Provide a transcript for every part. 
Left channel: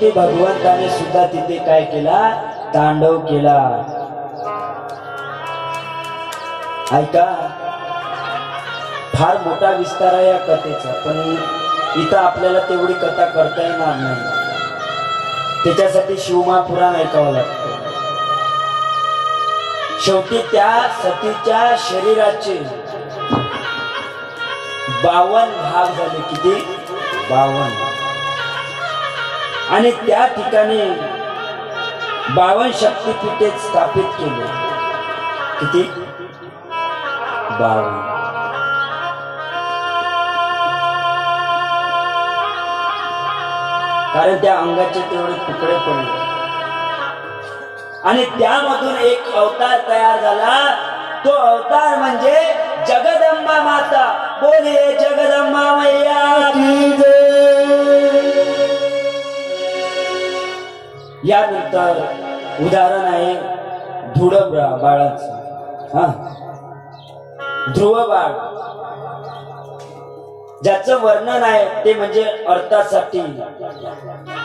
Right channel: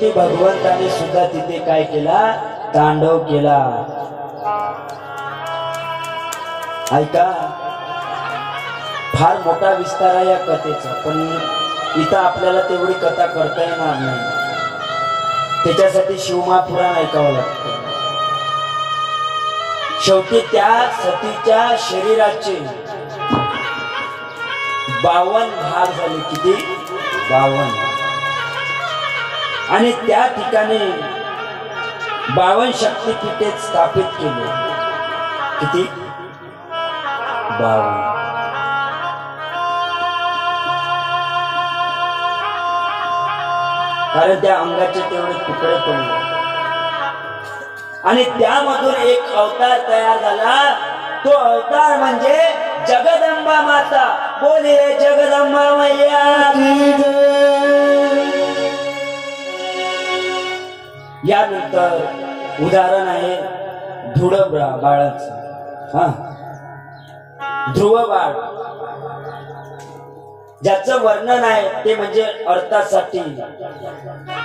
शेवटी भगवंताने सुद्धा तिथे काय केला, तांडव केला. ऐका, फार मोठा विस्तार आहे या कथेचा, पण इथं आपल्याला तेवढी कथा करता येणार नाही. त्याच्यासाठी शिवमहापुराण ऐकावं लागतं. शेवटी त्या सतीच्या शरीराचे 52 भाग झाले. किती? 52. आणि त्या ठिकाणी 52 शक्तिपीठे स्थापित केले. किती? 52. कारण त्या अंगाचे तेवढे तुकडे पडले आणि त्यामधून एक अवतार तयार झाला. तो अवतार म्हणजे जगदंबा माता. बोलिये जगदंबा मैया की जय. यानंतर उदाहरण आहे ध्रुव बाळाचं. ध्रुव बाळ ज्याचं वर्णन आहे ते म्हणजे अर्थासाठी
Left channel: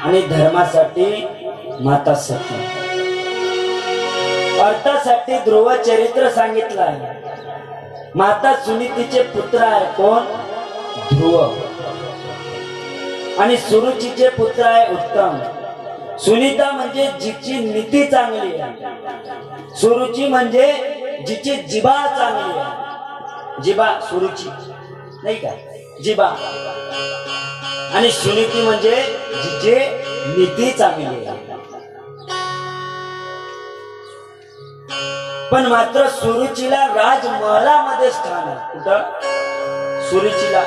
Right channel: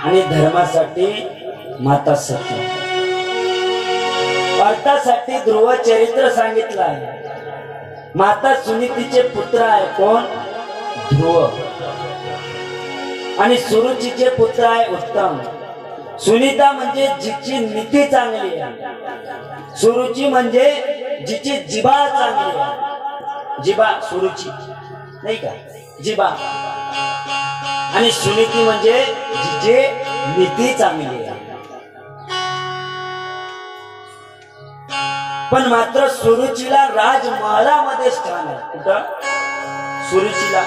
आणि धर्मासाठी माता सती. अर्थासाठी ध्रुव चरित्र सांगितलं आहे. माता सुनीतीचे पुत्र आहे. कोण? ध्रुव. आणि सुरुचीचे पुत्र आहे उत्तम. सुनीता म्हणजे जिची नीती चांगली आहे. सुरुची म्हणजे जिची जिभा चांगली आहे. जिभा सुरुची नाही का, जिभा. आणि सुनीती म्हणजे जिची नीती चांगली आहे. पण मात्र सुरुचीला राजमहालामध्ये स्थान आहे. कुठं? सुरुचीला,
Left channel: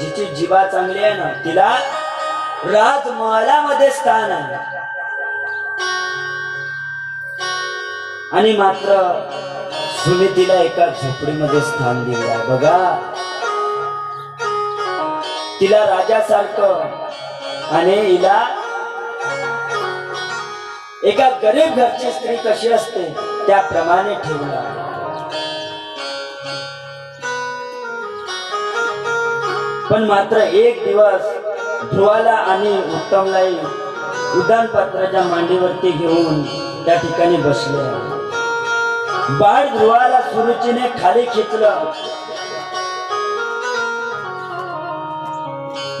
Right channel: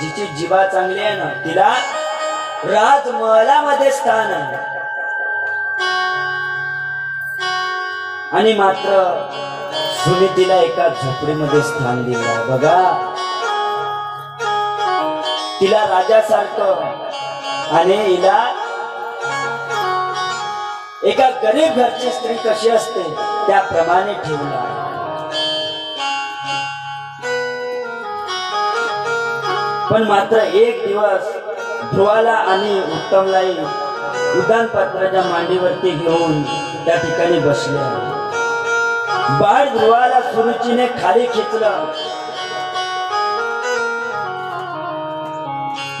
जिची जिभा चांगली आहे ना, तिला राजमहालामध्ये स्थान आहे. आणि मात्र सुनीतीला एका झोपडीमध्ये स्थान दिलं आहे. बघा, तिला राजासारखं आणि हिला एका गरीब घरची स्त्री कशी असते त्याप्रमाणे ठेवला. पण मात्र एक दिवस ध्रुवाला आणि उत्तमलाही उदानपत्राच्या मांडीवरती घेऊन त्या ठिकाणी बसले. बाळ ध्रुवाला सुरुचीने खाली खेचलं.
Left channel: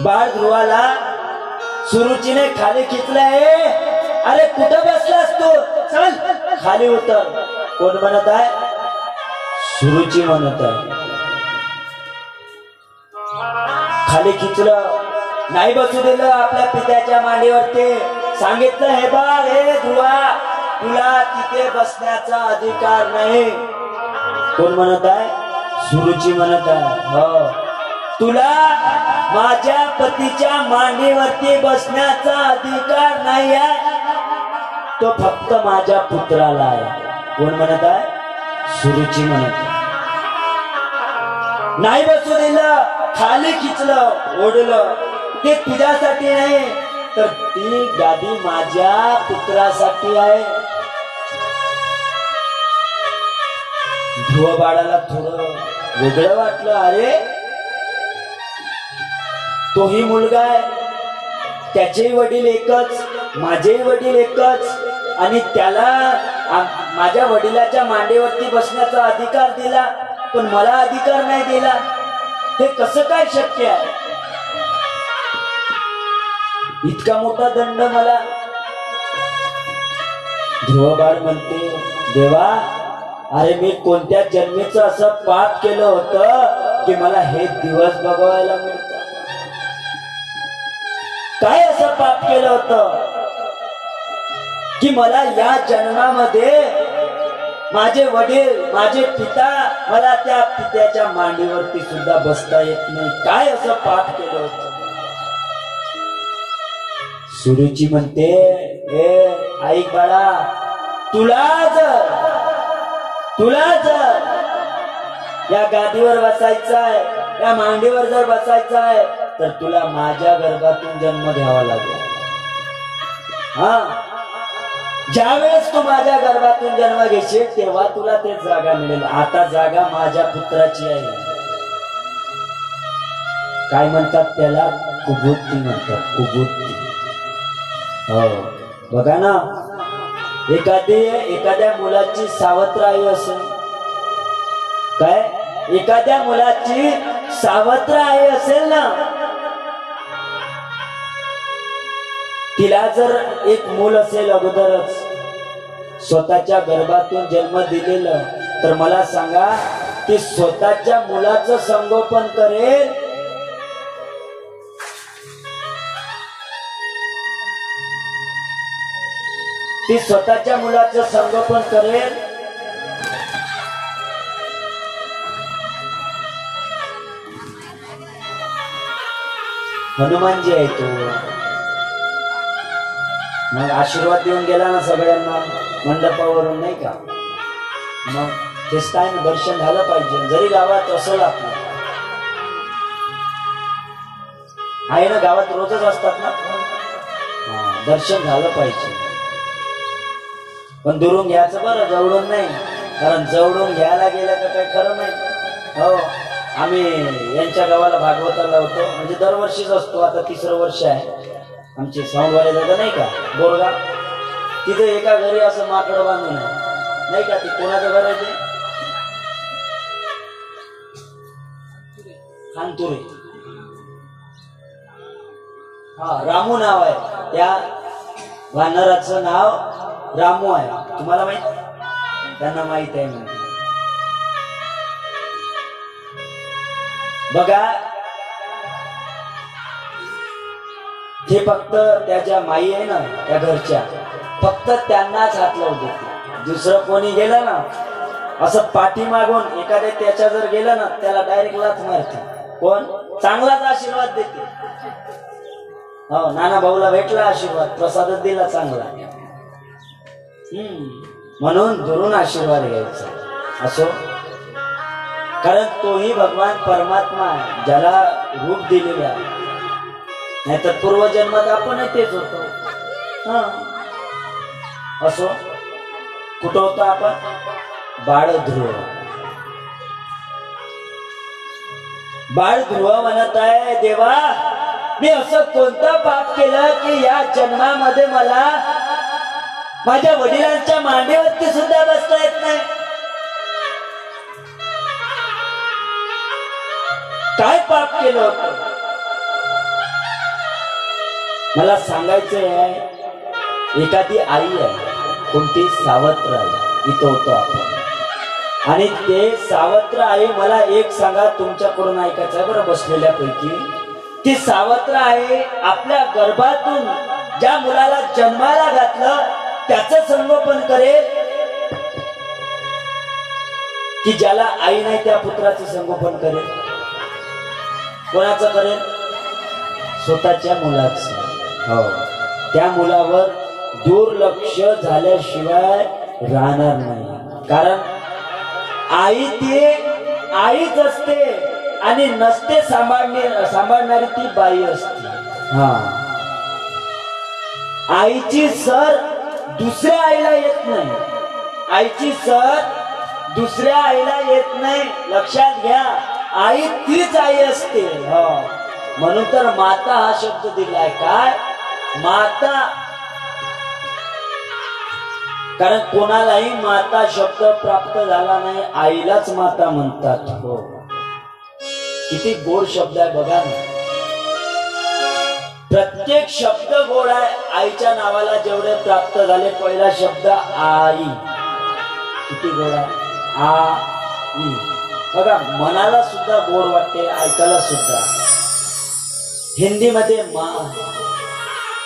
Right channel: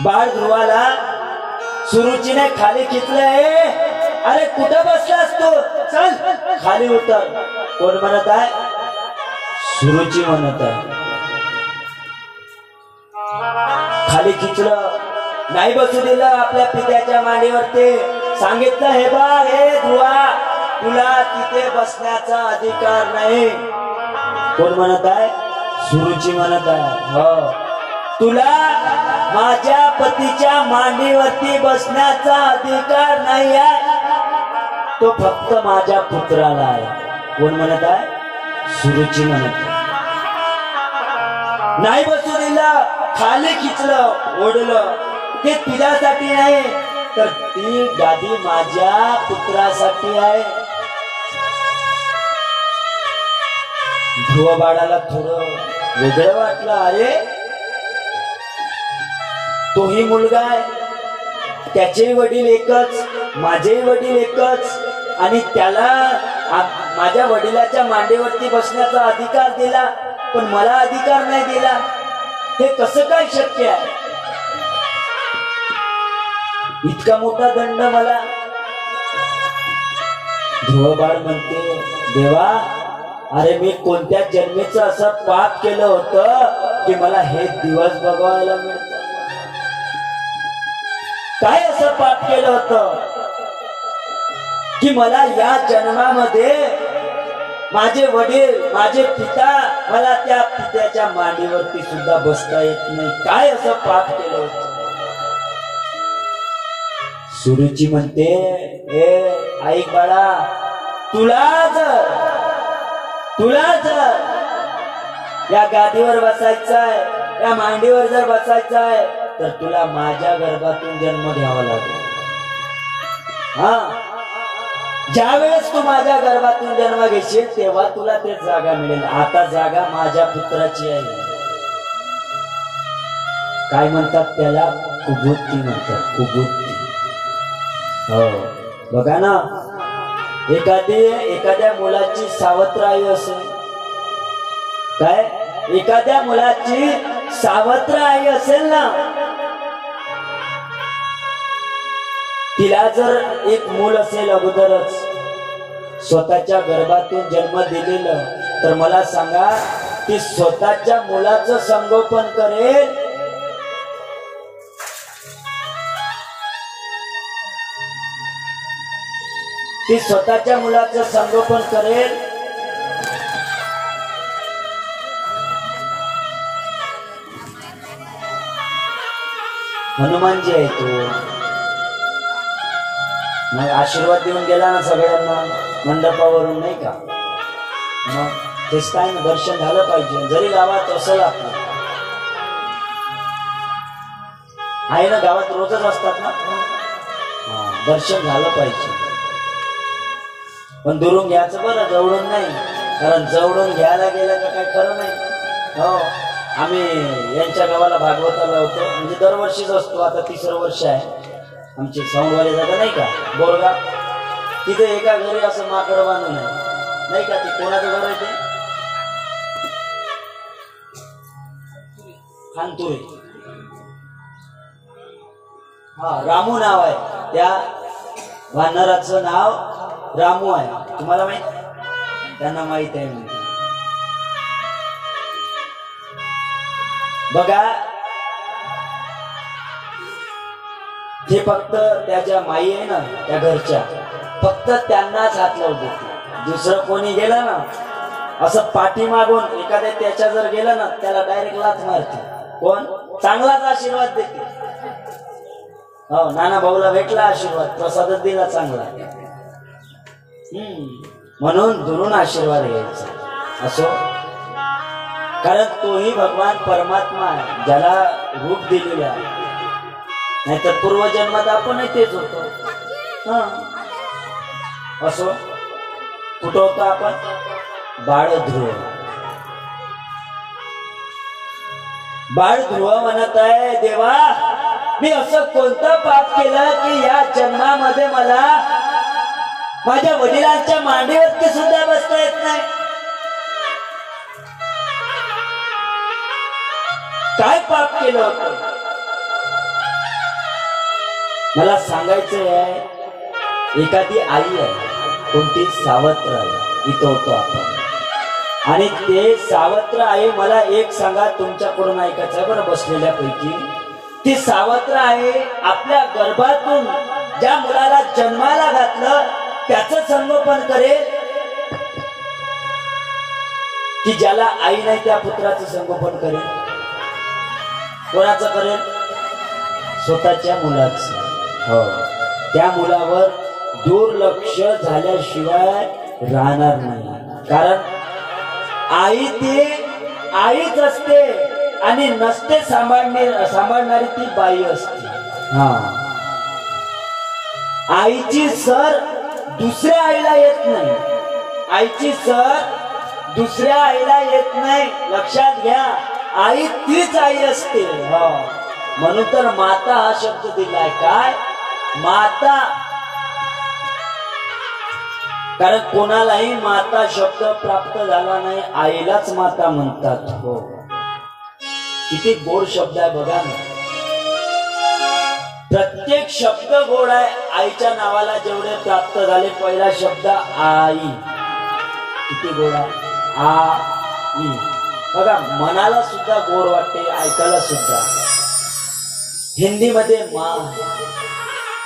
बाळ ध्रुवाला सुरुचीने खाली खेचलं. अरे कुठं बसलास तू? चल खाली उतर. कोण म्हणत आहे? सुरुची म्हणत आहे. खाली खिचलं, नाही बसू दिलं आपल्या पित्याच्या मांडीवरती. सांगितलं, हे बा, हे ध्रुवा, तुला तिथे बसण्याचा अधिकार नाही. कोण म्हणत आहे? सुरुची म्हणत आहे. हो, तुला माझ्या पतीच्या मांडीवरती बसण्याचा अधिकार नाही आहे. तो फक्त माझ्या पुत्राला आहे. कोण म्हणत आहे? सुरुची म्हणत आहे. नाही बसू दिलं, खाली खिचलं, ओढलं. ते तुझ्यासाठी नाही, तर ती गादी माझ्या पुत्रासाठी आहे. ध्रुव बाळाला थोडं वेगळं वाटलं. अरे, तोही मुलगा आहे, त्याचे वडील एकच, माझे वडील एकच, आणि त्याला माझ्या वडिलाच्या मांडीवरती बसण्याचा अधिकार दिला, पण मला अधिकार नाही दिला. हे कसं काय शक्य आहे? इतका मोठा दंड मला. ध्रुव बाळ म्हणते, देवा, अरे मी कोणत्या जन्मीचं असं पाप केलं होतं की मला हे दिवस बघायला मिळत? काय असं पाप केलं होतं की मला या जन्मामध्ये माझे वडील, माझे पिता, मला त्या पित्याच्या मांडीवरती सुद्धा बसता येत नाही? काय असं पाप केलं होतं? सुरुची म्हणते, ए ऐक बाळा, तुला जर या गादीवर बसायचं आहे, या मांडीवर जर बसायचं आहे, तर तुला माझ्या गर्भातून जन्म घ्यावा लागेल. हा, ज्यावेळेस तू माझ्या गर्भातून जन्म घेशील तेव्हा तुला ते जागा मिळेल. आता जागा माझ्या पुत्राची आहे. काय म्हणतात त्याला? कुबुद्धी म्हणतात. कुबुद्धी. हो बघा ना, एखाद्या मुलाची सावत्र आई असेल, काय एखाद्या मुलाची सावत्र आई असेल ना, तिला जर एक मूल असेल अगोदरच स्वतःच्या गर्भातून जन्म दिलेलं, तर मला सांगा ती स्वतःच्या मुलाचं संगोपन करेल ती स्वतःच्या मुलाचं संगोपन करेल हनुमानजी आहे तो, मग आशीर्वाद देऊन गेला ना सगळ्यांना मंडपावरून, नाही का? मग तेच काय ना, दर्शन झालं पाहिजे. जरी गावात असं आपलं आहे ना, गावात रोजच असतात ना, दर्शन झालं पाहिजे. पण दुरून घ्यायचं बरं, जवळून नाही, कारण जवळून घ्यायला गेलं तर काही खरं नाही. हो, आम्ही यांच्या गावाला भागवताला होतो, म्हणजे दरवर्षीच असतो. आता 3रं वर्ष आहे. आमचे सौंडवाले जागा नाही का, बोरगाव, तिथे एका घरी असं माकडं बांधून आहे, नाही का? ती कोणाचं घर आहे ते? खानतुरे. हा, रामू नाव आहे त्या वानराचं नाव, रामू आहे. तुम्हाला माहित? त्यांना माहित आहे म्हणून. बघा, हे फक्त त्याच्या माई आहे ना, त्या घरच्या, फक्त त्यांनाच हात लावू देते. दुसरं कोणी गेलं ना, असं पाठीमागून एखाद्या त्याच्या जर गेलं ना, त्याला डायरेक्ट लाथ मारते. कोण? चांगलाच आशीर्वाद देते. हो, नाना भाऊला भेटला आशीर्वाद, प्रसादच दिला चांगला. म्हणून दुरून आशीर्वाद घ्यायचा असो, कारण तोही भगवान परमात्मा आहे, ज्याला रूप दिलेले आहे. नाहीतर पूर्वजन्मात आपणही तेच होतो. असो, कुठं होतो आपण? बाळध्रुव. बाळध्रुव म्हणत आहे, देवा मी असं कोणतं पाप केलं की या जन्मामध्ये मला माझ्या वडिलांच्या मांडीवरती सुद्धा बसता येत नाही? काय पाप केलं होतं? मला सांगायचं आहे, एखादी आई आहे, कोणती? सावत्र आई. इथं होतो आपण, आणि ते सावत्र आई, मला एक सांगा, तुमच्याकडून ऐकायचं बरं बसलेल्यापैकी, ती सावत्र आई आपल्या गर्भातून ज्या मुलाला जन्माला घातलं त्याचं संगोपन करेल, की ज्याला आई नाही त्या पुत्राचं संगोपन करेल? कोणाचं करेल? स्वतःच्या मुलाचं. हो, त्या मुलावर दुर्लक्ष झाल्याशिवाय राहणार नाही. कारण आई ती आईच असते, आणि नसते सांभाळणारी ती बाई असते. हा, आईची सर दुसऱ्या आईला येत नाही. आईची सर दुसऱ्या आईला येत नाही, लक्षात घ्या. आई तीच आई असते. हो, म्हणून तर माता हा शब्द दिलाय. काय माता? कारण कोणालाही माता शब्द प्राप्त झाला नाही, आईलाच माता म्हणतात. हो, किती गोड शब्द आहे बघा ना. प्रत्येक शब्द गोड आहे. आईच्या नावाला जेवढे प्राप्त झाले, पहिला शब्द आई, किती गोड आहे. आई बघा, मनाला सुद्धा गोड वाटते, ऐकायला सुद्धा. हिंदीमध्ये माँ,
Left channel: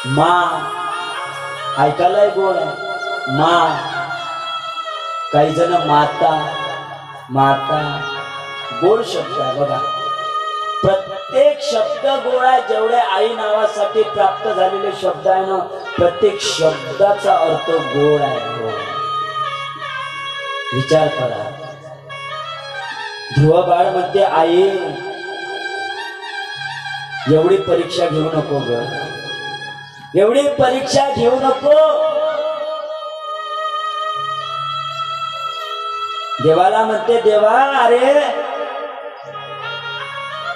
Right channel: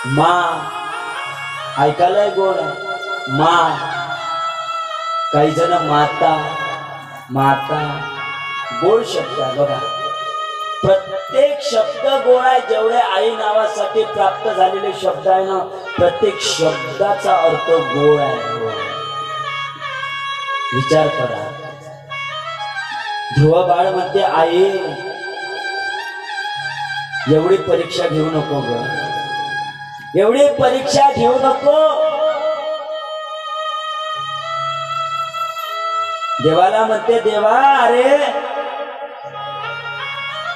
माँ ऐकायलाही गोड आहे. माँ, काही जण माता, माता, गोड शब्द आहे बघा. प्रत्येक शब्द गोड आहे. जेवढे आई नावासाठी प्राप्त झालेले शब्द आहे ना, प्रत्येक शब्दाचा अर्थ गोड आहे. विचार करा. ध्रुव बाळ म्हणते, आई एवढी परीक्षा घेऊ नको ग, एवढी परीक्षा घेऊ नको. देवाला म्हणते, देवा अरे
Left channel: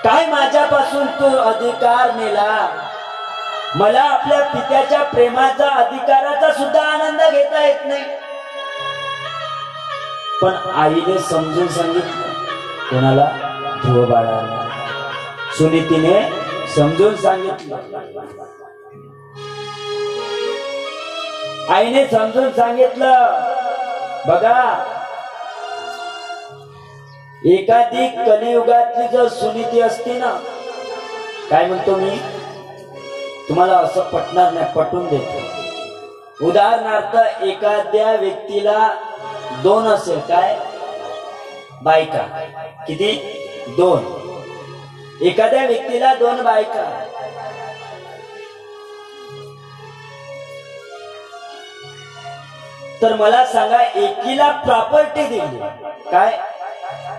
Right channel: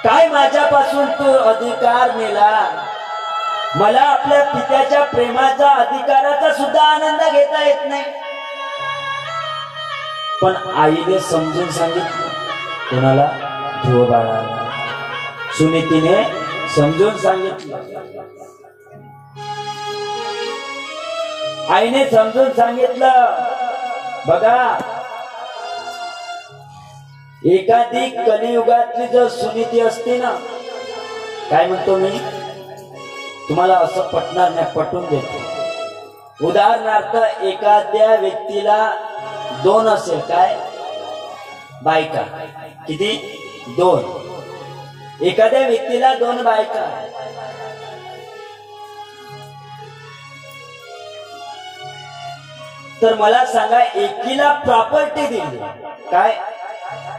काय माझ्यापासून तू अधिकार नेला? मला आपल्या पित्याच्या प्रेमाचा अधिकाराचा सुद्धा आनंद घेता येत नाही. पण आईने समजून सांगितलं. कोणाला? ध्रुव बाळाला. सुनीतीने समजून सांगितलं. आईने समजून सांगितलं. बघा, एखादी कलियुगातली जर सुनीती असती ना, काय म्हणतो मी तुम्हाला असं पटणार नाही, पटवून देतो. उदाहरणार्थ एखाद्या व्यक्तीला 2 असेल, काय बायका, किती? 2. एखाद्या व्यक्तीला 2 बायका. तर मला सांगा, एकीला प्रॉपर्टी दिली, काय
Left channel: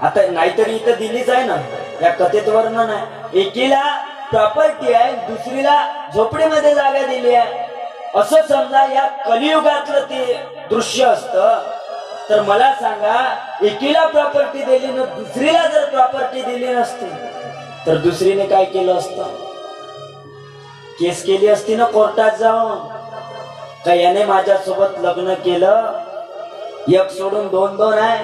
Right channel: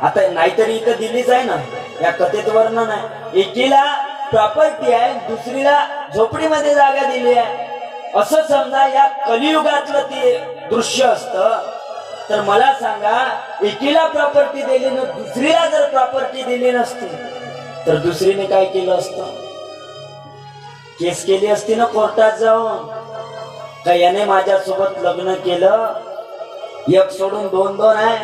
आता नाहीतरी इथं दिलीच आहे ना, या कथेत वर्णन आहे. एकीला प्रॉपर्टी आहे, दुसरीला झोपडीमध्ये जागा दिली आहे. असं समजा या कलियुगातलं ते दृश्य असतं. तर मला सांगा, एकीला प्रॉपर्टी दिली ना, दुसरीला जर प्रॉपर्टी दिली नसती तर दुसरीने काय केलं असतं? केस केली असती ना कोर्टात जाऊन, का याने माझ्यासोबत लग्न केलं, 1 सोडून 2 आहे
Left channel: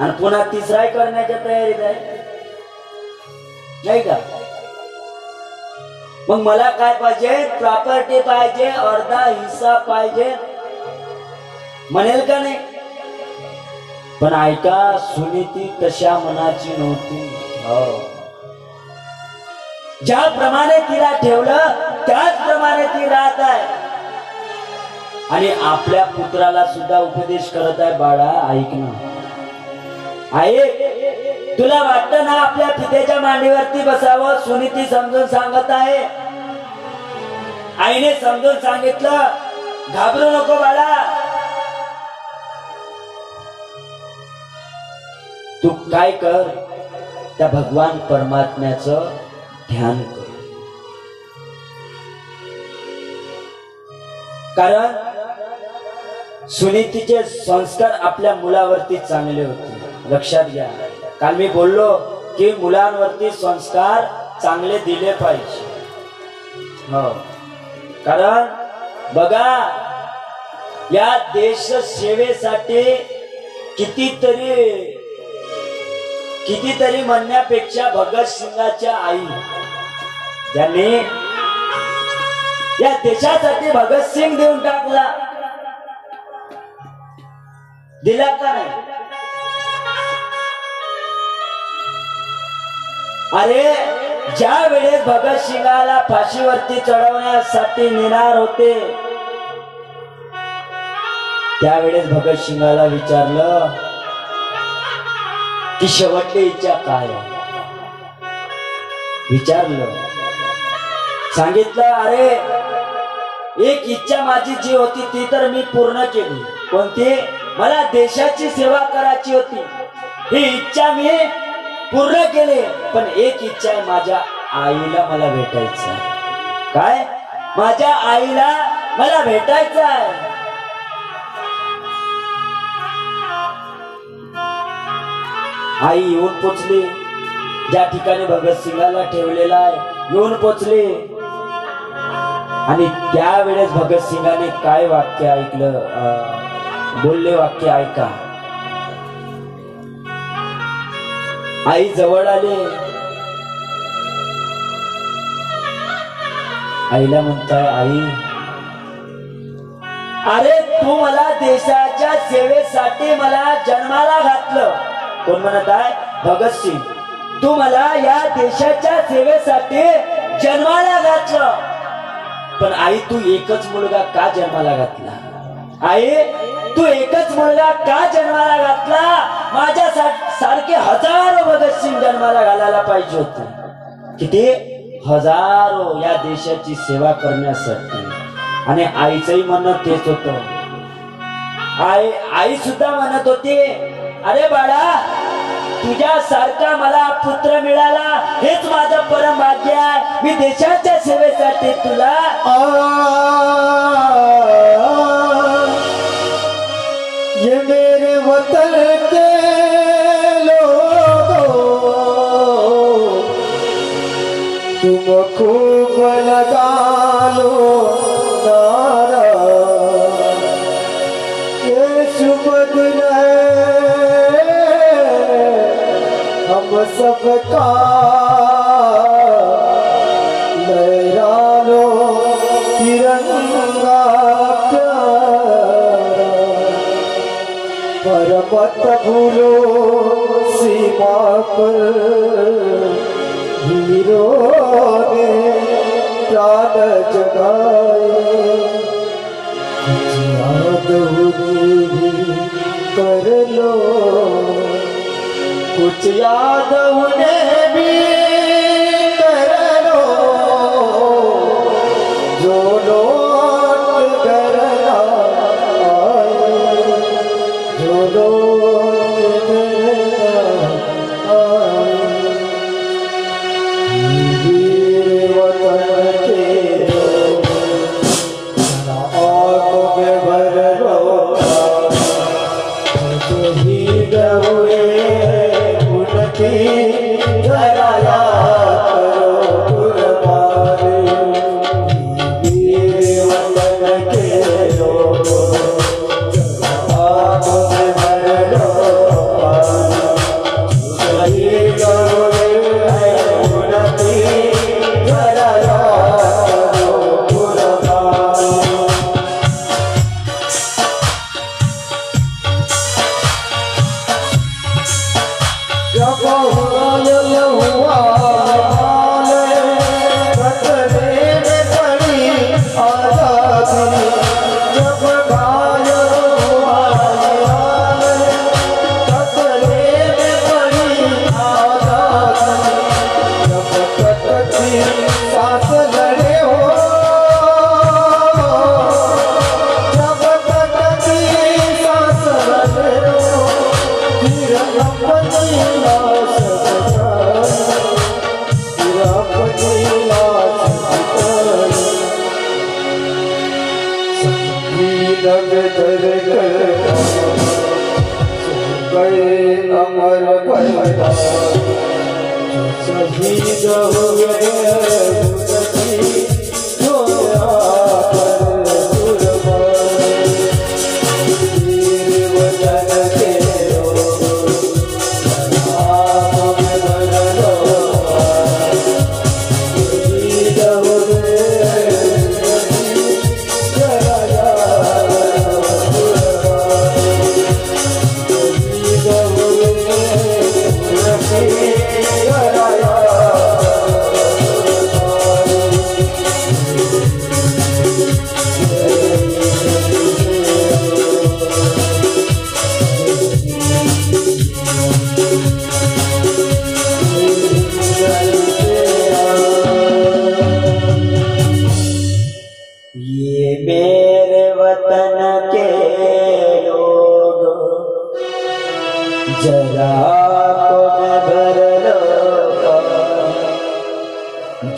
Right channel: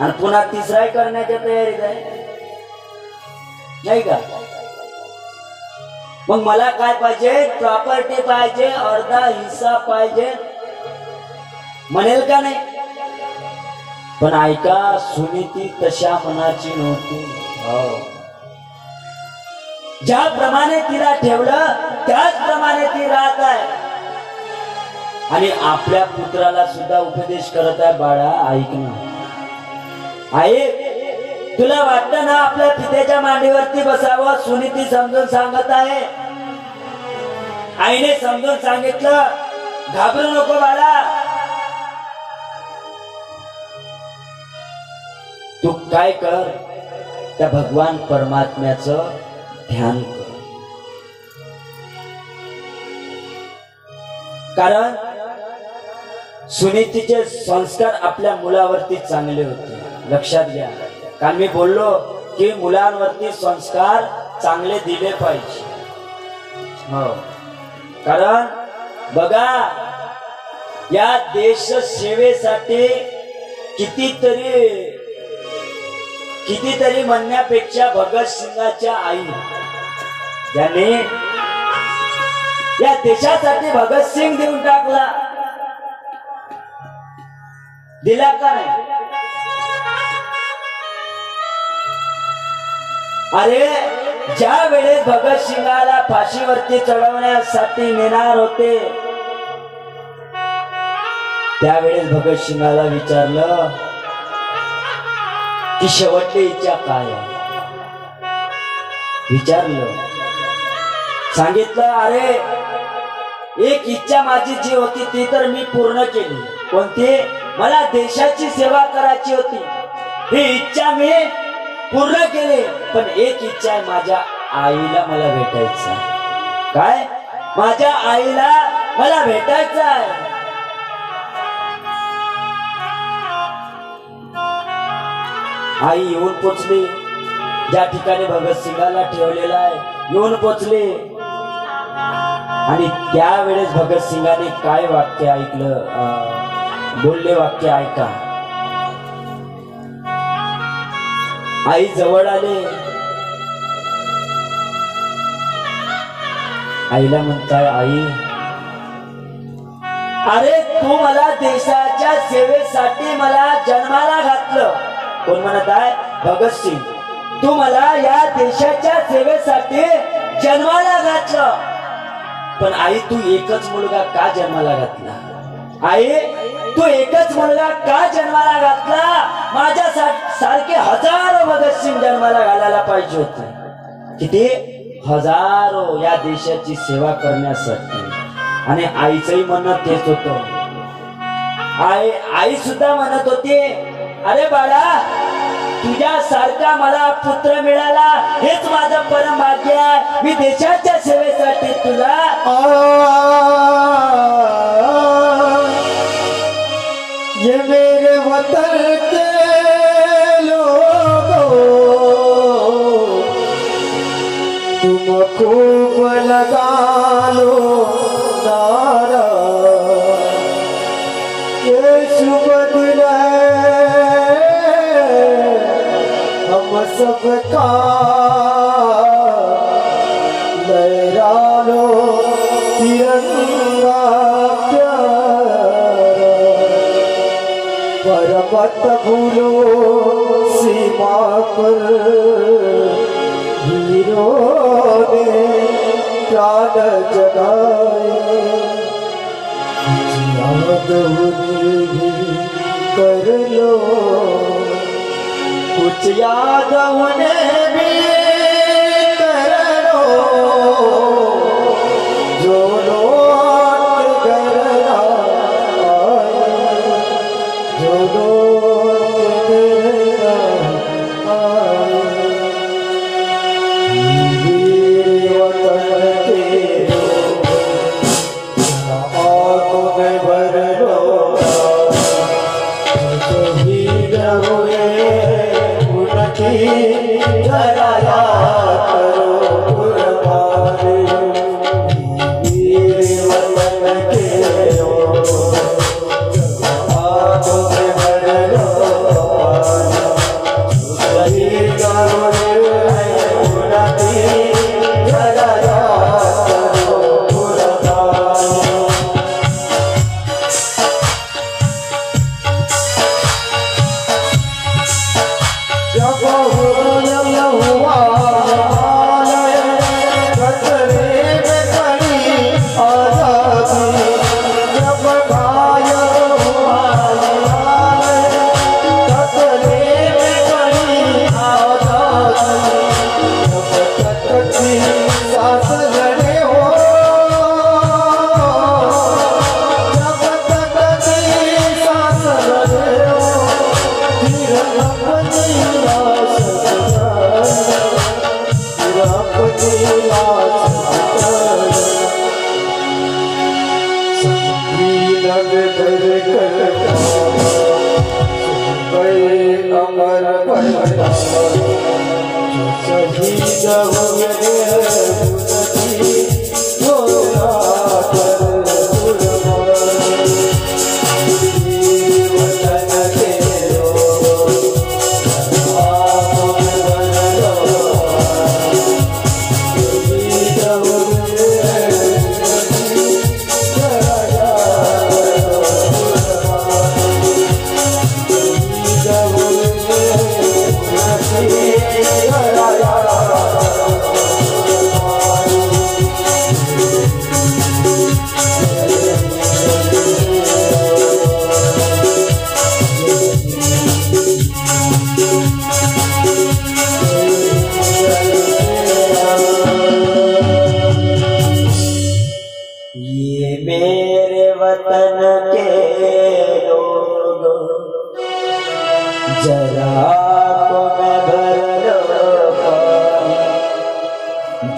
आणि पुन्हा 3रा करण्याच्या तयारीत आहे, नाही का? मग मला काय पाहिजे? प्रॉपर्टी पाहिजे, अर्धा हिस्सा पाहिजे, म्हणेल का नाही? पण ऐका, सुनीती तशा मनाची नव्हती. ज्याप्रमाणे तिला ठेवलं त्याचप्रमाणे ती राहत आहे. आणि आपल्या पुत्राला सुद्धा उपदेश करत आहे, बाळा ऐक ना, आई तुला वाटतं ना आपल्या पित्याच्या मांडीवरती बसावं? सुनीती समजून सांगत आहे. आईने समजून सांगितलं, घाबरू नको बाळा, तू काय कर, त्या भगवान परमात्म्याचं ध्यान कर. कारण सुनीतीचे संस्कार आपल्या मुलावरती चांगले होते. लक्षात घ्या, काल मी बोललो की मुलांवरती संस्कार चांगले दिले पाहिजे. हो, कारण बघा, या देश सेवेसाठी कितीतरी म्हणण्यापेक्षा भगतसिंगाच्या आई, ज्याने या देशासाठी भगतसिंग देऊन टाकला, दिला का नाही? अरे ज्या वेळेस भगतसिंगाला फाशीवरती चढवण्यासाठी नेणार होते, त्यावेळेस भगतसिंगाला विचारलं की शेवटची इच्छा काय आहे? विचारलं, सांगितलं, अरे एक इच्छा माझी जी होती ती तर मी पूर्ण केली. कोणती? मला देशाची सेवा करायची होती, ही इच्छा मी पूर्ण केली. पण एक इच्छा आहे, माझ्या आईला मला भेटायचं आहे. काय? माझ्या आईला मला भेटायचं आहे. आई येऊन पोचली ज्या ठिकाणी भगतसिंगाला ठेवलेला आहे, येऊन पोचली. आणि त्यावेळेस भगतसिंगाने काय वाक्य ऐकलं, बोलले वाक्य ऐका. आई जवळ आले, आईला म्हणताय, आई अरे तू मला देशाच्या सेवेसाठी मला जन्माला घातलं. कोण म्हणत आहे? भगतसिंग. तू मला या देशाच्या सेवेसाठी जन्माला घातलं, पण आई तू एकच मुलगा का जन्माला घातला? आई तू एकच मुलगा का जन्माला घातला? माझ्या सारखे हजारो भगतसिंग जन्माला घालायला पाहिजे होते. किती? हजारो, या देशाची सेवा करण्यासाठी. आणि आईचंही म्हणणं तेच होतं. आई सुद्धा म्हणत होती, अरे बाळा तुझ्या सारखा मला पुत्र मिळाला हेच माझं परम भाग्य आहे. मी देशाच्या सेवेसाठी तुला ये मेरे वतन के लोगों तुमको खूब लगा लो नारा, ये शुभ दिन है हम सबका, लहरा लो तिरंगा प्यारा, पर मत भूलो सीमा पर वीरों ने प्राण जगाए, याद उन्हें भी कर लो, कुछ याद उन्हें भी कर लो, जो लोग घर आए, जो लोग घर आए, वीर वतन के आंखों में भर लो, शहीद हुए उनकी जरा याद करो कुर्बानी, वीर वतन के आंखों में भर लो, शहीद हुए उनकी जरा याद करो कुर्बानी। जब हुआ खतरे में खड़ी आजादी, जब घायल हुआ खतरे में खड़ी आजादी, जब तक थी सांस लड़े हो, जब तक थी सांस लड़े हो, फिर अपनी लाश बचाए, फिर अपनी लाश बचाए, संगीन में डर कर गए अमर कर, शहीद हुए उनकी जो याद कुर्बानी, वीर वतन के ये मेरे वतन के लोग, जरा आँखों में भर लो,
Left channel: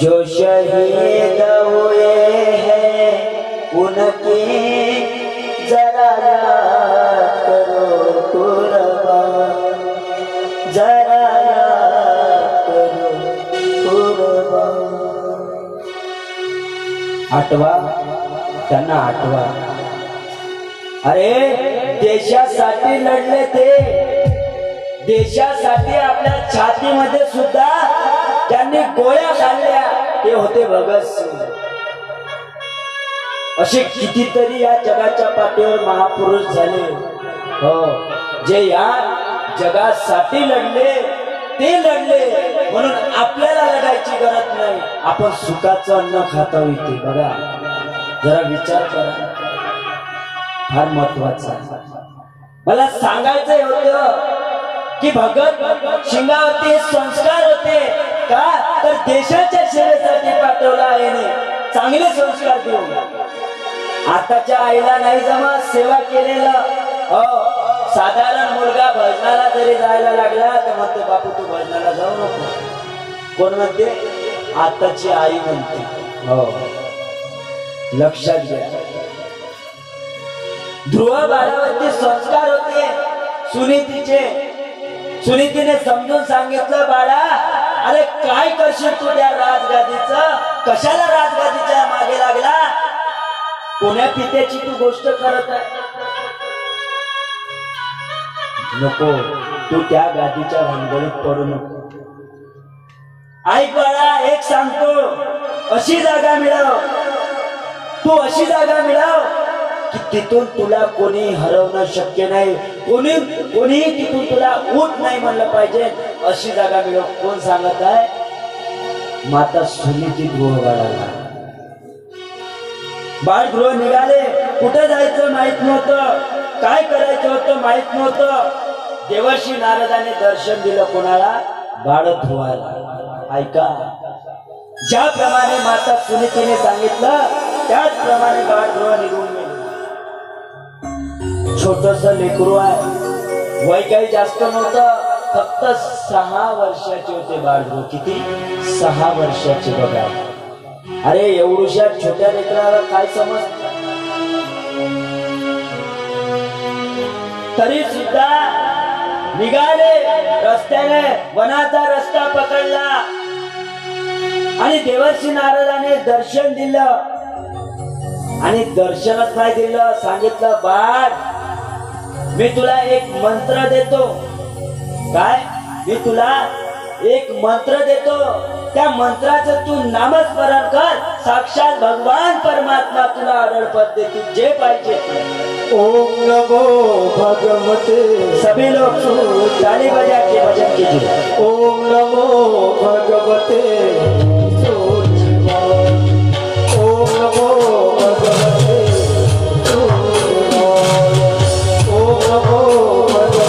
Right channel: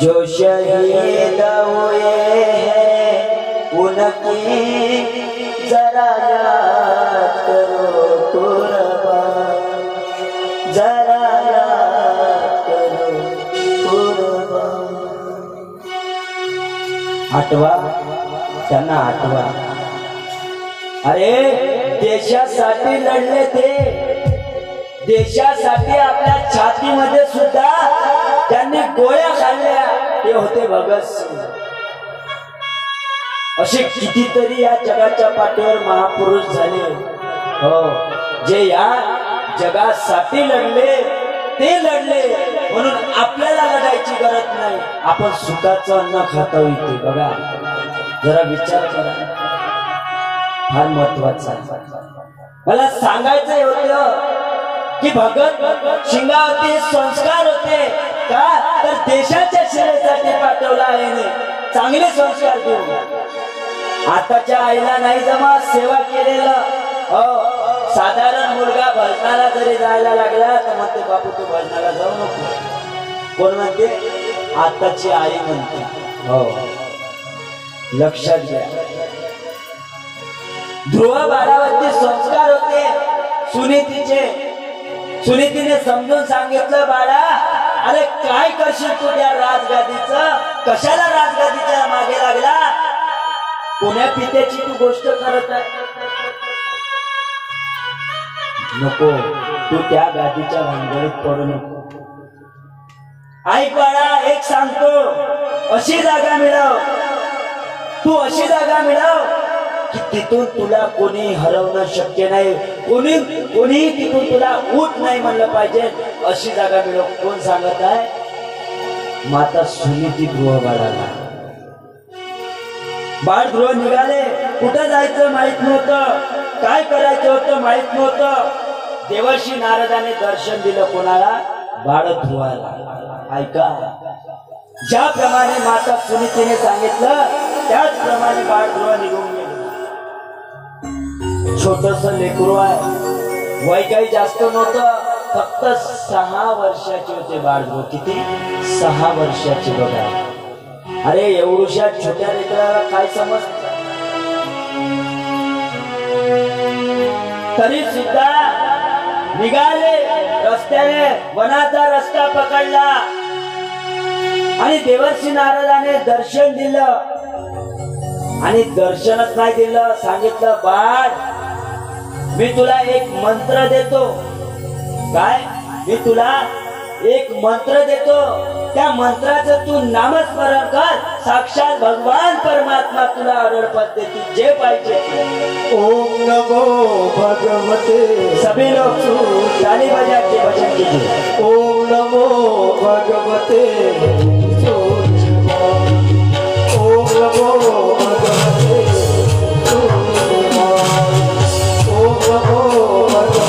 जो शहीद हुए हैं उनकी जरा याद करो कुर्बान, जरा याद करो कुर्बान। आठवा त्यांना आठवा, अरे देशासाठी लढले ते, देशासाठी आपल्या छातीमध्ये सुद्धा त्यांनी गोळ्या खाल्ल्या, ते होते भगतसिंग। असे कितीतरी या जगाच्या पाठीवर महापुरुष झाले हो, जे या जगासाठी लढले, ते लढले म्हणून आपल्याला लढायची गरज नाही, आपण सुखाचं अन्न खातो इथे। बघा जरा विचार करा, फार महत्वाचा मला सांगायचंय होतं की भगत सिंगावरती संस्कार होते का, तर देशाच्या सेवेसाठी पाठवला आहे, चांगले संस्कार देऊन। आताच्या आईला नाही जमा सेवा केलेलं हो, साधारण मुलगा भजनाला जरी जायला लागला तर म्हणते बापू तू भजनाला जाऊ नको, कोण म्हणते, आताची आई म्हणते हो, लक्षात घ्या। ध्रुव बाळावरती संस्कार होते सुनीतीचे, सुनीतीने समजून सांगितलं बाळा अरे काय करशील तू त्या राजगादीचं? कशाला राजगादीच्या मागे लागला? कोण्या पित्याची तू गोष्ट करत आहे? नको, तू त्या गादीच्या भानगडीत पडू नको. ऐक बाळा, एक सांगतो, अशी जागा मिळव, तू अशी जागा मिळव की तिथून तुला कोणी हरवणं शक्य नाही, कोणी तिथून तुला उठ नाही म्हणलं पाहिजे. अशी जागा मिळव. कोण सांगत आहे? माता सुनीती गृह बाळाला. बाळ गृह निघाले. कुठं जायचं माहित नव्हतं, काय करायचं होतं माहित नव्हतं. देवर्षी नारदाने दर्शन दिलं कोणाला? बाळ ध्रुवाला. ऐका, ज्याप्रमाणे माता सुनीतीने सांगितलं त्याचप्रमाणे बाळ ध्रुव निघून गेले. छोटस लेकरू आहे, वय काही जास्त नव्हतं, फक्त 6 वर्षाचे होते बाळ ध्रुव. किती? 6 वर्षाचे. बघा, अरे एवढ्या छोट्या लेकराला काय समजत? तरी सुद्धा निघाले रस्त्याने, वनाचा रस्ता पकडला आणि देवर्षी नारदाने दर्शन दिलं. आणि दर्शनच नाही दिलं, सांगितलं, बाळ मी तुला एक मंत्र देतो. काय? मी तुला एक मंत्र देतो, त्या मंत्राचं तू नामस्मरण कर, साक्षात भगवान परमात्मा तुला अरळपत देतील, जे पाहिजे. ओम नमो भगवते. सभी लोग ताली बजा के भजन कीजिए. ओम नमो भगवते. ओम नमो भगवते. ओम नमो भगवते.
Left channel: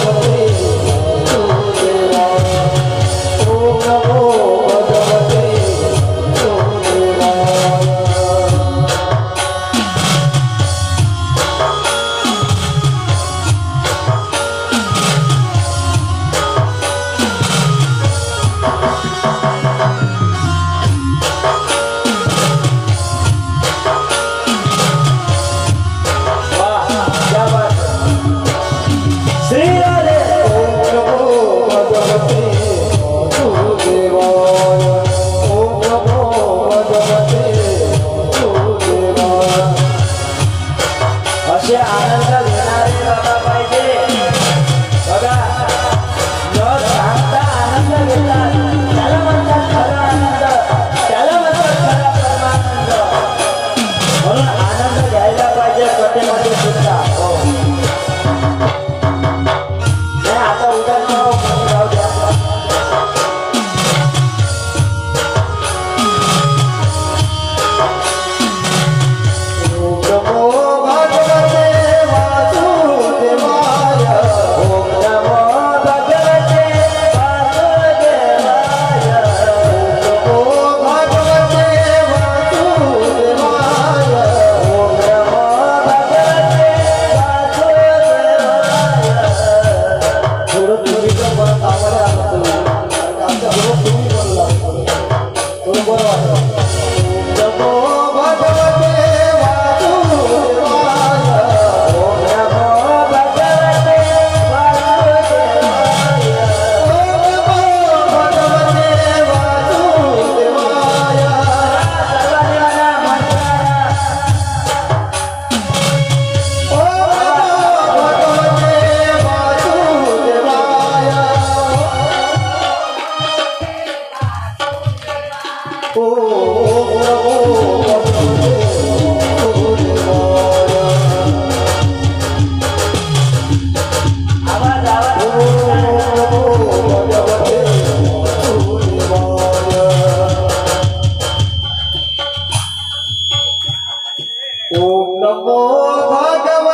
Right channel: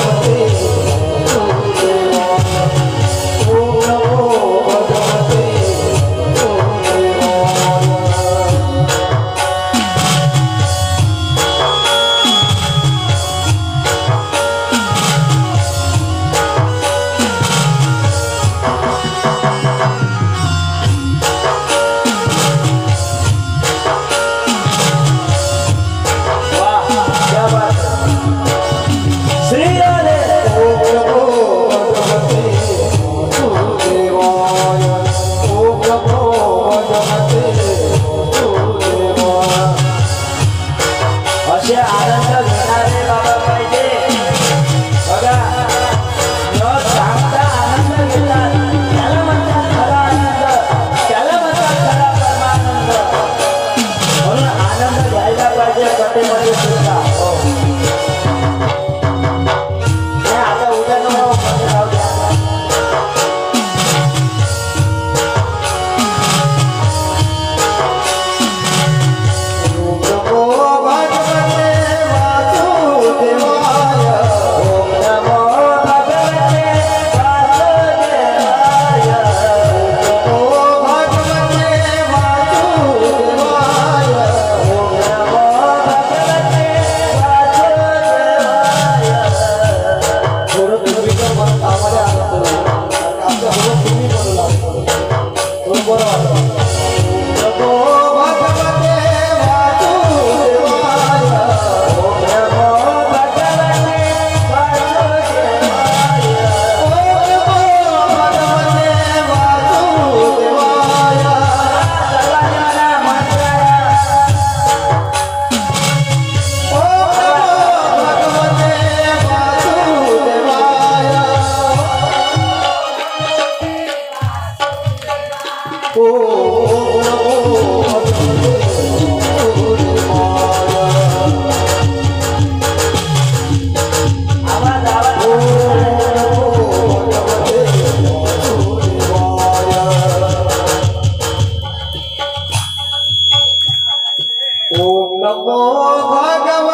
ओम नमो भगवते.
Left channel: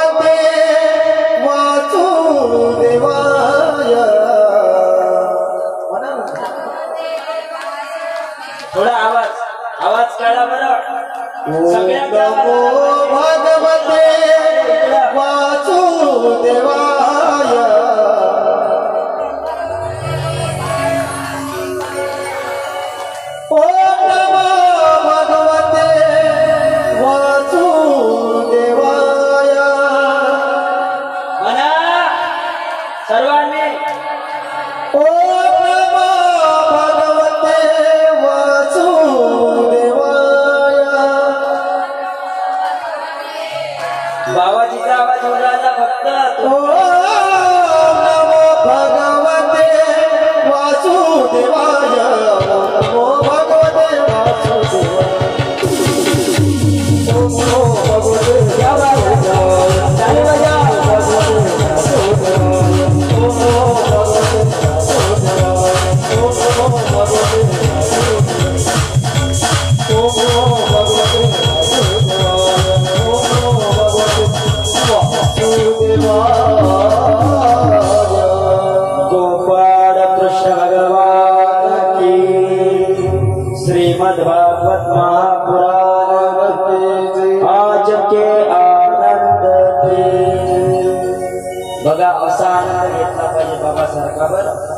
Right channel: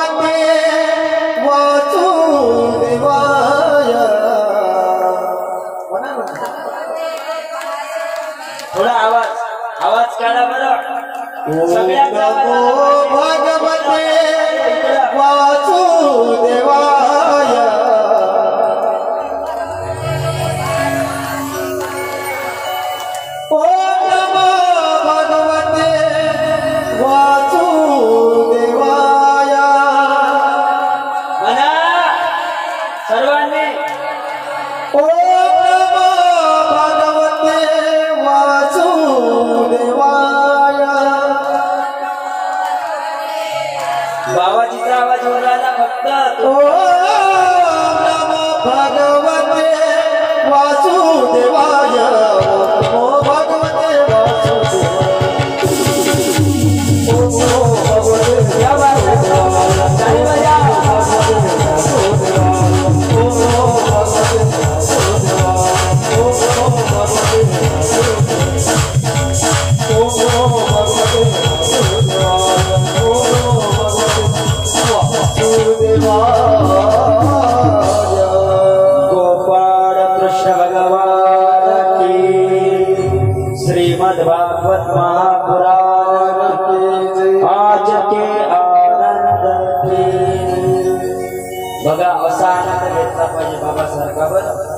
सर्वांनी ओम नमो भगवते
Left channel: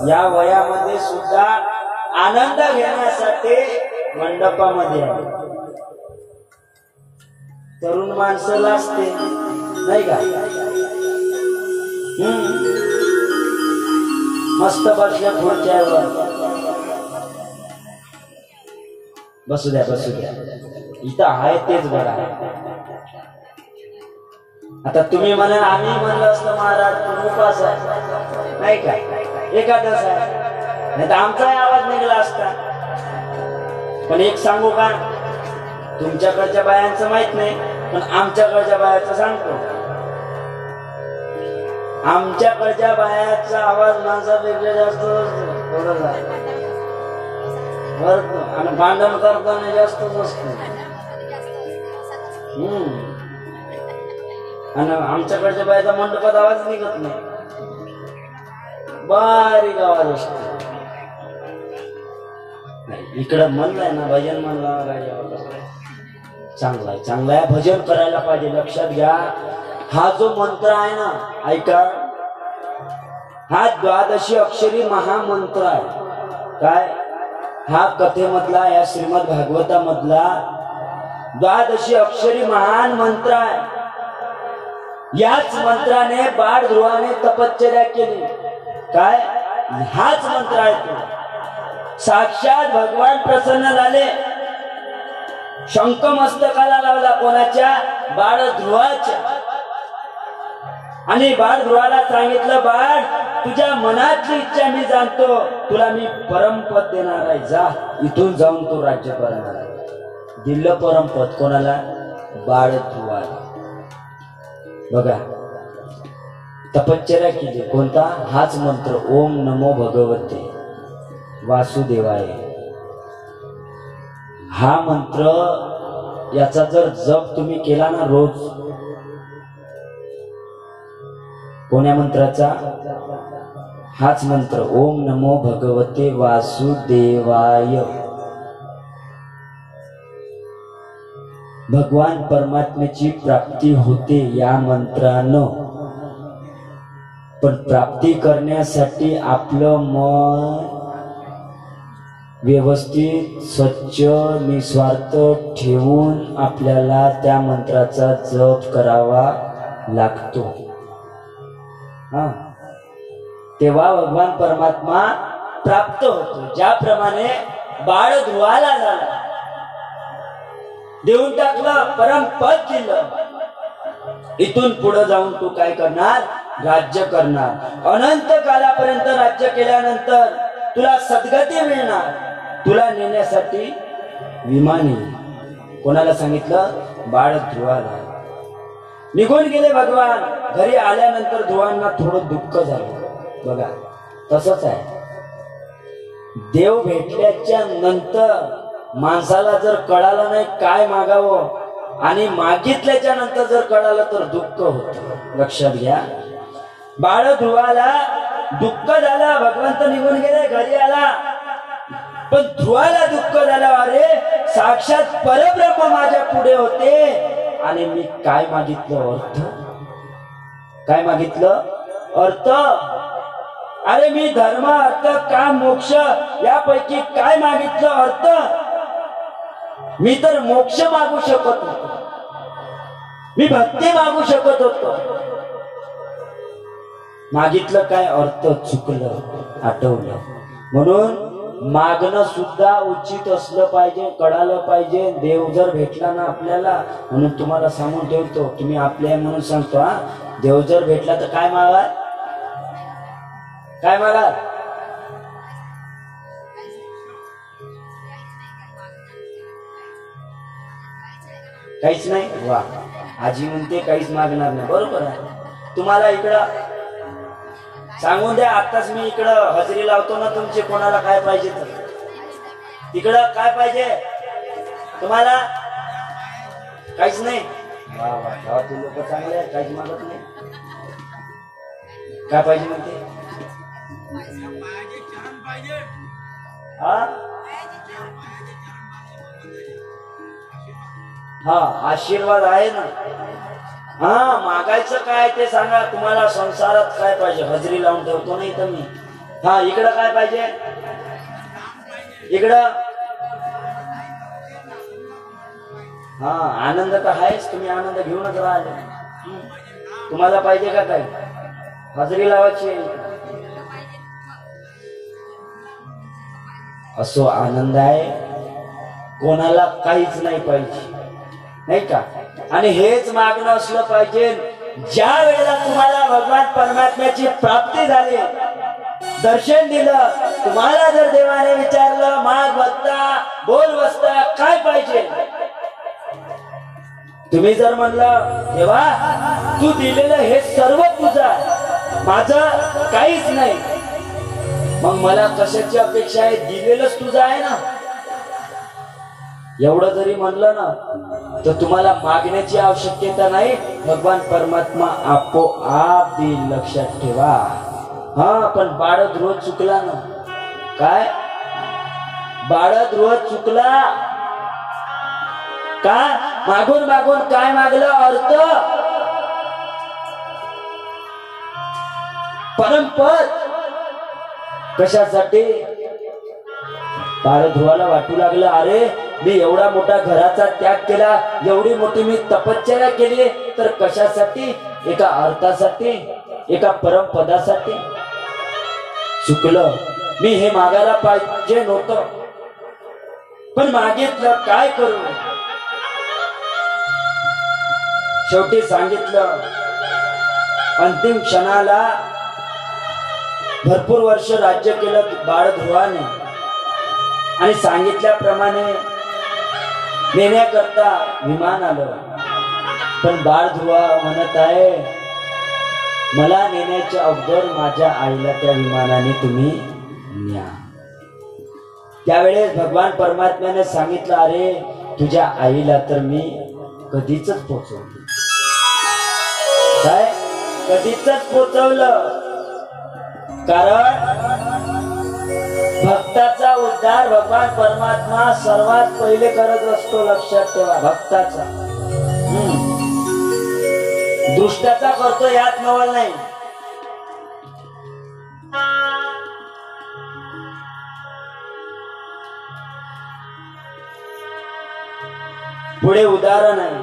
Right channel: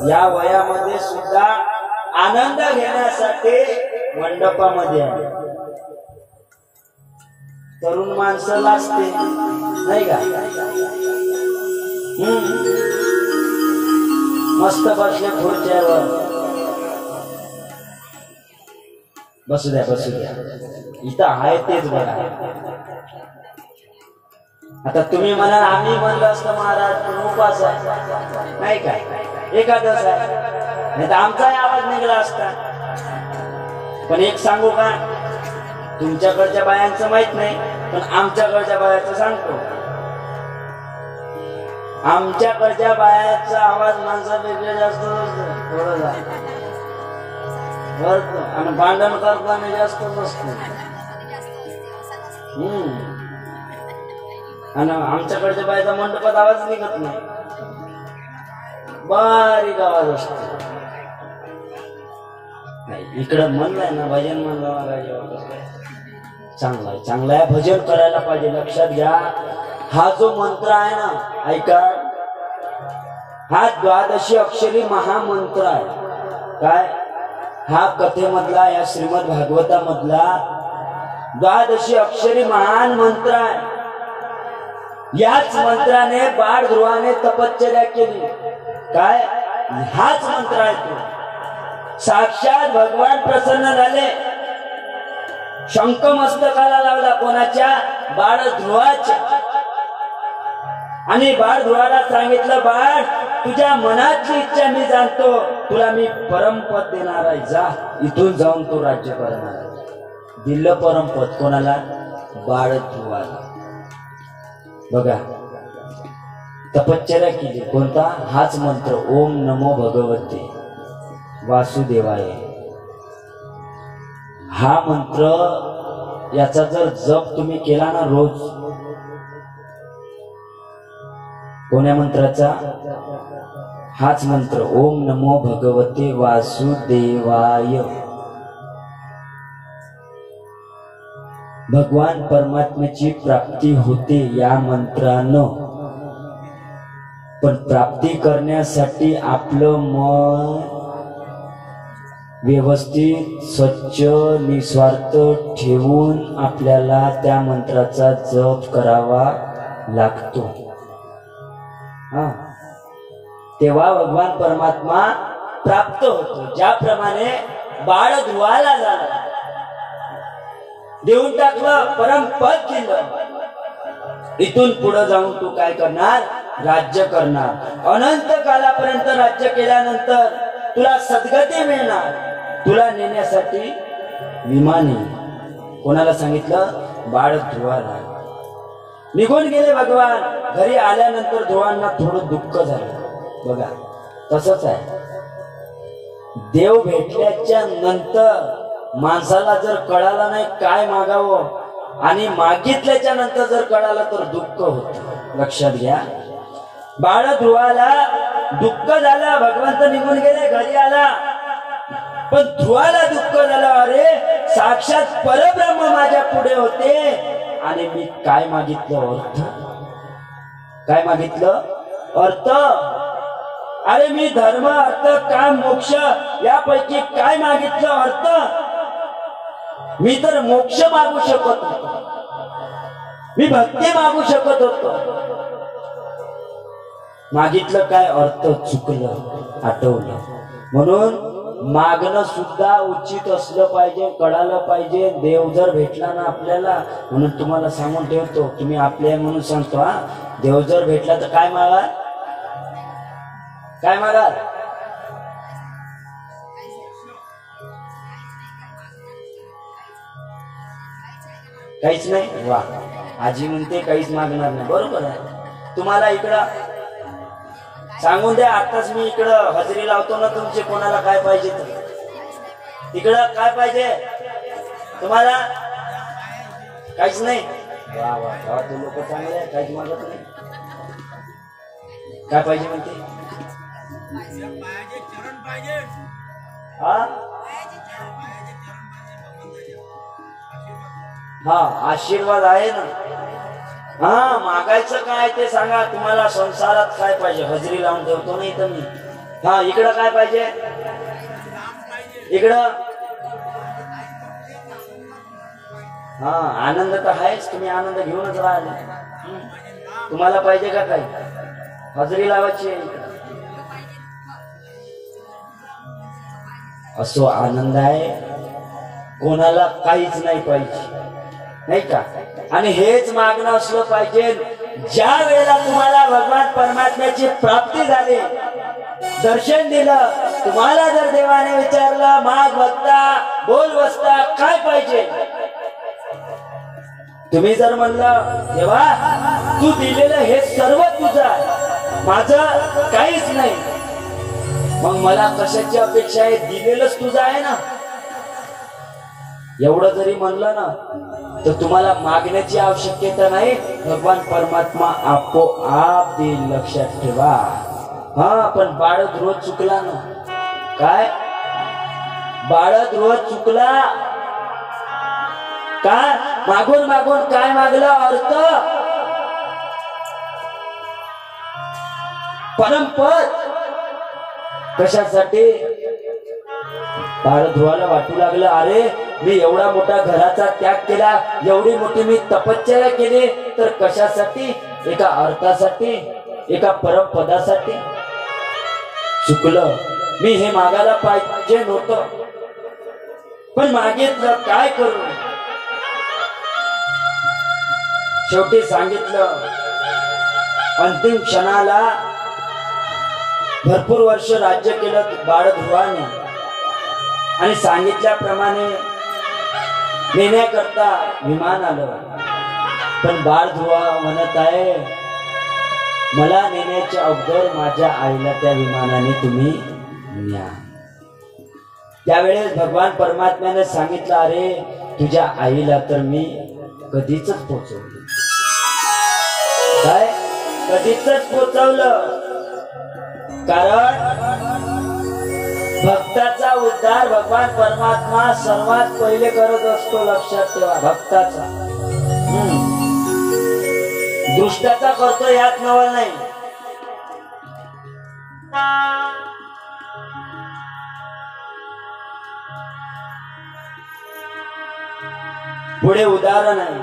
या वयामध्ये सुद्धा आनंद घेण्यासाठी मंडपामध्ये आहे. तरुण माणसं लाजते नाही का? मस्त बसले खुर्च्यावर. बसू द्या बसू द्या, इथं आहे तेच बघा. आता तुम्ही म्हणा आम्ही म्हणलं असतं महाराज तुम्ही उपास आहे नाही का, एकादश आहे, नाही तर आमचाही आवाज निघाला असता. पण एक सांगू का, तुमच्याकडच्या बायांचं माहित नाही, पण आमच्याकडच्या बायाचं सांगतो. आमच्याकडच्या बायाचा आवाज माणसापेक्षा जास्त थोडं आणि भांडण करताना जास्तच असतो. आणि आमच्याकडच्या बायाचा मंडपात आवाज निघत नाही, बारीक आवाज असतो. नाही इकडं म्हणलंय ना भजन म्हणलं चांगला आहे, चांगला आहे, भजन करायला पाहिजे. लक्षात घ्या, हा जो मंत्र आहे ना, ऐका, हा द्वादशी अक्षरी महामंत्र आहे. काय हा कथेमधला, या श्रीमद भागवतामधला द्वादशी अक्षरी महान मंत्र आहे. याच मंत्राने बाळ ध्रुवाने तपश्चर्या केली. काय हाच मंत्र आहे तो. साक्षात भगवान प्रसन्न झाले, शंख मस्तकाला लावला कोणाच्या, बाळ ध्रुवाच्या. आणि बाळ ध्रुवाला सांगितलं, बाळ तुझ्या मनातली इच्छा मी जाणतो, तुला मी परमपद देणार आहे, जा इथून जाऊन तू राज्य करणार आहे. दिलं परमपद कोणाला, बाळ ध्रुवाला. बघा तपश्चर्या केली, कोणता, हाच मंत्र, ओम नमो भगवते वासुदेवाय. हा मंत्र याचा जर जप तुम्ही केला ना रोज, कोण्या मंत्राचा, हाच मंत्र, ओम नमो भगवते वासुदेवाय. भगवान परमात्म्याची प्राप्ती होते या मंत्रानं. पण प्राप्ती करण्यासाठी आपलं मन व्यवस्थित स्वच्छ निस्वार्थ ठेवून आपल्याला त्या मंत्राचा जप करावा लागतो. तेव्हा भगवान परमात्मा प्राप्त होतो. ज्याप्रमाणे बाळ ध्रुवाला झाला, देऊन टाकलं, परमपद दिलं. इथून पुढे जाऊन तू काय करणार, राज्य करणार. अनंत कालापर्यंत राज्य केल्यानंतर तुला सद्गती मिळणार. तुला नेण्यासाठी विमान येईल. कोणाला सांगितलं, बाळ ध्रुवाला. निघून गेले भगवान. घरी आल्यानंतर ध्रुवांना थोडं दुःख झालं. बघा तसंच आहे, देव भेटल्याच्या नंतर माणसाला जर कळालं नाही काय मागावं, आणि मागितल्याच्या नंतर जर कळालं तर दुःख होत. लक्षात घ्या, बाळ ध्रुवाला दुःख झालं, भगवंत निघून गेले, घरी आला. पण ध्रुवाला दुःख झालं, अरे साक्षात परब्रह्म माझ्या पुढे होते आणि मी काय मागितलं, अर्थ. काय मागितलं, अर्थ. अरे मी धर्म अर्थ काम मोक्ष यापैकी काय मागितलं, अर्थ. मी तर मोक्ष मागू शकत होतो, मी भक्ती मागू शकत होतो. मागितलं काय, अर्थ. चुकलं, आठवलं. म्हणून मागणं सुद्धा उचित असलं पाहिजे, कळालं पाहिजे. देव जर भेटला ना आपल्याला, म्हणून तुम्हाला सांगून ठेवतो, तुम्ही आपल्या म्हणून सांगतो, हा देव जर भेटला तर काय मागा, काय मागा, काहीच नाही. वा, आजी म्हणते काहीच मागणार नाही. बरोबर आहे. तुम्हाला इकडं सांगून द्या, आताच मी इकडं हजेरी लावतो ना तुमची, कोणाला काय पाहिजे तर. तिकडं काय पाहिजे तुम्हाला, काहीच नाही. वा वा, तू लोक चांगले आहे, काहीच मागत नाही. काय पाहिजे म्हणते, चरण पाहिजे. हा आशीर्वाद आहे ना. हा मागायचं काय ते सांगा. तुम्हाला संसारात काय पाहिजे, हजेरी लावून ठेवतो नाही तर मी. हा इकडं काय पाहिजे? इकडं हा आनंद तर आहेच, तुम्ही आनंद घेऊनच राहा. तुम्हाला पाहिजे का काय? हजेरी लावायची आहे. असो आनंद आहे, कोणाला काहीच नाही पाहिजे, नाही का? आणि हेच मागणं असलं पाहिजे. ज्या वेळेला तुम्हाला भगवान परमात्म्याची प्राप्ती झाली, दर्शन दिलं, तुम्हाला जर देवाने विचारलं माग बसता बोल बसता काय पाहिजे, तुम्ही जर म्हणलं देवा तू दिलेलं हे सर्व तुझं, माझं काहीच नाही, मग मला कशाची अपेक्षा आहे? दिलेलंच तुझं आहे ना. एवढं जरी म्हणलं ना तर तुम्हाला मागण्याची आवश्यकता नाही, भगवान परमात्मा आपोआप देईल, लक्षात ठेवा. हा पण बाळद्रोह चुकला ना, काय बाळद्रोह चुकला का? मागून मागून काय मागलं? अर्थ परमपद. कशासाठी? बाळद्रोहाला वाटू लागलं अरे मी एवढा मोठा घराचा त्याग केला, एवढी मोठी मी तपश्चर्या केली, तर कशासाठी? एका अर्थासाठी, एका परमपदासाठी. चुकलं, मी हे मागायला पाहिजे नव्हतं, पण मागितलं, काय करू? शेवटी सांगितलं. अंतिम क्षणाला भरपूर वर्ष राज्य केलं बाळध्रुवाने आणि सांगितल्याप्रमाणे नेण्याकरता विमान आलं. पण बाळध्रुवा म्हणत आहे मला नेण्याच्या अगोदर माझ्या आईला त्या विमानाने तुम्ही न्या. त्यावेळेस भगवान परमात्म्याने सांगितलं अरे तुझ्या आईला तर मी कधीच पोचवलं. काय? कधीच पोचवलं. कारण भक्ताचा उद्धार भगवान परमात्मा सर्वात पहिले करत असतो, लक्षात ठेवा. भक्ताचा, दृष्टाचा करतो यात नवल नाही. पुढे उदाहरण आहे.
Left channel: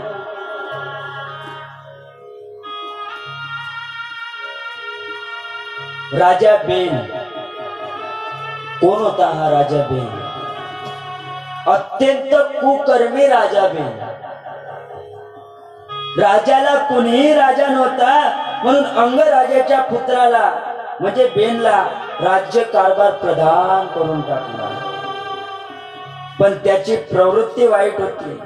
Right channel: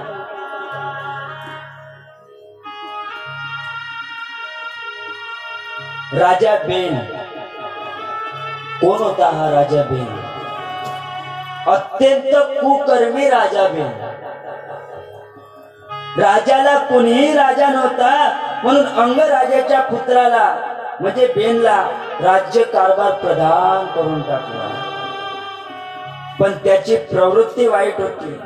राजा बेन. कोण होता हा राजा बेन? अत्यंत कुकर्मी राजा बेन. राजाला कुणीही राजा नव्हता म्हणून अंगराजाच्या पुत्राला म्हणजे बेनला राज्य कारभार प्रदान करून टाकला. पण त्याची प्रवृत्ती वाईट होती.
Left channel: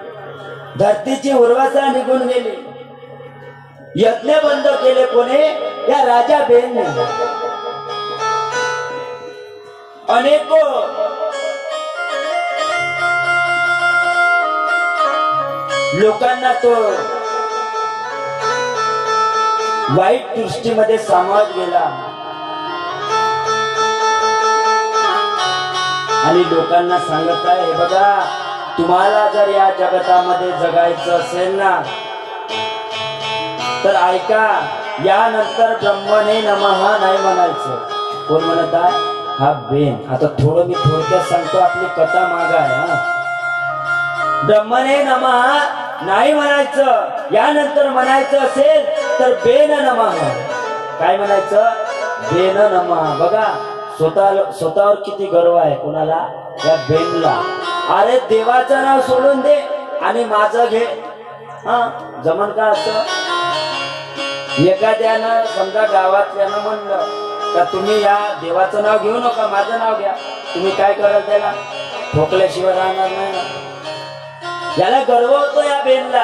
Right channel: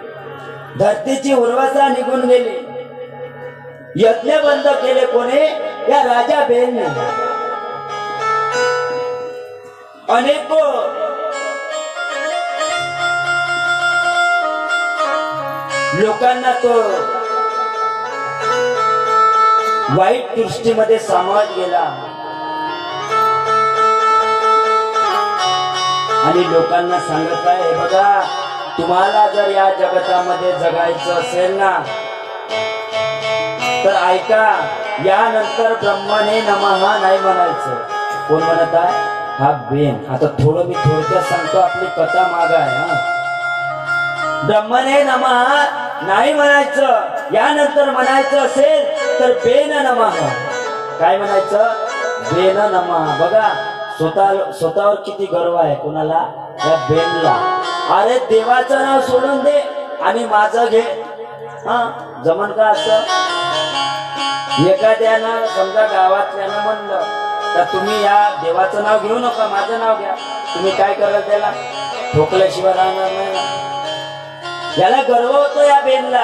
धरतीची उर्वरता निघून गेली. यज्ञ बंद केले कोणी? या राजा बेनने. अनेको लोकांना तो वाईट दृष्टीमध्ये सामावत गेला आणि लोकांना सांगत आहे बघा तुम्हाला जर या जगतामध्ये जगायचं असेल ना तर ऐका, यानंतर ब्रह्मणे नमः नाही म्हणायचं. कोण म्हणत आहे? हा बेन. आता थोडं मी थोडक्यात सांगतो, आपली कथा माग आहे. ब्रह्मणे नमः नाही म्हणायचं. यानंतर म्हणायचं असेल तर बेन नमः. काय म्हणायचं? बेन नमः. बघा स्वतःवर किती गर्व आहे कोणाला? या बेनला. अरे देवाचं नाव सोडून दे आणि माझं घे. जमन का असं? एखाद्यानं समजा गावातल्यानं म्हणलं का तुम्ही या देवाचं नाव घेऊ नका, माझं नाव घ्या. तुम्ही काय कराल? त्याला ठोकल्याशिवाय राहणार नाही. याला गर्व होतो या बेनला.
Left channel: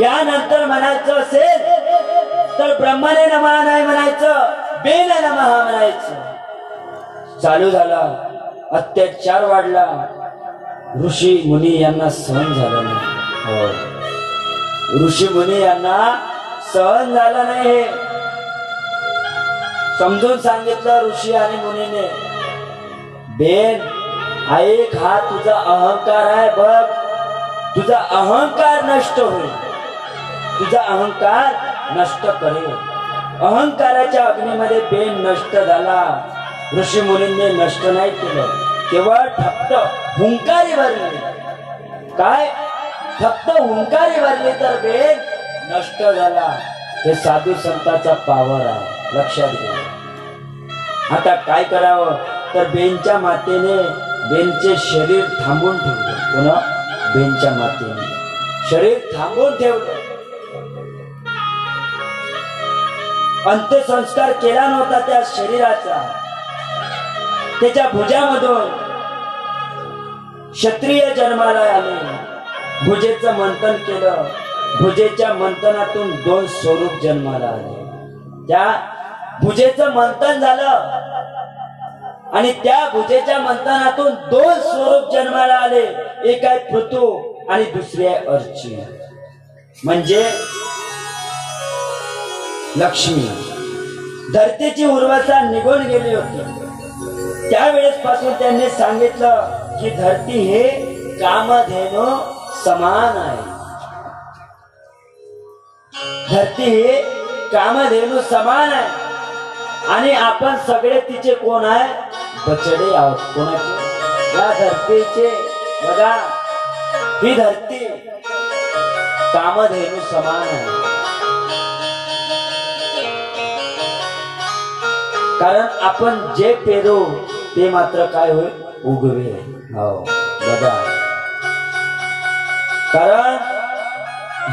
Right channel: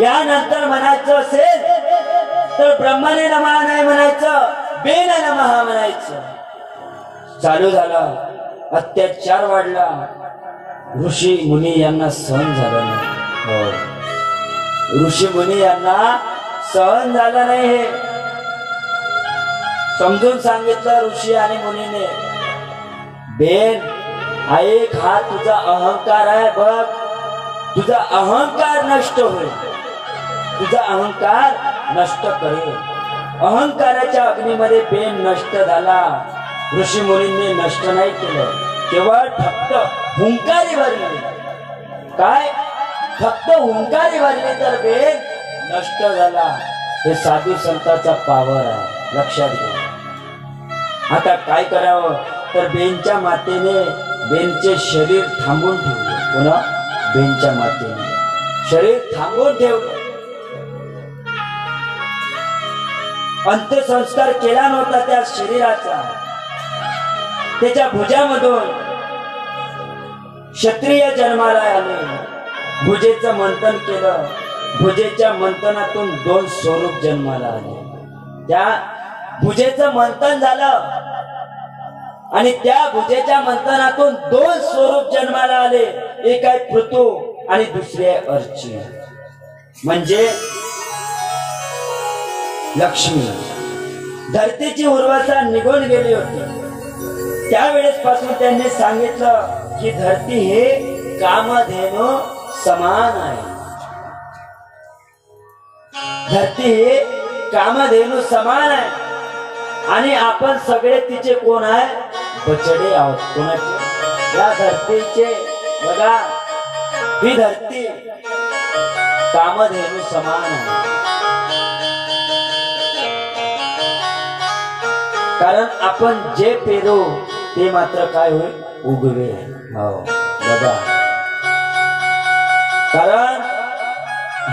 यानंतर म्हणायचं असेल तर ब्रह्मणे नमः नाही म्हणायचं, बेन नमः म्हणायचं. चालू झाला. अत्याचार वाढला. ऋषी मुनी यांना सहन झालं नाही. ऋषी मुनी यांना सहन झालं नाही. हे समजून सांगितलं ऋषी आणि मुनीने. बेन ऐक, हा तुझा अहंकार आहे बघ. तुझा अहंकार नष्ट होईल. तुझा अहंकार नष्ट करेल. अहंकाराच्या अग्नीमध्ये बेन नष्ट झाला, ऋषी मुनींनी नष्ट नाही केलं, केवळ फक्त हुंकारी भरली. काय फक्त हुंकारी भरली तर बेन नष्ट झाला. हे साधू संतांचा पावर आहे, लक्षात घ्या. आता काय करावं तर बेनच्या मातेने बेनचे शरीर थांबून ठेवले. पुन्हा बेनच्या मातेने शरीर थांबून ठेवलं. अंत्यसंस्कार केला नव्हता त्या शरीराचा. त्याच्या भुजामधून क्षत्रिय जन्माला आले. भुजेचं मंथन केलं. भुजेच्या मंथनातून 2 स्वरूप जन्माला आले. त्या भुजेचं मंथन झालं आणि त्या भुजेच्या मंथनातून 2 स्वरूप जन्माला आले. एक आहे पृथू आणि दुसरी आहे अर्ची, म्हणजे लक्ष्मी. धरतीची उर्वरता निघून गेली होती. त्यावेळेस पासून त्यांनी सांगितलं की धरती हे कामधेनु समान आहे. धरती हे कामधेनु समान आहे आणि आपण सगळे तिचे कोण आहे? बछडे आहोत. कोणाचे? या धरतीचे. बघा, ही धरती कामधेनु समान आहे. कारण आपण जे पेरू ते मात्र काय होईल? उगवे. हो बघा, कारण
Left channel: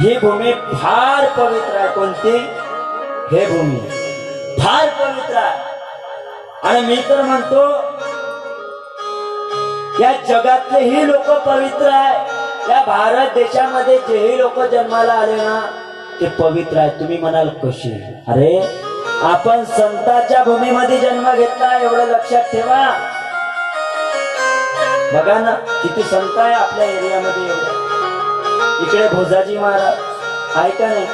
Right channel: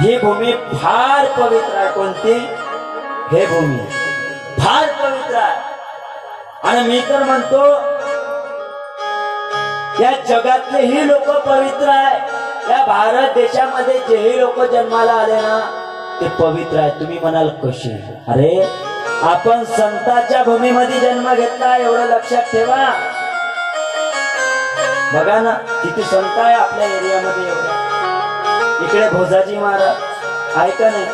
ही भूमी फार पवित्र आहे. कोणती? हे भूमी फार पवित्र आहे. आणि मी तर म्हणतो या जगातलेही लोक पवित्र आहे. या भारत देशामध्ये जेही लोक जन्माला आले ना ते पवित्र आहे. तुम्ही म्हणाल कशी? अरे आपण संतांच्या भूमीमध्ये जन्म घेतला, एवढं लक्षात ठेवा. बघा ना किती संत आहे आपल्या एरियामध्ये. एवढं इकडे भोजाजी महाराज आहे का नाही,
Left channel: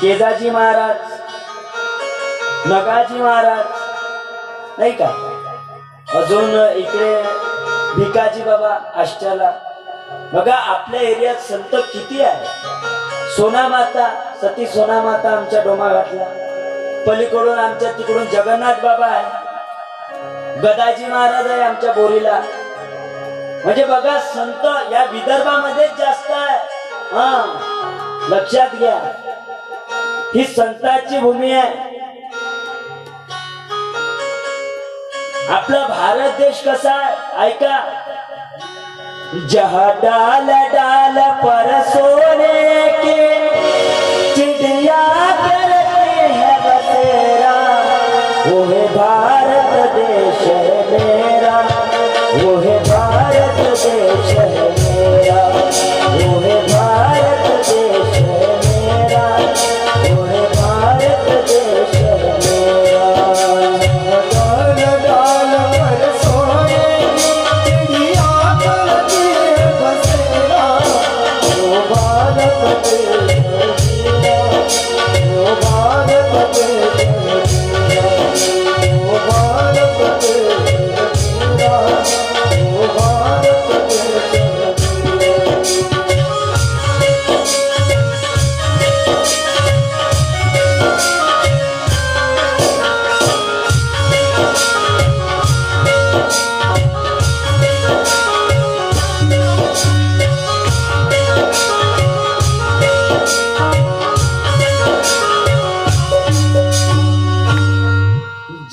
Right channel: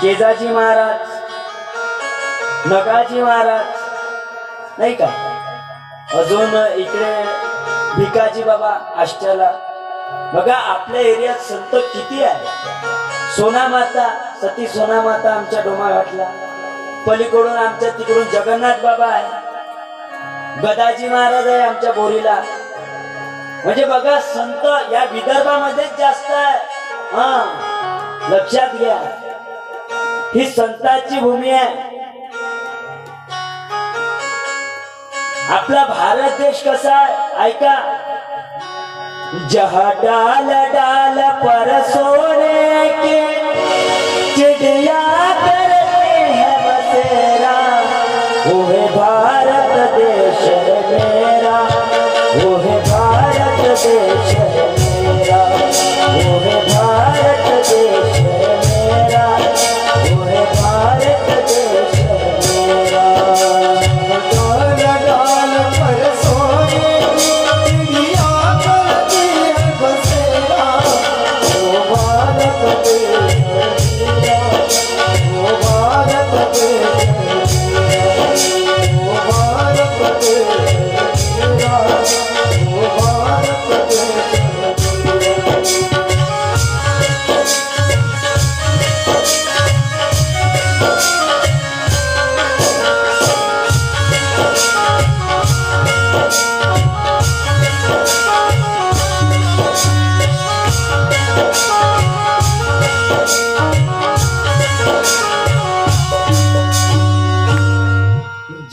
केजाजी महाराज, नगाजी महाराज नाही का, अजून इकडे भिकाजी बाबा आष्टाला. बघा आपल्या एरियात संत किती आहे. सोना माता, सती सोना माता आमच्या डोमाघाटला. पलीकडून आमच्या तिकडून जगन्नाथ बाबा आहे. गदाजी महाराज आहे आमच्या बोरीला. म्हणजे बघा संत या विदर्भामध्येच जास्त आहे. हा लक्षात घ्या, ही संतांची भूमी आहे. आपला भारत देश कसा आहे ऐका. जहाँ डाल डाल पर सोने के चिड़िया करते हैं बसेरा, वो है भारत देश है मेरा, वो है भारत देश है मेरा, वो है भारत देश है मेरा, वो है भारत देश है मेरा.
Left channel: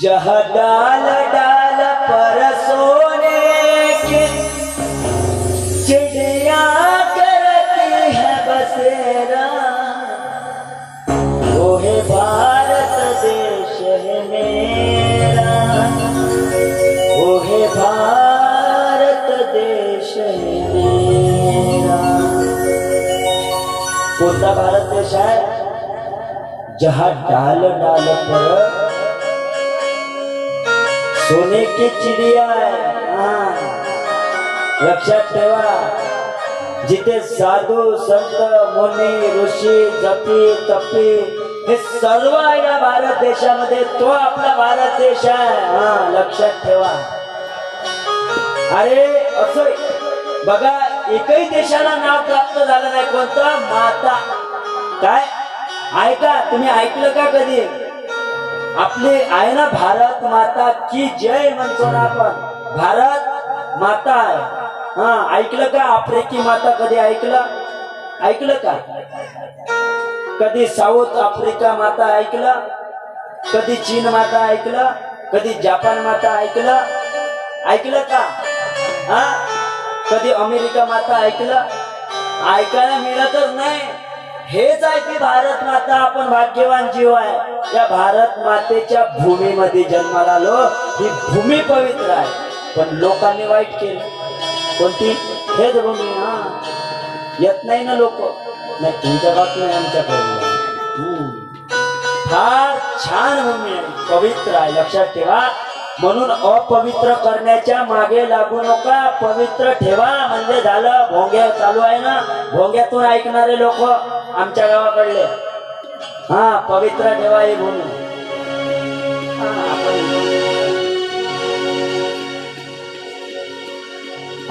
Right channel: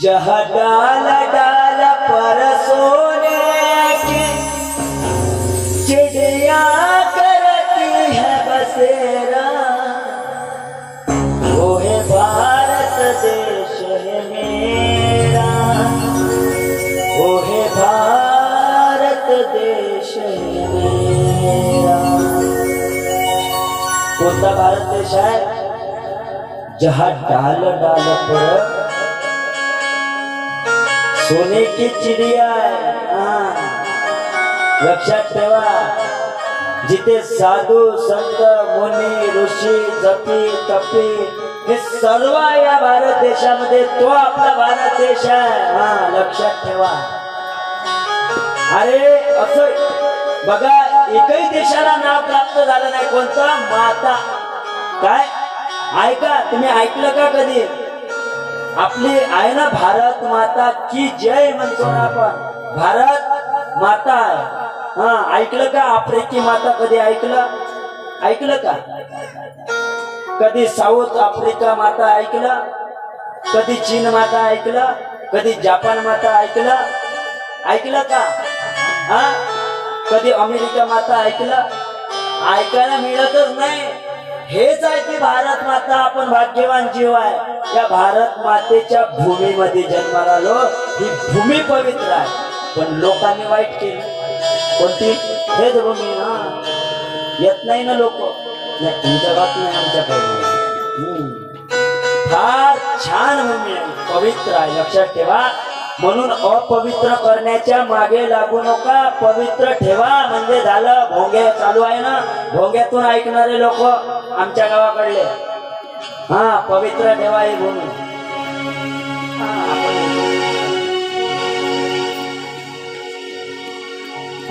जहाँ डाल डाल पर सोने के चिड़िया करती है बसेरा, वो है भारत देश है मेरा, वो है भारत देश है मेरा. कोणता भारत देश है? जहाँ डाल डाल पर सोने की चिड़िया आहे. लक्षात ठेवा, जिथे साधू संत मुनी ऋषी जपी तपी हे सर्व या भारत देशामध्ये, तो आपला भारत देश आहे. लक्षात ठेवा. अरे असं बघा, एकही देशाला नाव प्राप्त झालं नाही. कोणता? माता. काय? ऐका, तुम्ही ऐकलं का कधी? आपली आहे ना भारत माता की जय म्हणतो ना आपण, भारत माता आहे. हा, ऐकलं का? आफ्रिकी माता कधी ऐकलं का? कधी साऊथ आफ्रिका माता ऐकलं? कधी चीन माता ऐकलं? कधी जपान माता ऐकलं का? हा, कधी अमेरिका माता ऐकलं? ऐकायला मिळतच नाही. हेच आहे की भारत माता. आपण भाग्यवान जीव आहे. या भारत मातेच्या भूमीमध्ये जन्माला आलो. ही भूमी पवित्र आहे, पण लोकांनी वाईट केलं. कोणती? हेच भूमी. हा, येत नाही ना लोक. नाही, तुमच्या बात नाही, आमच्याकडे. फार छान भूमी आहे, पवित्र आहे, लक्षात ठेवा. म्हणून अपवित्र करण्याच्या मागे लागू नका, पवित्र ठेवा. म्हणजे झालं. भोंगे चालू आहे ना, भोंग्यातून ऐकणारे लोक आमच्या गावाकडले. हा, पवित्र ठेवा ही भूमी.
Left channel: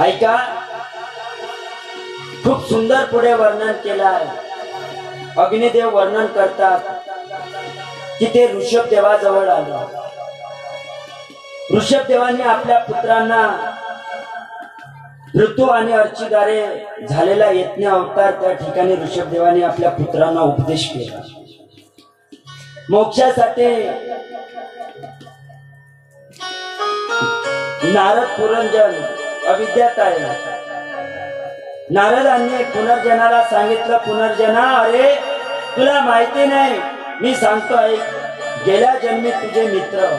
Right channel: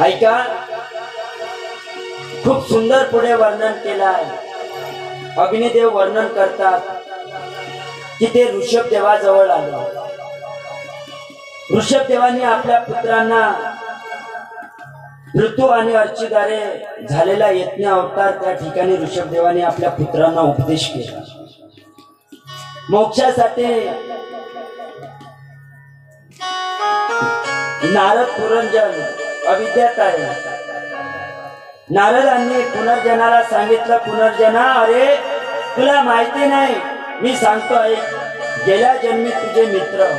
ऐका, खूप सुंदर पुढे वर्णन केलं आहे. अग्निदेव वर्णन करतात की ते ऋषभ देवाजवळ आले. ऋषभ देवानी आपल्या पुत्रांना ऋतू आणि अर्चिदारे झालेला यज्ञ अवतार, त्या ठिकाणी ऋषभ देवानी आपल्या पुत्रांना उपदेश केला. मोक्षासाठी नारद पुरंजन अविद्यात आहे. नारदांनी पुनर्जनाला सांगितलं, पुनर्जना, अरे तुला माहिती नाही, मी सांगतो ऐक. गेल्या जन्मी तुझे मित्र,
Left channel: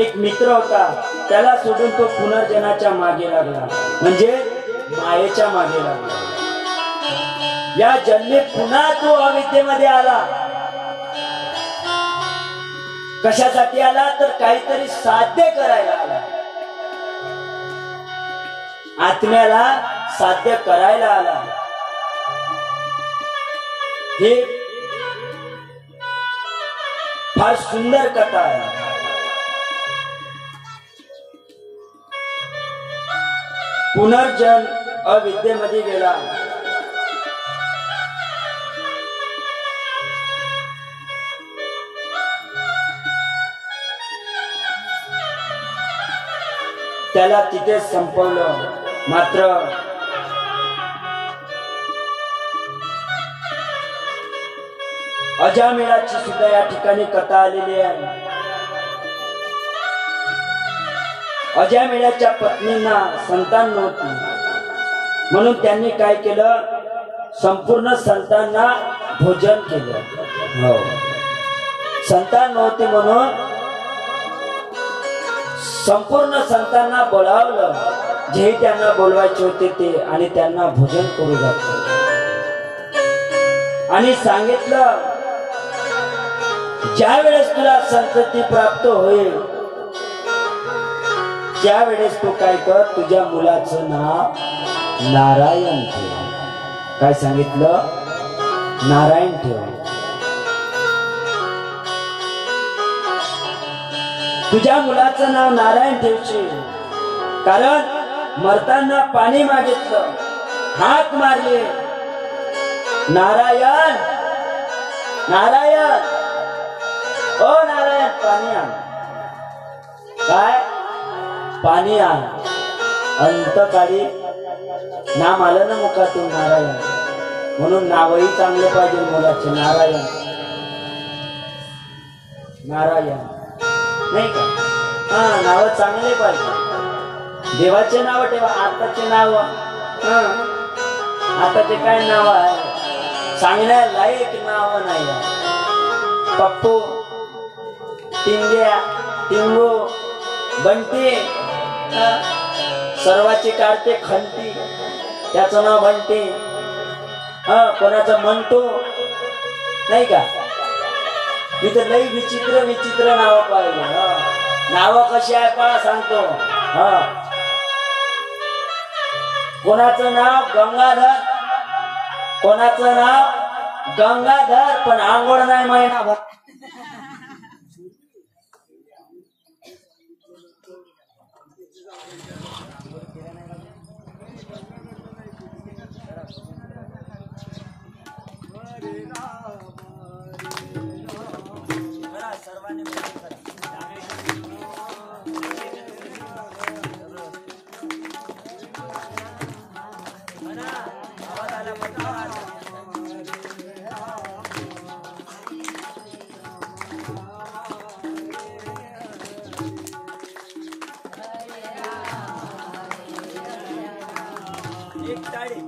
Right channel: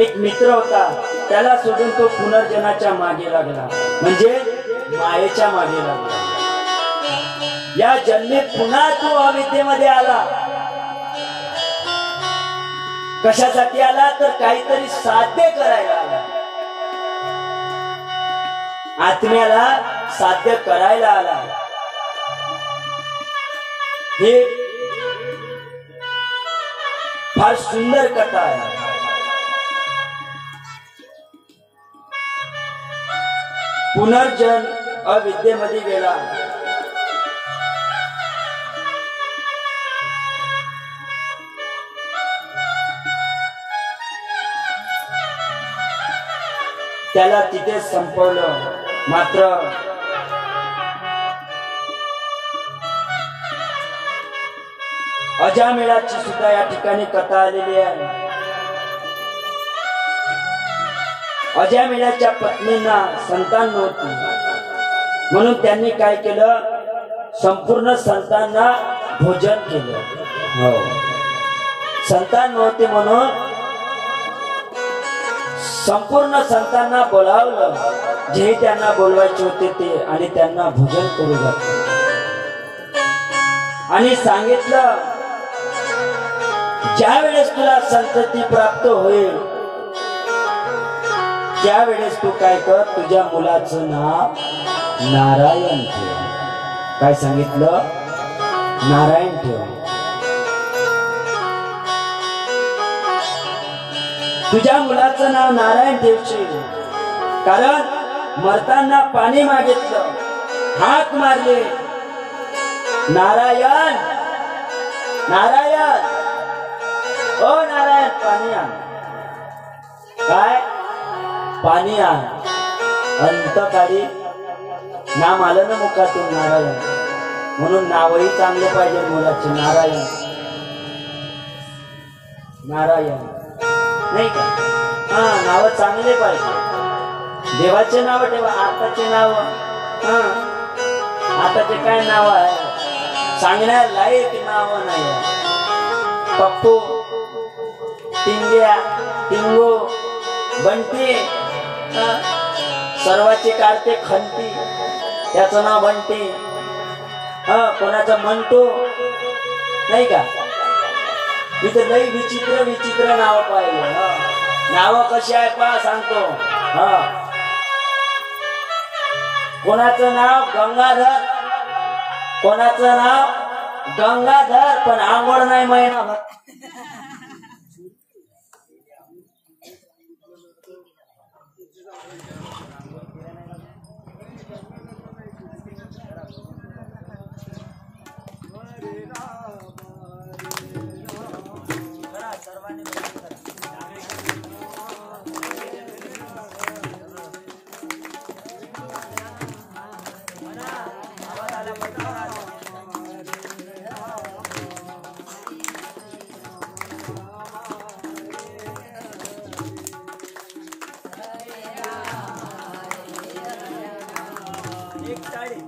एक मित्र होता, त्याला सोडून तो पुनर्जनाच्या मागे लागला, म्हणजे मायेच्या मागे लागला. या जन्मी पुन्हा तो अविद्येमध्ये आला. कशासाठी आला? तर काहीतरी साध्य करायला आला. आत्म्याला साध्य करायला आला. हे फार सुंदर कथा आहे. पुनर्जन अविद्येमध्ये गेला. त्याला तिथे संपवलं. मात्र अजामेळाची सुद्धा या ठिकाणी कथा आलेली आहे. अजामेळाच्या पत्नींना संतान नव्हती, म्हणून त्यांनी काय केलं? संपूर्ण संतांना भोजन केलं. हो, संतान नव्हते म्हणून संपूर्ण संतांना बोलावलं, जे त्यांना बोलवायचे होते ते, आणि त्यांना भोजन करू घातलं आणि सांगितलं, ज्या वेळेस तुला संतती प्राप्त होईल त्यावेळेस तू काय कर, तुझ्या मुलाचं नाव नारायण ठेव. काय सांगितलं? नारायण ठेव. तुझ्या मुलाचं नाव नारायण ठेवशील, कारण मरताना पाणी मागितलं, हाक मारले, नारायण नारायण, ओ नारायण पाणी आण. काय? पाणी आण. अंतकाळी नाम आलं ना मुखातून नारायण, म्हणून नावही चांगलं पाहिजे मुलाचे. नारायण नारायण नाही का? हा, नाव चांगले पाहिजे. देवाचे नाव ठेवा. आताचे नाव, आताचे काय नाव आहे? सांगण्या लायक नाव नाही. पप्पू, टिंग्या, टिंगू, बंटी, सर्वाचे काढते खंती, त्याचं नाव बंटी. कोणाचं मंटू नाही का? इथं लई विचित्र विचित्र नाव पाहिजे. नाव कशी आहे पहा सांगतो. कोणाचं नाव गंगाधर, कोणाचं नाव गंगाधर, पण आंघोळ नाही महिनाभर. हरे राम एक साडी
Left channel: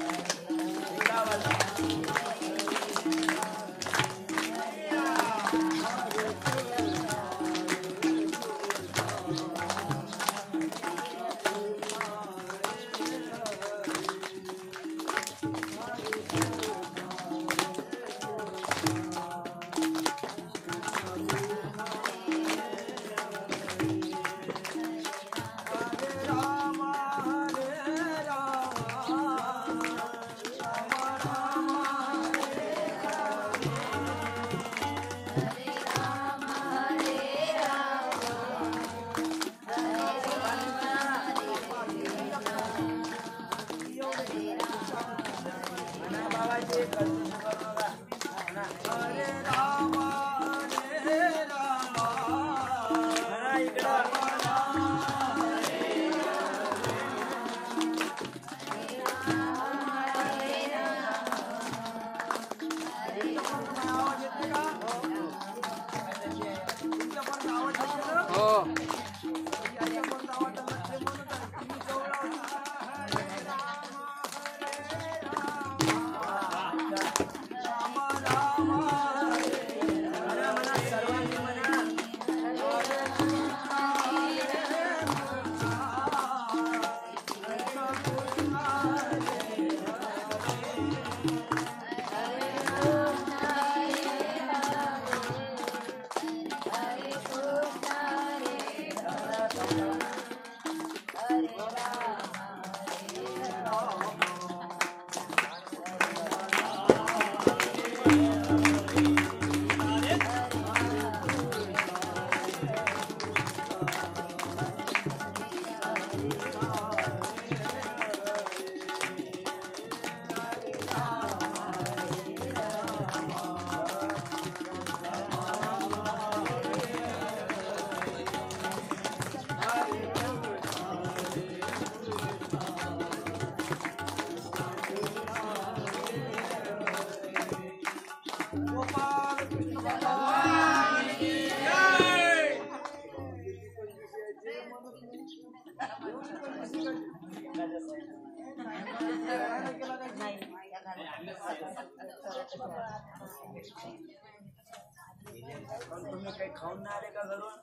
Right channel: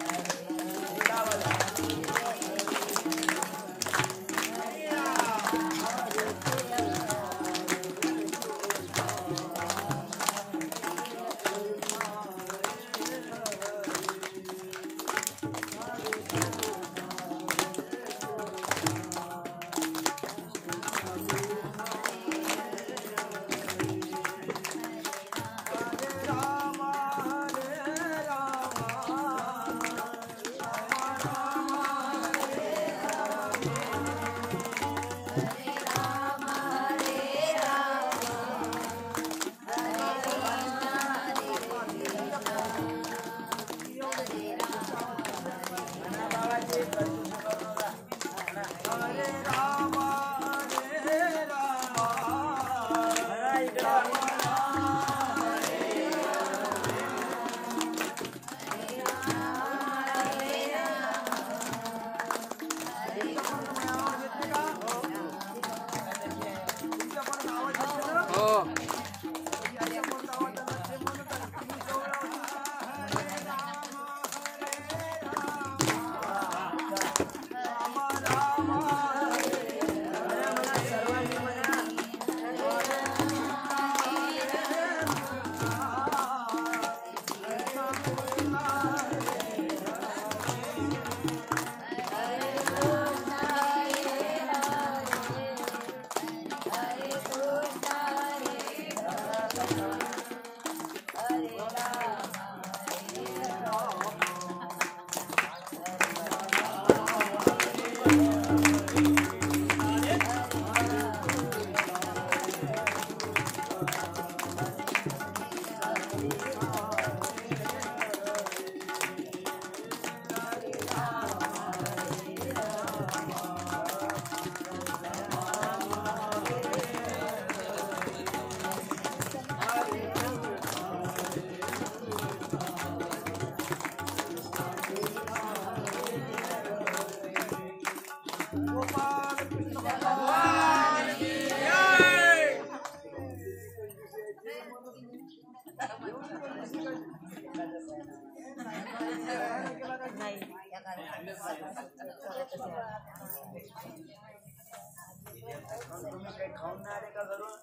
तुम्ही काही खाऊन नाही आले का घरून?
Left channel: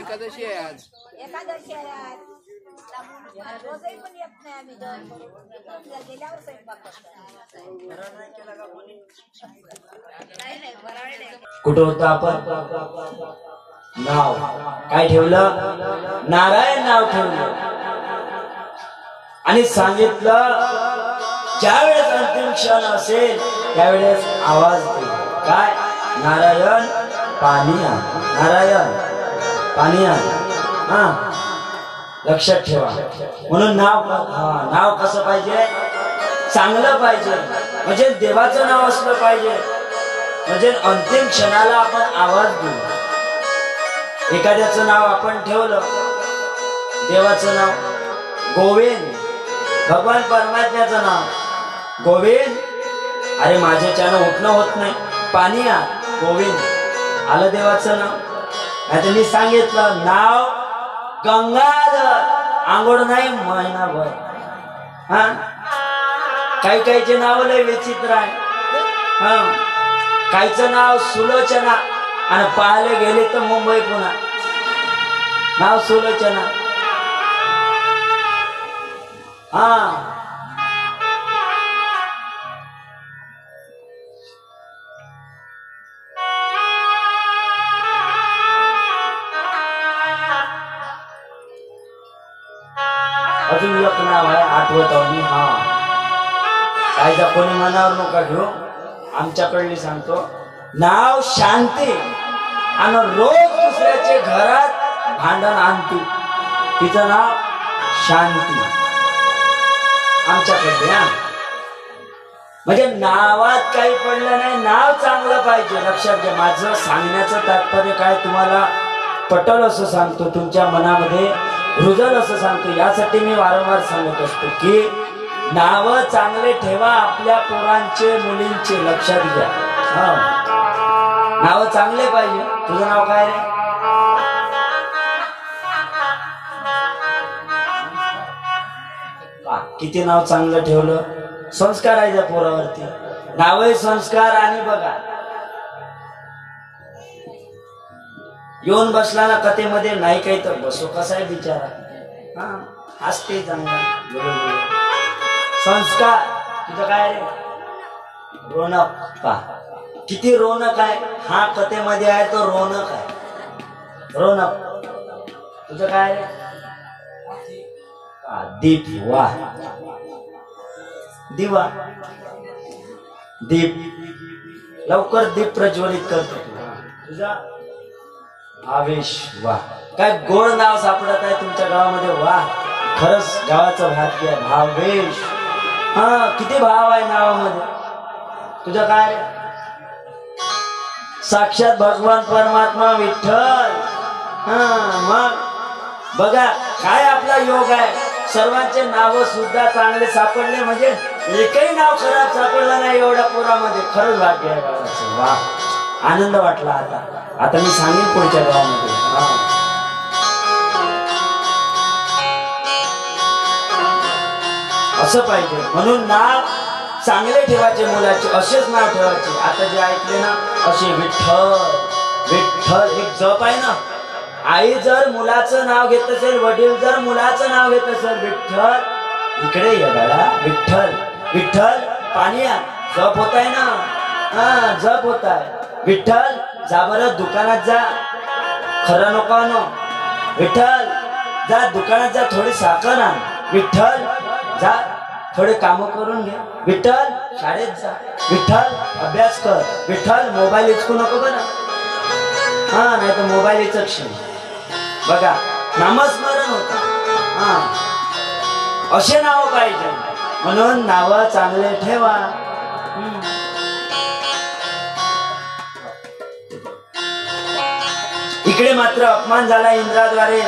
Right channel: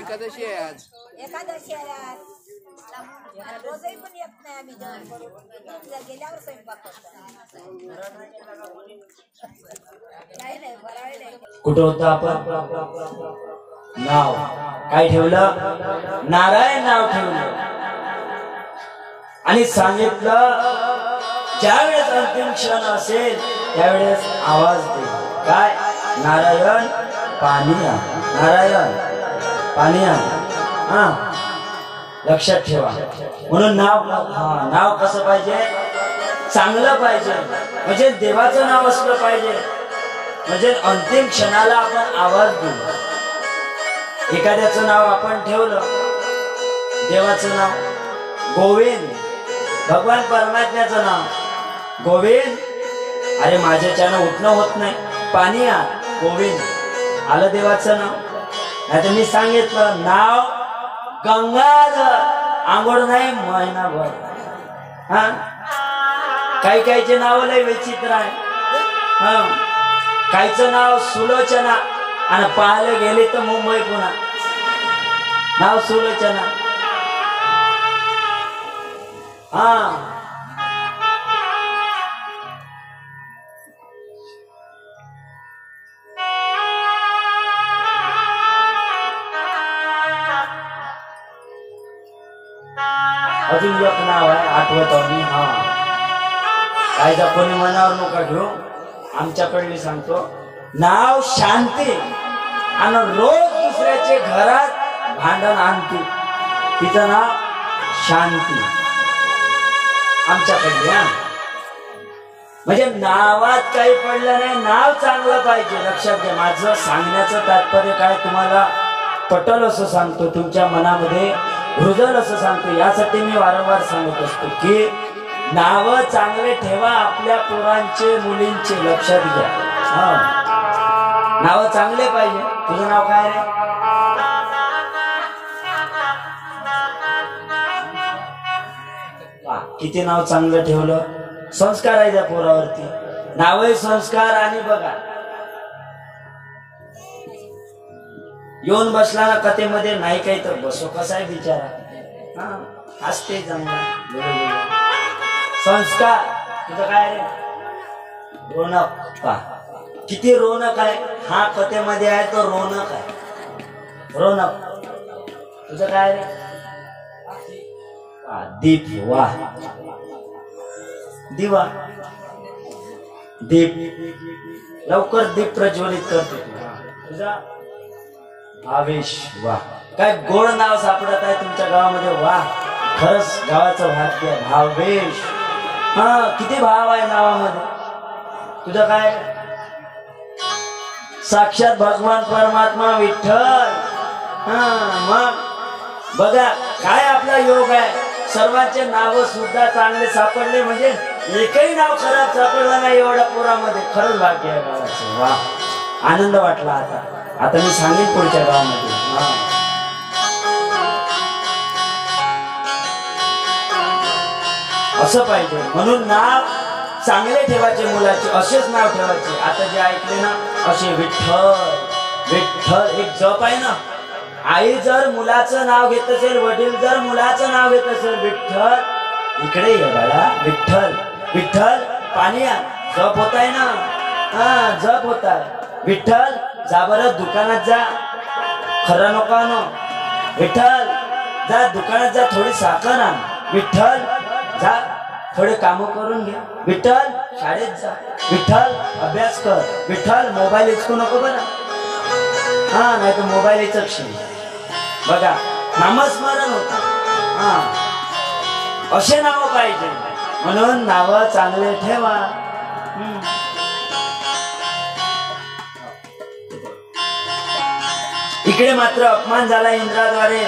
एकादशी आहे आज. एकादशी आहे आज. रोजही पण येत नाही आम्ही गेल्यावर स्वयंपाक घरात नाही केला का कोणी? नाही फराळ नाही. कुठं होतं आपण? नाव काय ठेवलं? नारायण नाव ठेवलं आणि सांगितलं ज्यावेळेस अंतिम क्षण असेल त्यावेळेस आवाज दे. काय? नारायण पाणी आण, नारायण पाणी आण. हा लक्षात ठेवा. म्हणून नाव कसं पाहिजे? चांगलं पाहिजे. म्हणजे देवाचं नाव असलं पाहिजे. म्हणजे अंतिम क्षणाला आपण आवाज देऊ. एखाद्याचं नाव आपण ठेवलं, देवाचं नाव गोविंद, भगवान परमात्म्याचं नाव गोविंद. अरे माझ्याच्यानं उठणं होत नाही, पाणी आ गोविंद. आलं देवाचं नाव. नाही मी सांगितलं नाव गंगाधर, आंघोळ नाही महिनाभर. हा काही काहीचे नाव लय विचित्र आहे. हा काहीचं नाव सुलोचना आणि पाहायला गेले तर मुंबई पुन्हा नाव सुलोचना. हा अजून एक नाव आहे आठवत मी. हा कायदा कोणी मनावर नका घेऊ, आमच्याकडली सांगतो. नाव शांती आणि रोज दुसऱ्याचे घरात भांडण आणते, तिचं नाव शांती आमच्याकडे. म्हणजे नावात काही पडलं नाही, नाव चांगलं पाहिजे. लक्षात घ्या, माझं सांगण्याचं तात्पर्य काय तुम्हाला पटल असं सांगतो, तुमच्या मनामध्ये रुजल असं सांगतो. यासाठी मी वारंवार सांगत असतो की नाव चांगले ठेवा आपल्या पोरांचे मुलींचे. लक्षात घ्या, हा नाव चांगले पाहिजे. तुझं नाव काय रे? किती नाव चांगलं ठेवलं. संस्कार आहे त्या पोरावरती. नावही संस्कार. आणि बघा येऊन बसला ना कथेमध्ये, नाही काही तर बसो कसा आहे बिचारा, हा हसते चांगला. संस्कार. तुझं काय रे? रोनक. पा किती रोनक आहे. हा कथेमध्ये आहे तो रोनक आहे. रोनक. तुझं काय रे? दीप. वाह, दिवा. दीप. लवकर दीप प्रज्वलित करते. तुझा भावेश. वाह, काय गोड नाव सापडत आहे तुमच्या गावामध्ये. वाह, खरंच गावाचं भाग्य आहे. भावेश. हा किती भाव आहे नावामध्ये. तुझं काय? साक्षात भगवान परमात्मा विठ्ठल. हा मग बघा काय आपला योग आहे. सर्वांचे नाव सुद्धा चांगले सापडले, म्हणजे एकही नाव खराब सापडलं नाही एवढ्या पोरामध्ये. खरंच भाग्य आहे गावाचं. वा, आनंद वाटला. आता मी सांगेन पुढच्या गावामध्ये. असं पाहिजे. म्हणून नाव चांगले ठेवायचे मुलाचे, असेच नाव ठेवायचे. आता जे ऐकले ना असे विठ्ठल. विठ्ठल एक जप आहे ना. आई जर मुलाचं नाव घेत असेल, वडील जर मुलाचं नाव घेत असेल, विठ्ठल इकडे ये बाळा, विठ्ठल विठ्ठल पाणी या. जप होत आहे ना. हा जप होत आहे. विठ्ठल जा बरं दुकानात जा, खरं नको आणू. विठ्ठल जा दुकानात जा, थोडी साखर आण. विठ्ठल जा थोडे काम करून घे. विठ्ठल शाळेत जा. विठ्ठल अभ्यास कर. विठ्ठल मोबाईल हिचकू नको बरं. हा नाही तर मोबाईल हिचकशील. बघा नामस्मरण होत. हा असे नाव पाहिजे. म्हणून नाव चांगले ठेवा. इकडे मात्र अपमान झाला इंद्राद्वारे.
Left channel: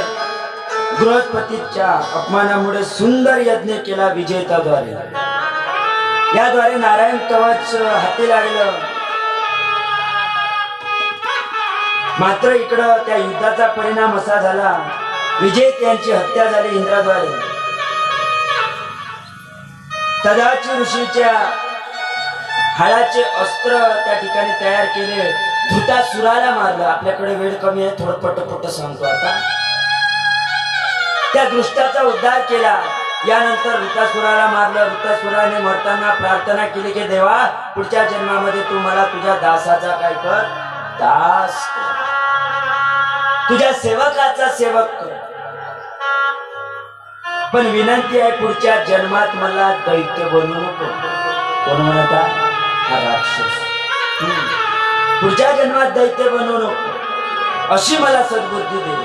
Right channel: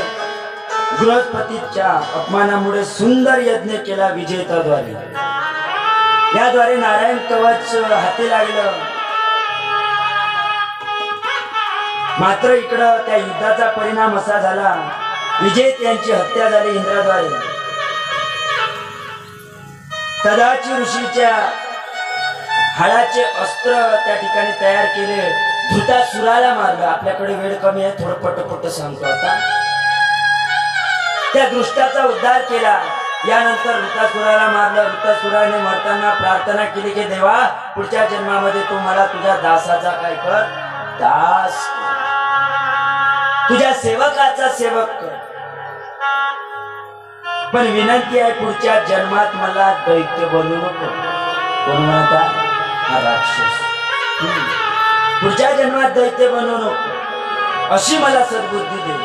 बृहस्पतीच्या अपमानामुळे सुंदर यज्ञ केला विजेताद्वारे. याद्वारे नारायण कवच हाती लागलं. मात्र इकडं त्या युद्धाचा परिणाम असा झाला, विजेत यांची हत्या झाली इंद्राद्वारे. तदाची ऋषीच्या हाडाचे अस्त्र त्या ठिकाणी तयार केले. धृतासुराला मारलं. आपल्याकडे वेळ कमी आहे, थोडं पटपट सांगतो. आता त्या दृष्टाचा उद्धार केला. यानंतर वृतासुराला मारलं. वृतासुराने मरताना प्रार्थना केली की देवा पुढच्या जन्मामध्ये तू मला तुझ्या दासाचा काय कर, दास, तुझ्या सेवकाचा सेवक कर. पण विनंती आहे पुढच्या जन्मात मला दैत्य बनवू नको. कोण म्हणता? हा राक्षस. पुढच्या जन्मात दैत्य बनवू नको अशी मला सद्बुद्धी दे.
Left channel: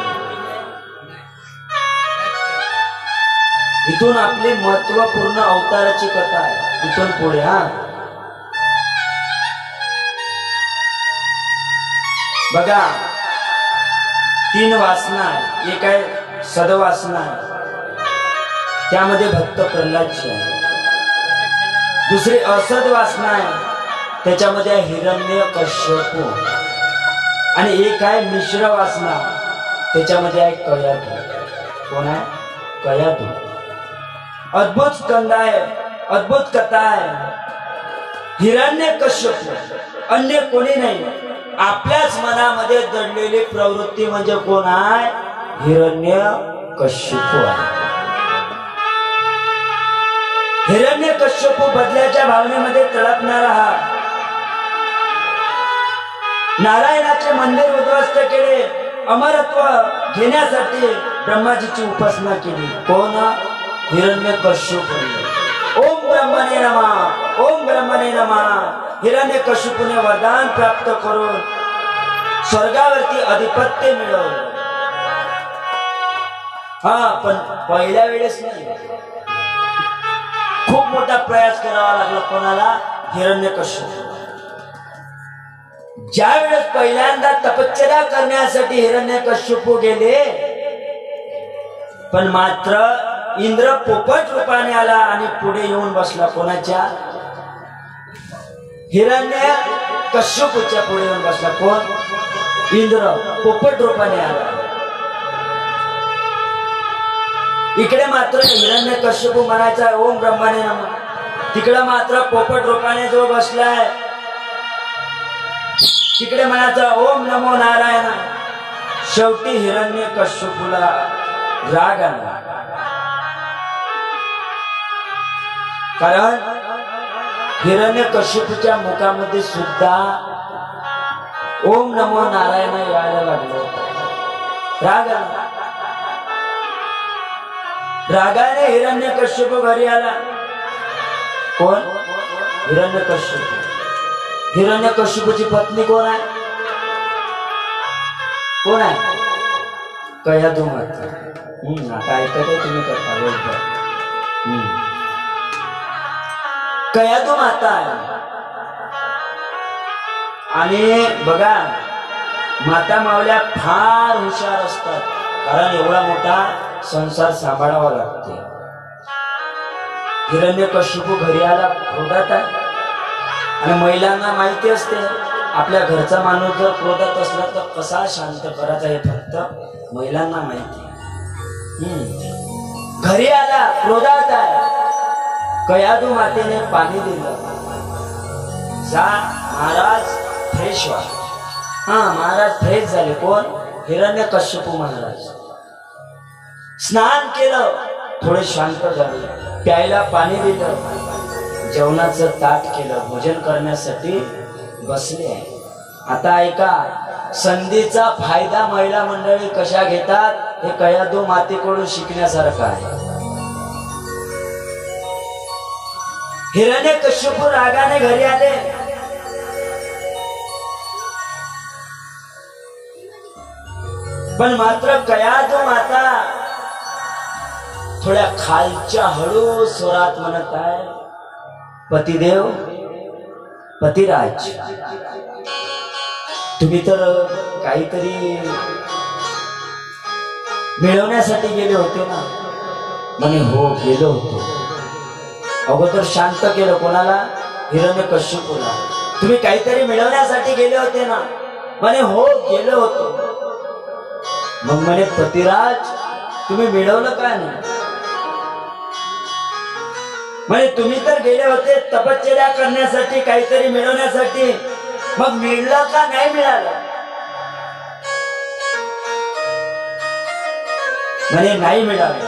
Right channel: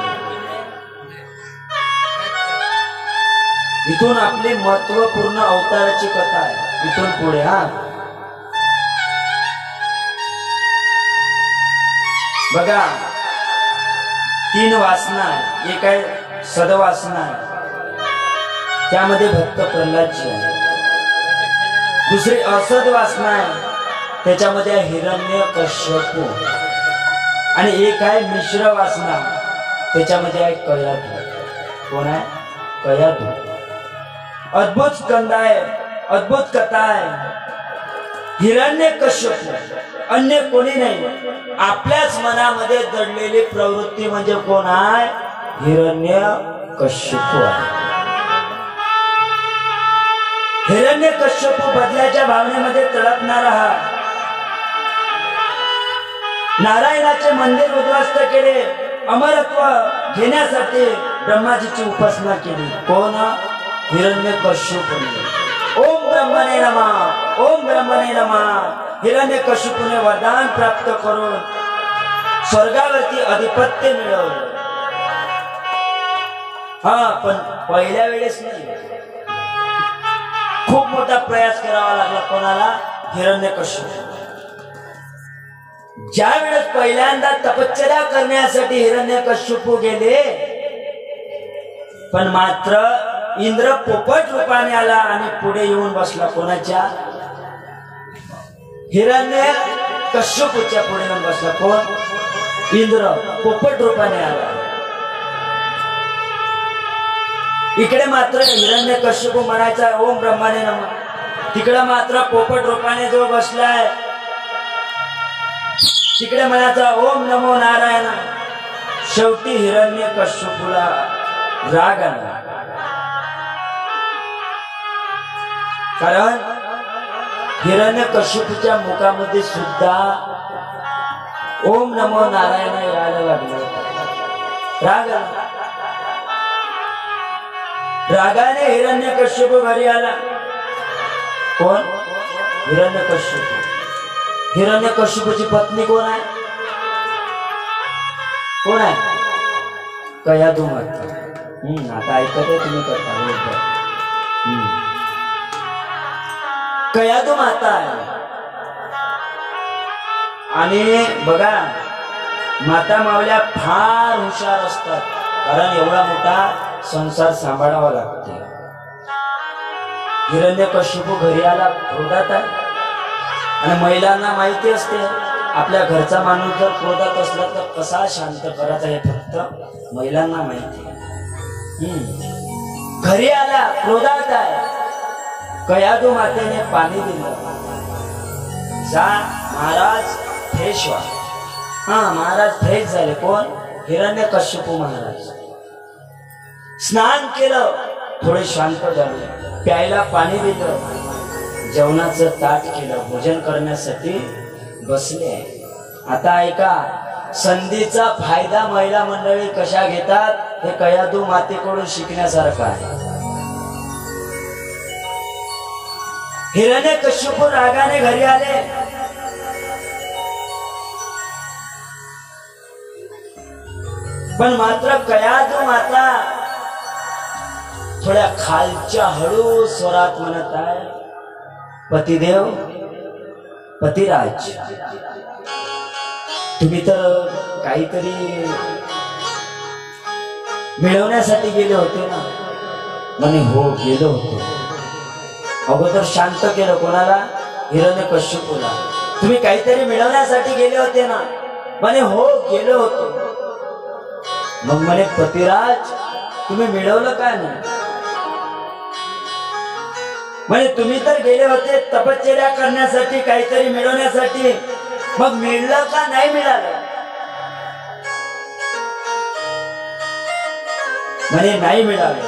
इथून आपली महत्वपूर्ण अवताराची कथा आहे. इथून पुढे हा बघा 3 वासना आहे. एक आहे सदवासना, त्यामध्ये भक्त प्रल्हादची आहे. दुसरी असद वासना आहे, त्याच्यामध्ये हिरण्यकश्यप. आणि एक आहे मिश्र वासना, त्याच्यामध्ये आहे कयाधू. कोण आहे? कयाधू. अद्भुत स्कंद आहे, अद्भुत कथा आहे. हिरण्यकश्यप अन्य कोणी नाही. आपल्याच मनामध्ये दडलेली प्रवृत्ती म्हणजे कोण आहे? हिरण्यकश्यप आहे. हिरण्यकश्यप बदल्याच्या भावनेमध्ये तडपणारा हा. नारायणाचे मंदिर उद्ध्वस्त केले. अमरत्व घेण्यासाठी ब्रह्माजीची उपासना केली. कोण? हिरण्यकश्यप. ओम ब्रह्मणे नमः, ओम ब्रह्मणे नमः. हिरण्यकश्यपूने वरदान प्राप्त करून स्वर्गावरती अधिपत्य मिळवलं. हा पण पहिल्या वेळेस नाही, खूप मोठा प्रयास करावा लागला. कोणाला? हिरण्यकश्यप ज्या वेळेस पहिल्यांदा तपश्चर्या करण्यासाठी हिरण्यकश्यप गेले, पण मात्र इंद्र पोपट रूपाने आला आणि पुढे येऊन बसला. कोणाच्या? हिरण्यकश्यपूच्या पुढे येऊन बसला. कोण? इंद्र पोपट रूपाने आला. इकडे मात्र हिरण्यकश्यप म्हणायचा ओम ब्रह्माने नमः, तिकडे मात्र पोपट रूपाने जो बसलाय तिकडे म्हणायचा ओम नमो नारायण. शेवटी हिरण्यकश्यपूला राग आला, कारण हिरण्यकश्यपूच्या मुखामध्ये सुद्धा ओम नमो नारायण यायला लागलो. राग आला. रागाने हिरण्यकश्यप घरी आला. कोण? हिरण्यकश्यप. हिरण्यकश्यपूची पत्नी कोण आहे? कोण आहे? कयाधू माता. आता ऐकत तुम्ही करता बोलता. कयाधू माता आहे. आणि बघा माता मावल्या फार हुशार असतात, कारण एवढा मोठा संसार सांभाळावा लागते. हिरण्यकश्यप घरी आला, क्रोधात आहे. आणि महिलांना माहिती असते आपल्या घरचा माणूस जर क्रोधात असला तर कसा शांत करायचा हे फक्त महिलांना माहिती. घरी आला, क्रोधात आहे. कयाधू मातेने पाणी दिलं. जा महाराज फ्रेश व्हा. महाराज फ्रेश झाले. कोण? हिरण्यकश्यप महाराज. स्नान केलं, थोडे शांत झाले. प्यायला पाणी दिलं, जेवणाचं ताट केलं, भोजन करण्यासाठी बसले. आता ऐका, संधीचा फायदा महिला मंडळी कशा घेतात हे कयाधू मातेकडून शिकण्यासारखं आहे. हिरण्यकश्यप रागाने घरी आले. पण मात्र कयाधू माता थोड्या खालच्या हळू स्वरात म्हणत आहे, पतिदेव, पतिराज, तुम्ही तर काहीतरी मिळवण्यासाठी गेले होते ना? म्हणे हो गेलो होतो. अगोदर शांत केलं. कोणाला? हिरण्यकश्यपूला. तुम्ही काहीतरी मिळवण्यासाठी गेले होते ना? म्हणे हो गेलो होतो. मग म्हणे पतिराज तुम्ही मिळवलं का नाही? म्हणे तुम्ही तर गेले होते तपश्चर्या करण्यासाठी, काहीतरी मिळवण्यासाठी, मग मिळलं का नाही मिळालं? म्हणे नाही मिळालं.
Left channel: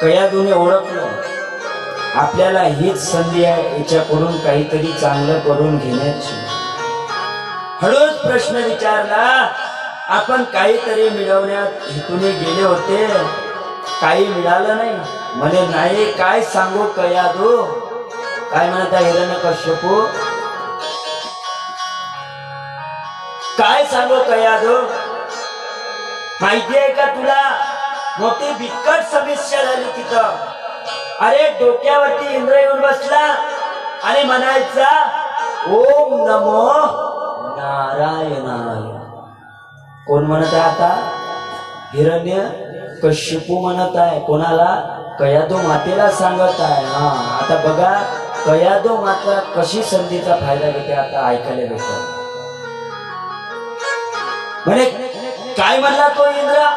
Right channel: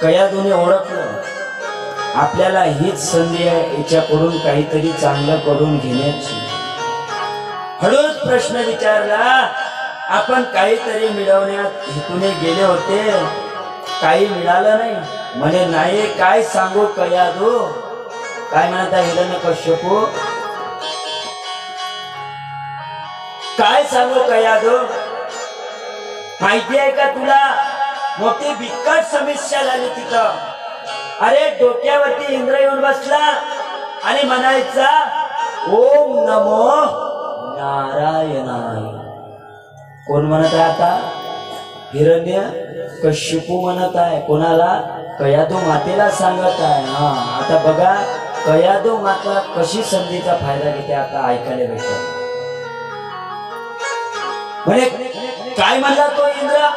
कयाधूने ओळखलं आपल्याला हीच संधी आहे याच्याकडून काहीतरी चांगलं करून घेण्याची. हळूच प्रश्न विचारला, आपण काहीतरी मिळवण्यात हेतूने गेले होते, काही मिळालं नाही? म्हणे नाही. काय सांगू कयाधू? काय म्हणता हिरण्यकश्यप? काय सांगू कयाधू? माहितीये का तुला? मोठी बिकट समस्या झाली तिथं. अरे डोक्यावरती इंद्र येऊन बसला आणि म्हणायचा ओम नमो नारायणाय. कोण म्हणत आहे आता? हिरण्यकश्यप म्हणत आहे. कोणाला? कयाधू मातेला सांगत आहे. आता बघा कयाधू माता कशी संधीचा फायदा घेते आता ऐकायला भेटत. म्हणे काय म्हणला तो इंद्र?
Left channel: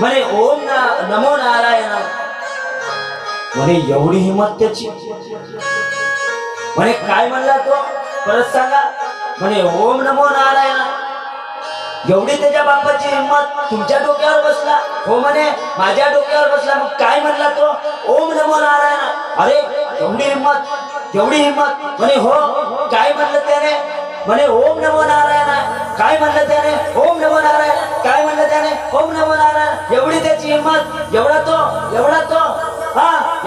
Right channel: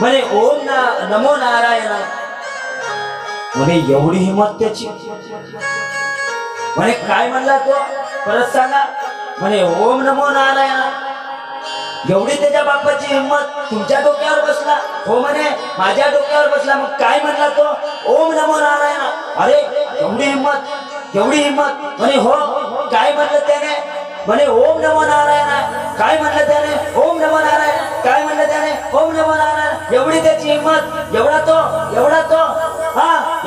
म्हणे ओम नमो नारायण. म्हणे एवढी हिंमत त्याची? म्हणे काय म्हणला तो? परत सांगा. म्हणे ओम नमो नारायण. एवढी त्याच्या बापाची हिंमत तुमच्या डोक्यावर बसला? हो म्हणे माझ्या डोक्यावर बसला. मग काय म्हणला तो? ओम नमो नारायण. अरे एवढी हिंमत, एवढी हिंमत. म्हणे हो. काय म्हणलं त्याने? म्हणे ओम नमो नारायण. काय म्हणलं त्याने? ओम नमो नारायण. काय म्हणलं त्याने? ओम नमो नारायण. एवढी त्याची हिंमत, एवढा तो, एवढा तो,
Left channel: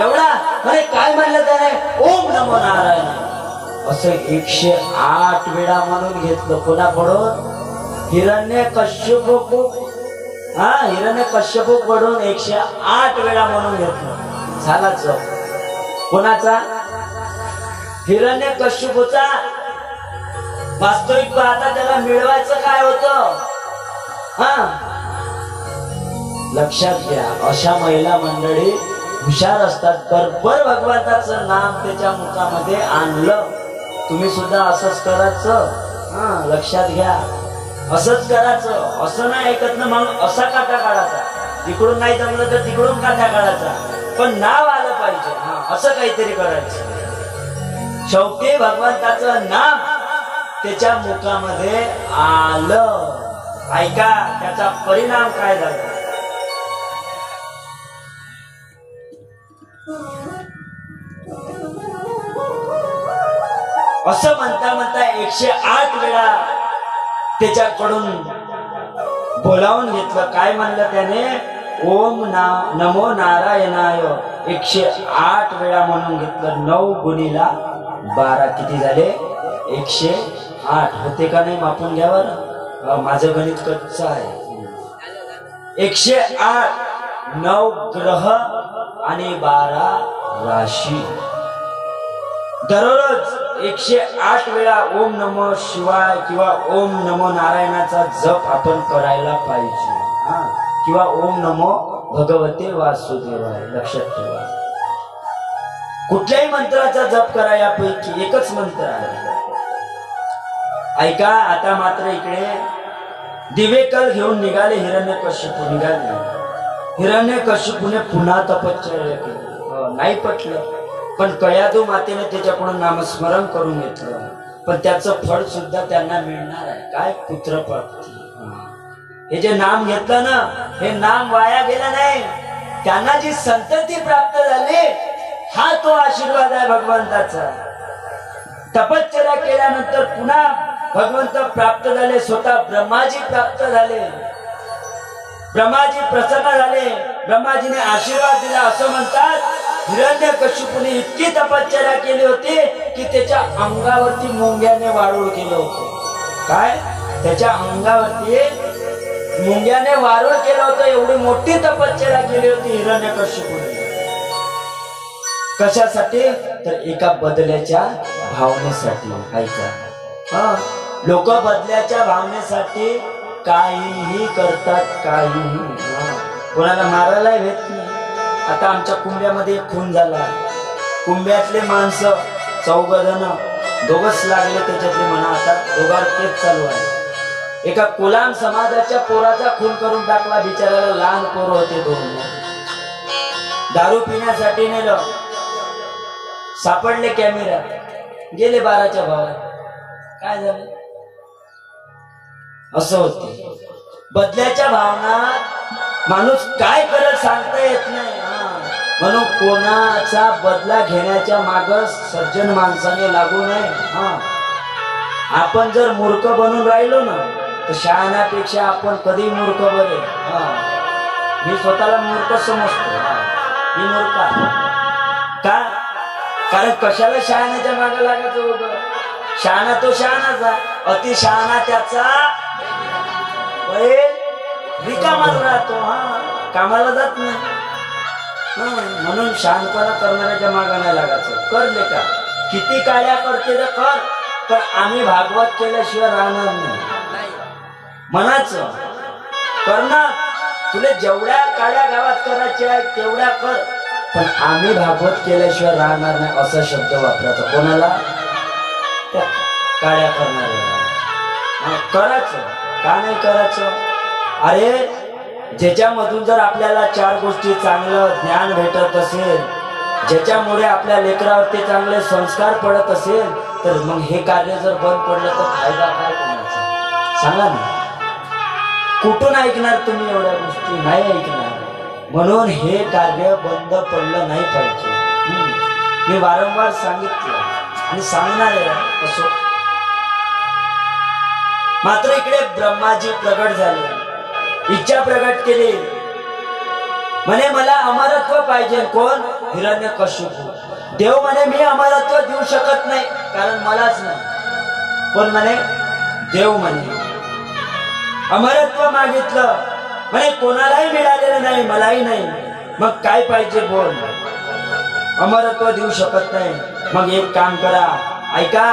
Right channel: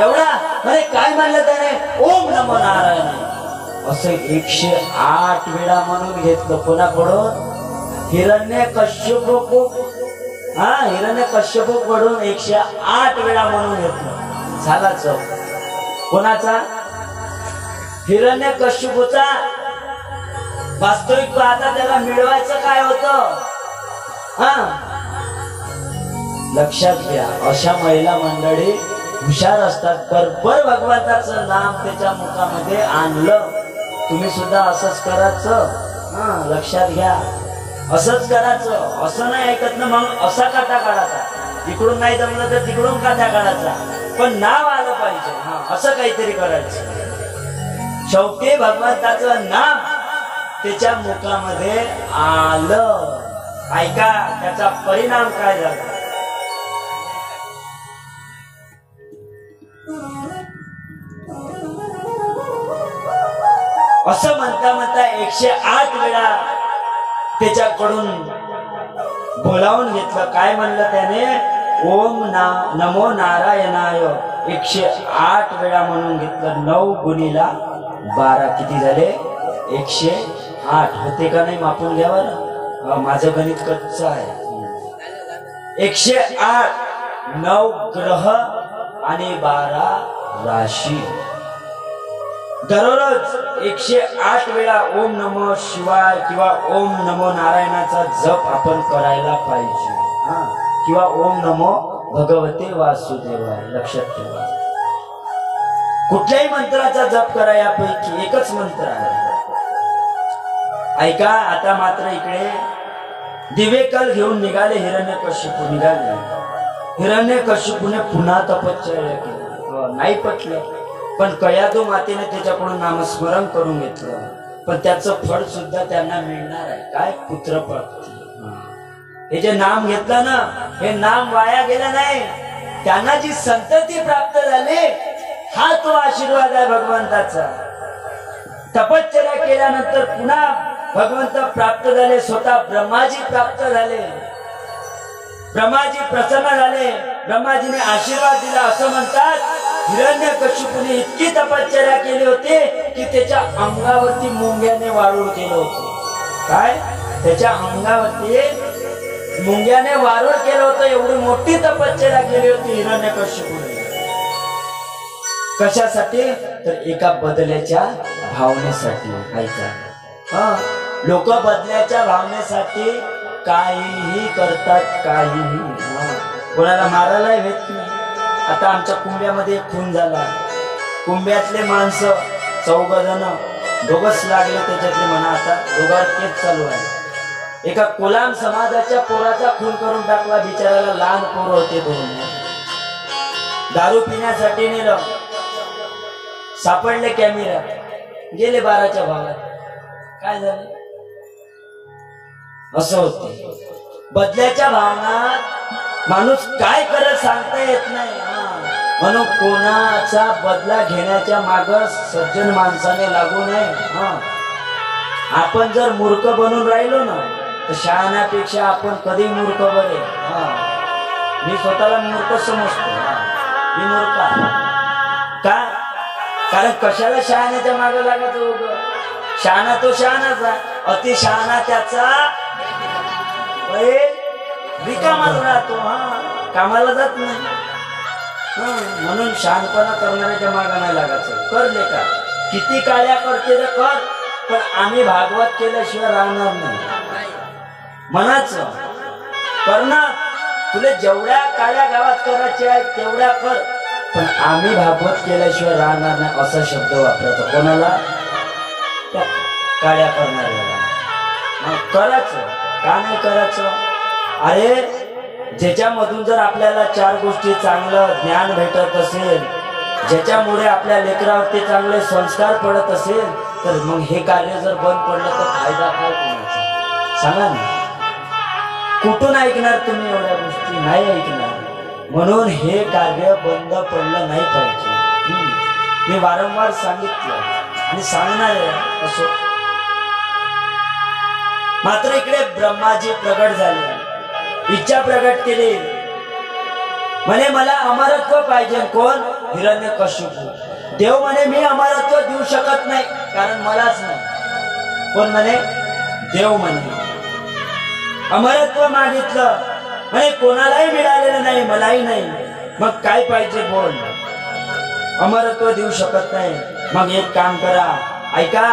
एवढा. म्हणे काय म्हणलं त्याने? ओम नमो नारायण. असं 108 वेळा म्हणून घेतलं. कोणाकडून? हिरण्यकश्यप हा हिरण्य कश्यपूकडून 108 वेळा म्हणून घेतलं. झालाच कोणाचा? हिरण्य कश्यपूचा. वास्तविक पाहता त्याला मिळवायचं काय होतं? हा लक्षात घ्या, अशा महिला मंडळी हुशार असतात. बरोबर भगवंताचं नाम त्याच्या मुखामध्ये आणलं. तुम्ही सुद्धा असंच करायचं. लक्षात घ्या, असंच करायचं. असं नाही ऐकत ना मग असा काटा काढायचा. तिकडून नाही जमलं तर तिकडून काटा काढायचा, पण नाव आलं पाहिजे. असं काहीतरी करायचं. शेवटी भगवंताचं नाम त्याच्या मुखामध्ये आलं. ऐका त्याचा परिणाम काय झाला. असं म्हणता म्हणता 108 वेळा त्याच्याकडून बोलावून घेतलं. काय म्हणलं त्याने? ओम नमो नारायणाय 108 वेळा म्हणून घेतलं. 9 गुणिला 12 किती झाले? 108 होते का नाही? मापून घ्या बरं, माझं गणित कच्चं आहे. 108 9 ग्रह आणि 12 राशी. दररोज 108 वेळा ओम नमो शिवाय किंवा ओम नमो नारायणाचा जप आपण करायला पाहिजे. किंवा ओम नमो भगवते वासुदेवाय. लक्षात ठेवा, कुठल्याही मंत्राचा जप करा, यापैकी एकच मंत्र आहे. ऐका आता मात्र इकडे दिवेकल घेऊन निघाले हिरण्यकश्यपू. निघाले हिरण्यकश्यपूने पुन्हा तपश्चर्या केली. नाही पटलं, पण कयादू मातेने त्याच्याकडून नामस्मरण करून घेतलं. पण त्याचं फळ सुद्धा त्यांना मिळणार आहे. काय? पुत्रप्राप्ती. हे जे नाम घेतलं ना, हे नाम वाया गेलं नाही. त्यांना जी संतती प्राप्त झाली, हा तो आशीर्वाद आहे भगवंताचा. तपश्चर्या केल्यानंतर पुन्हा भगवंत प्राप्त झाले. स्वतः ब्रह्माजी प्राप्त झाले. ब्रह्माजी प्रसन्न झाले. ब्रह्माजीने आशीर्वाद दिला. असं म्हणतात हिरण्यकश्यपूने इतकी तपश्चर्या केली होती की त्याच्या अंगावरती मुंग्याने वारूळ केलं होतं. काय? त्याच्या अंगावरती मुंग्याने वारूळ केलं होतं. एवढी मोठी तपश्चर्या केली होती हिरण्यकश्यपूने. कशासाठी? तर एका बदल्याच्या भावनेसाठी. ऐका, लोक बदल्याच्या भावनेसाठी काहीही करतात. काहीही. कोणाला मारायला येत नाही. आता आमच्या कुंभ्यामध्ये एक खून झाला. कुंभ्यातले माणसं 14 जण, दोघच लागले त्याच्यातले म्हणा. आता दोघांत केस चालू आहे. एका कोलाम समाजाच्या पोराचा खून करून टाकला. बिचाराला लहान पोर होते 2. दारू पिण्यासाठी नेलं. सापडले कॅमेऱ्यात. गेले 12च्या भावात. काय झालं? असं होते. बदल्याच्या भावनात माणूस काय करत सांगता येत नाही. म्हणून कोणाचा बदला घेण्याच्या माग सज्जन माणसाने लागू नये. आपण जर मूर्ख बनून राहिलो ना, तर शहाण्यापेक्षा आपण कधी मूर्ख बरे. मी स्वतःला मूर्ख समजतो. मी मूर्ख का? कारण कशाला शहाण्याच्या मागे लागायचं उभं. शहाणा तो शहाणाचा, अति शहाणा त्याचा रिकामाच राहतो. कामाला जात नाही. म्हणून शहाणपणा करणाऱ्याच्या मागे नाही लागायचं. कर ले का किती काळ्या करते तर कर, पण आम्ही भागवत केल्याशिवाय राहणार नाही. म्हणायचं करणार, तुला जेवढ्या काळ्या गावात करायच्या तेवढ्या कर, पण आम्ही भागवत केल्याशिवाय राहणार नाही. असा शब्द वापरायचा. कोणाला? त्या काळ्या करणाऱ्याला. करायचं का नाही करायचं? अरे ज्याच्यामधून जर आपल्याला 4 गोष्टी चांगलं ज्ञान भेटत असेल, ज्याच्यामुळे आपल्या लेकरावरती चांगले संस्कार पडत असेल, तर मग हे कार्य जर बंद पडलं तर फायदा काय कोणाचा? सांगा ना. कुठून ऐकणार तुम्ही एवढ्या गोष्टी? नाही ऐकणार. म्हणून हे कार्य बंद पडलं नाही पाहिजे. मी वारंवार सांगितलं आणि सांगणार आहे. असो मात्र इकडे ब्रह्माजी प्रगट झाले. इच्छा प्रगट केली. म्हणे मला अमरत्व पाहिजे. कोण? हिरण्यकश्यपू. देव म्हणे मी अमरत्व देऊ शकत नाही, कारण मलाच नाही. कोण म्हणे? देव म्हणे. अमरत्व मागितलं म्हणे कोणालाही मिळालेलं नाही, मलाही नाही. मग काय पाहिजे बोल. अमरत्व देऊ शकत नाही. मग एक काम करा, ऐका,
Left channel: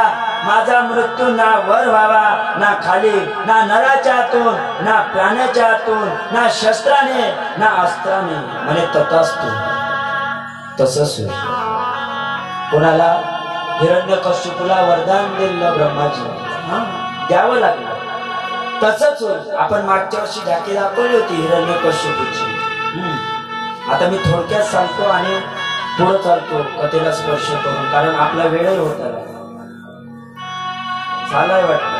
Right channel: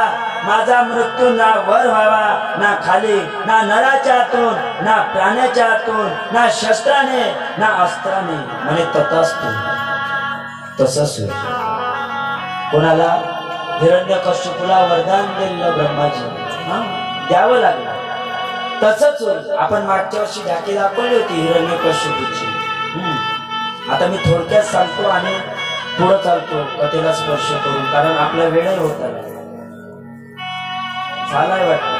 माझा मृत्यू ना वर व्हावा ना खाली, ना नराच्या हातून ना प्राण्याच्या हातून, ना शस्त्राने ना अस्त्राने. म्हणे तथास्तु. तसंच होईल. कोणाला? हिरण्यकश्यपूला वरदान दिलं ब्रह्माजी, द्यावं लागलं. तसंच होईल. आपण मागच्या वर्षी झाकी दाखवली होती हिरण्यकश्यपूची. आता मी थोडक्यात सांगतो आणि पुढे चालतो कथेला स्पर्श करून, कारण आपला वेळही होत आला. चालाय वाटत.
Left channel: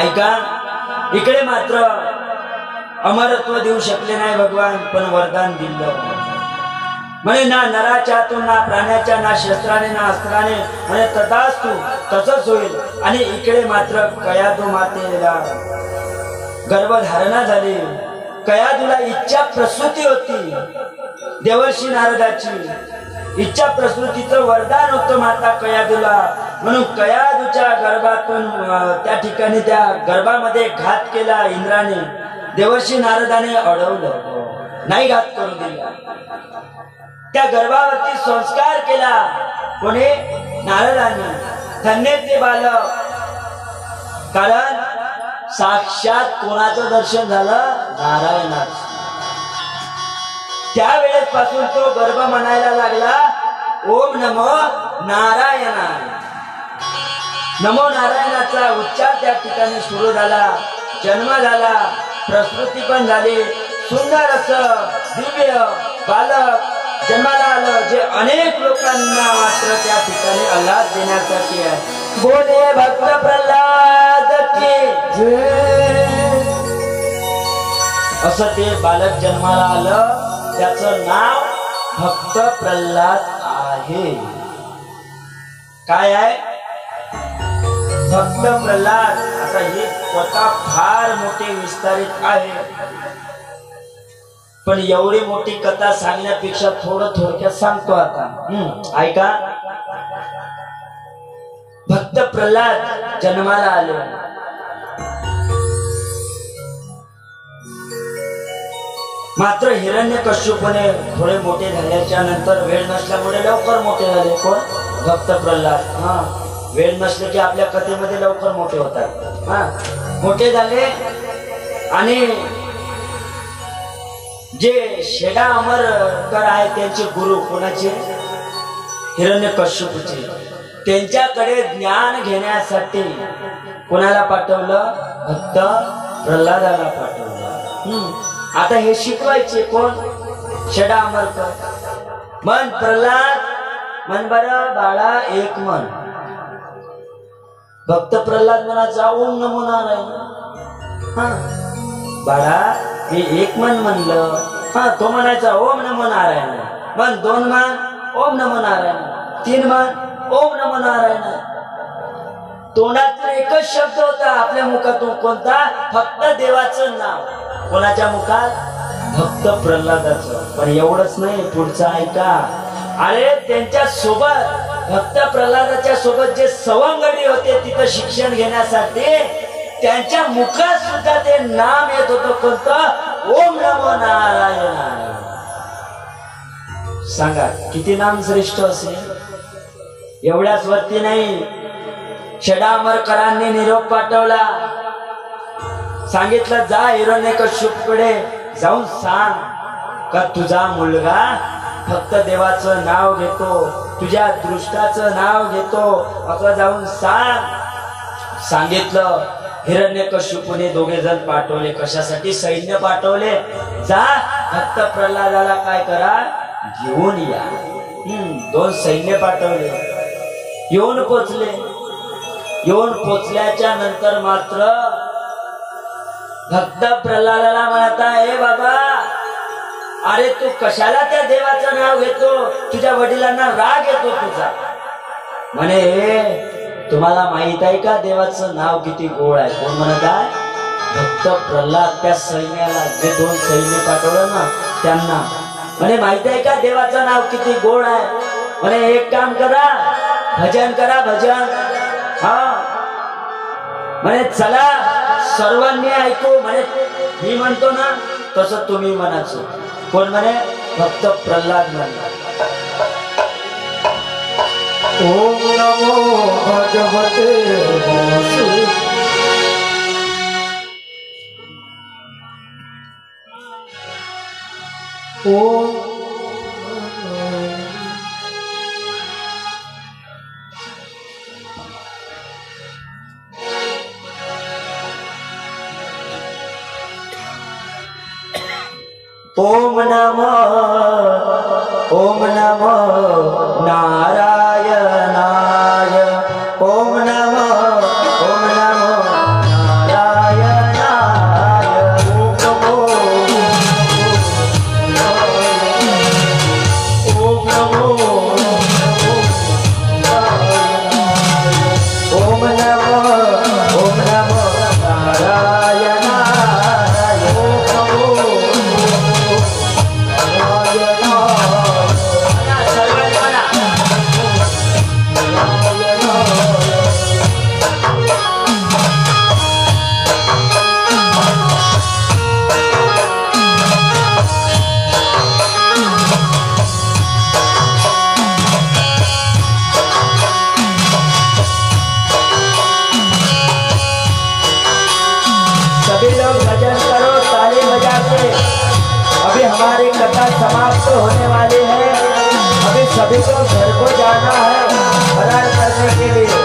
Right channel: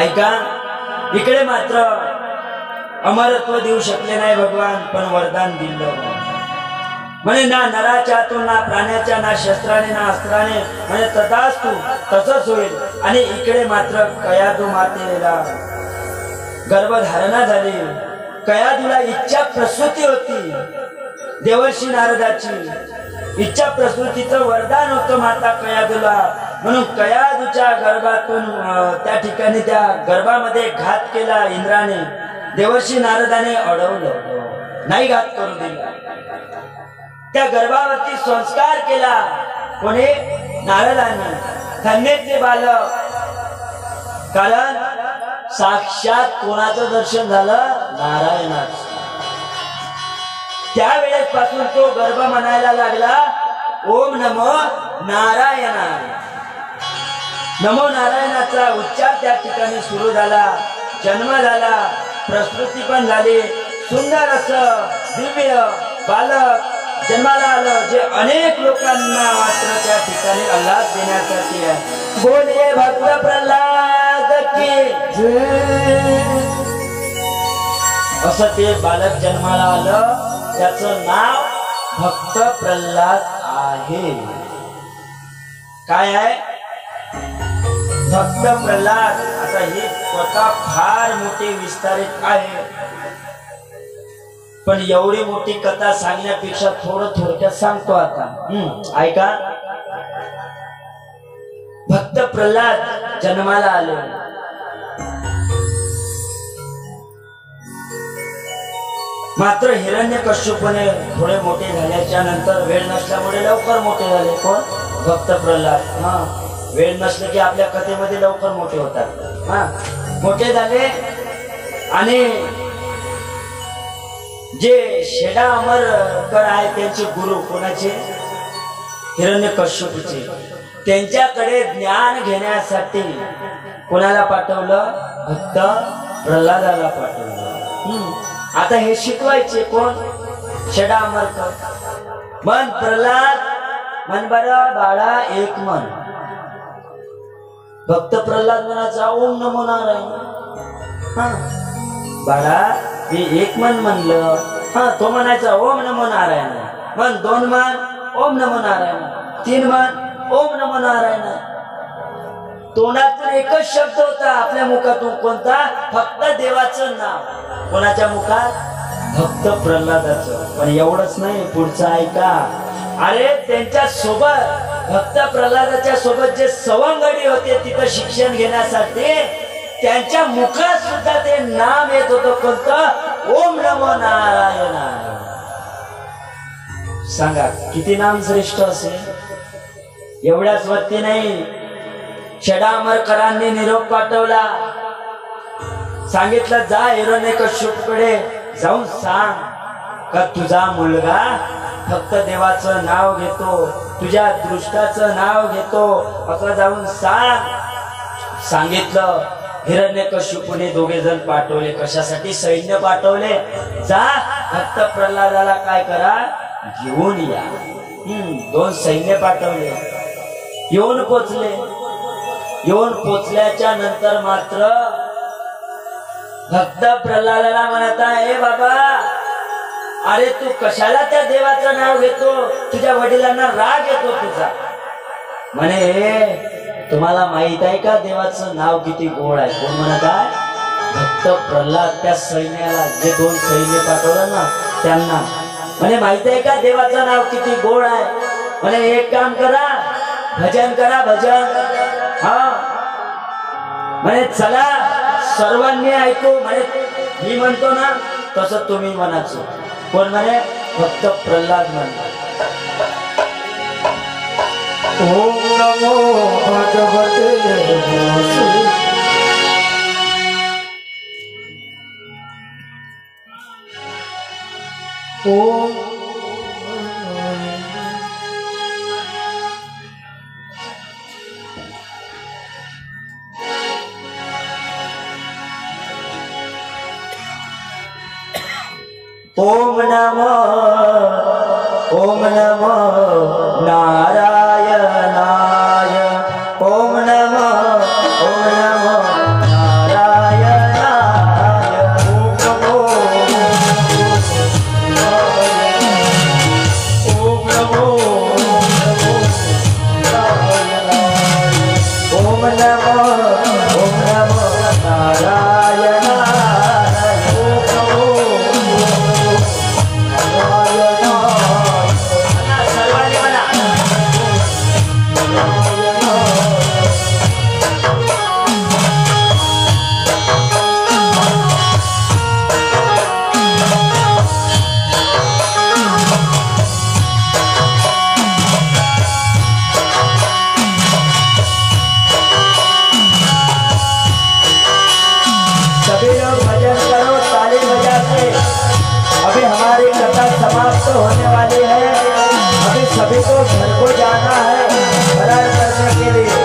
ऐका, इकडे मात्र अमरत्व देऊ शकले नाही भगवान, पण वरदान दिलं. म्हणे ना नराच्या हातून ना प्राण्याच्या ना शस्त्राने ना अस्त्राने. म्हणे तथास्तु. तसंच होईल. आणि इकडे मात्र कयादू मातेला गर्भधारणा झाली. कयादूला इच्छा प्रसूती होती. देवर्षी नारदाची इच्छा प्रसूतीचं वरदान होतं माता कयादूला. म्हणून कयादूच्या गर्भातून त्या ठिकाणी त्या गर्भामध्ये घात केला इंद्राने. देवर्षी नारदाने अडवलं, नाही घात करू दिला. त्या गर्भावरती संस्कार केला कोणी? नारदाने. धन्य ते बालक. कारण साक्षात कोणाचं दर्शन झालं? नारायणाचं. त्यावेळेस पासून तो गर्भ म्हणायला लागला, ओम नमो नारायणाय. नमो नारायणाचा उच्चार त्या ठिकाणी सुरू झाला. जन्म झाला, प्रसूती पण झाली. सुंदर असं दिव्य बालक जन्माला आलं, जे अनेक लोकांना मात्र त्या ठिकाणी आल्हाद देण्यासाठी आहे. बोले भक्त प्रल्हाद की जय. असं ते बालक जन्माला आलं. त्याचं नाव भक्त प्रल्हाद आहे. काय आहे? भक्त प्रल्हाद. आता ही कथा फार मोठी विस्तारित आहे, पण एवढी मोठी कथा सांगण्यापेक्षा थोडं थोडक्यात सांगतो आता. ऐका, भक्त प्रल्हाद जन्माला आले. मात्र हिरण्यकश्यपूने थोडे मोठे झाल्याच्या नंतर वेळ नसल्यामुळे लवकर मोठे झाले. कोण? भक्त प्रल्हाद. वेळ नसले की आपल्या कथेमध्ये लवकर मोठे होतात. मोठे झाले आणि जे शेडा अमरकर आहे त्यांचे गुरु कोणाचे? हिरण्यकश्यपूचे. त्यांच्याकडे ज्ञान घेण्यासाठी कोणाला पाठवलं? भक्त प्रल्हादाला पाठवलं. आता हे शिकवायचे कोण? शेडा अमरकर. मन प्रल्हाद, मन बरं बाळा एक मन. भक्त प्रल्हाद म्हणाचा ओम नमो नारायण. बाळा हे एक मन म्हणलं. तो म्हणायचा ओम नमो नारायण. मन दोन मन ओम नमो नारायण. तीन मन ओम नमो नारायण. तोंडातून एकच शब्द होता आपल्या मुखातून. कोणता? फक्त देवाचं नाव. कोणाच्या मुखात? भक्त प्रल्हादाचं. पण एवढंच नाही, पुढचं ऐका. अरे त्यांच्या सोबत, भक्त प्रल्हादाच्या सोबत जे सवंगडी होते तिथं शिक्षण घेण्यासाठी, त्यांच्या मुखात सुद्धा ते नाम येत होतं. कोणतं? ओम नमो नारायण. सांगा किती नाम श्रेष्ठ असेल. एवढ्याच वरती नाही, शेडा अमरकरांनी निरोप पाठवला. सांगितलं जा हिरण्यकश्यपूकडे जाऊन सांग का तुझा मुलगा फक्त देवाचं नाव घेतो, तुझ्या दृष्टाचं नाव घेतो, असं जाऊन सांग. सांगितलं. हिरण्यकश्यपूने दोघे जण पाठवले. कशासाठी? सैन्य पाठवले. जा भक्त प्रल्हादाला काय करा? घेऊन या. 2 सैन्य पाठवले. येऊन पोचले. येऊन पोचल्याच्या नंतर मात्र भक्त प्रल्हादाला म्हणता, हे बाबा, अरे तू कशाला त्या देवाचं नाव घेतो? तुझ्या वडिलांना राग येतो तुझा. म्हणे तुम्हाला माहित आहे का देवाचं नाव किती गोड आहे? कोण म्हणत आहे? भक्त प्रल्हाद. त्या सैन्याला, जे 2 सैन्य पाठवलं ना त्यांना, म्हणे माहित आहे का देवाचं नाव किती गोड आहे? म्हणे एक काम करा, भजन करा, भजन. म्हणे चला सर्वांनी ऐकू म्हणे मी म्हणतो ना तसं तुम्ही म्हणायचं. कोण म्हणे? फक्त प्रल्हाद म्हणे. ओम नमो भगवते वासुदेवाय. ओम ओम नमो नारायणाय. ओम नमो नारायणाय. ओम नमो होने वाले हैं. अभी सभी को घर को जाना है फरार करने के लिए.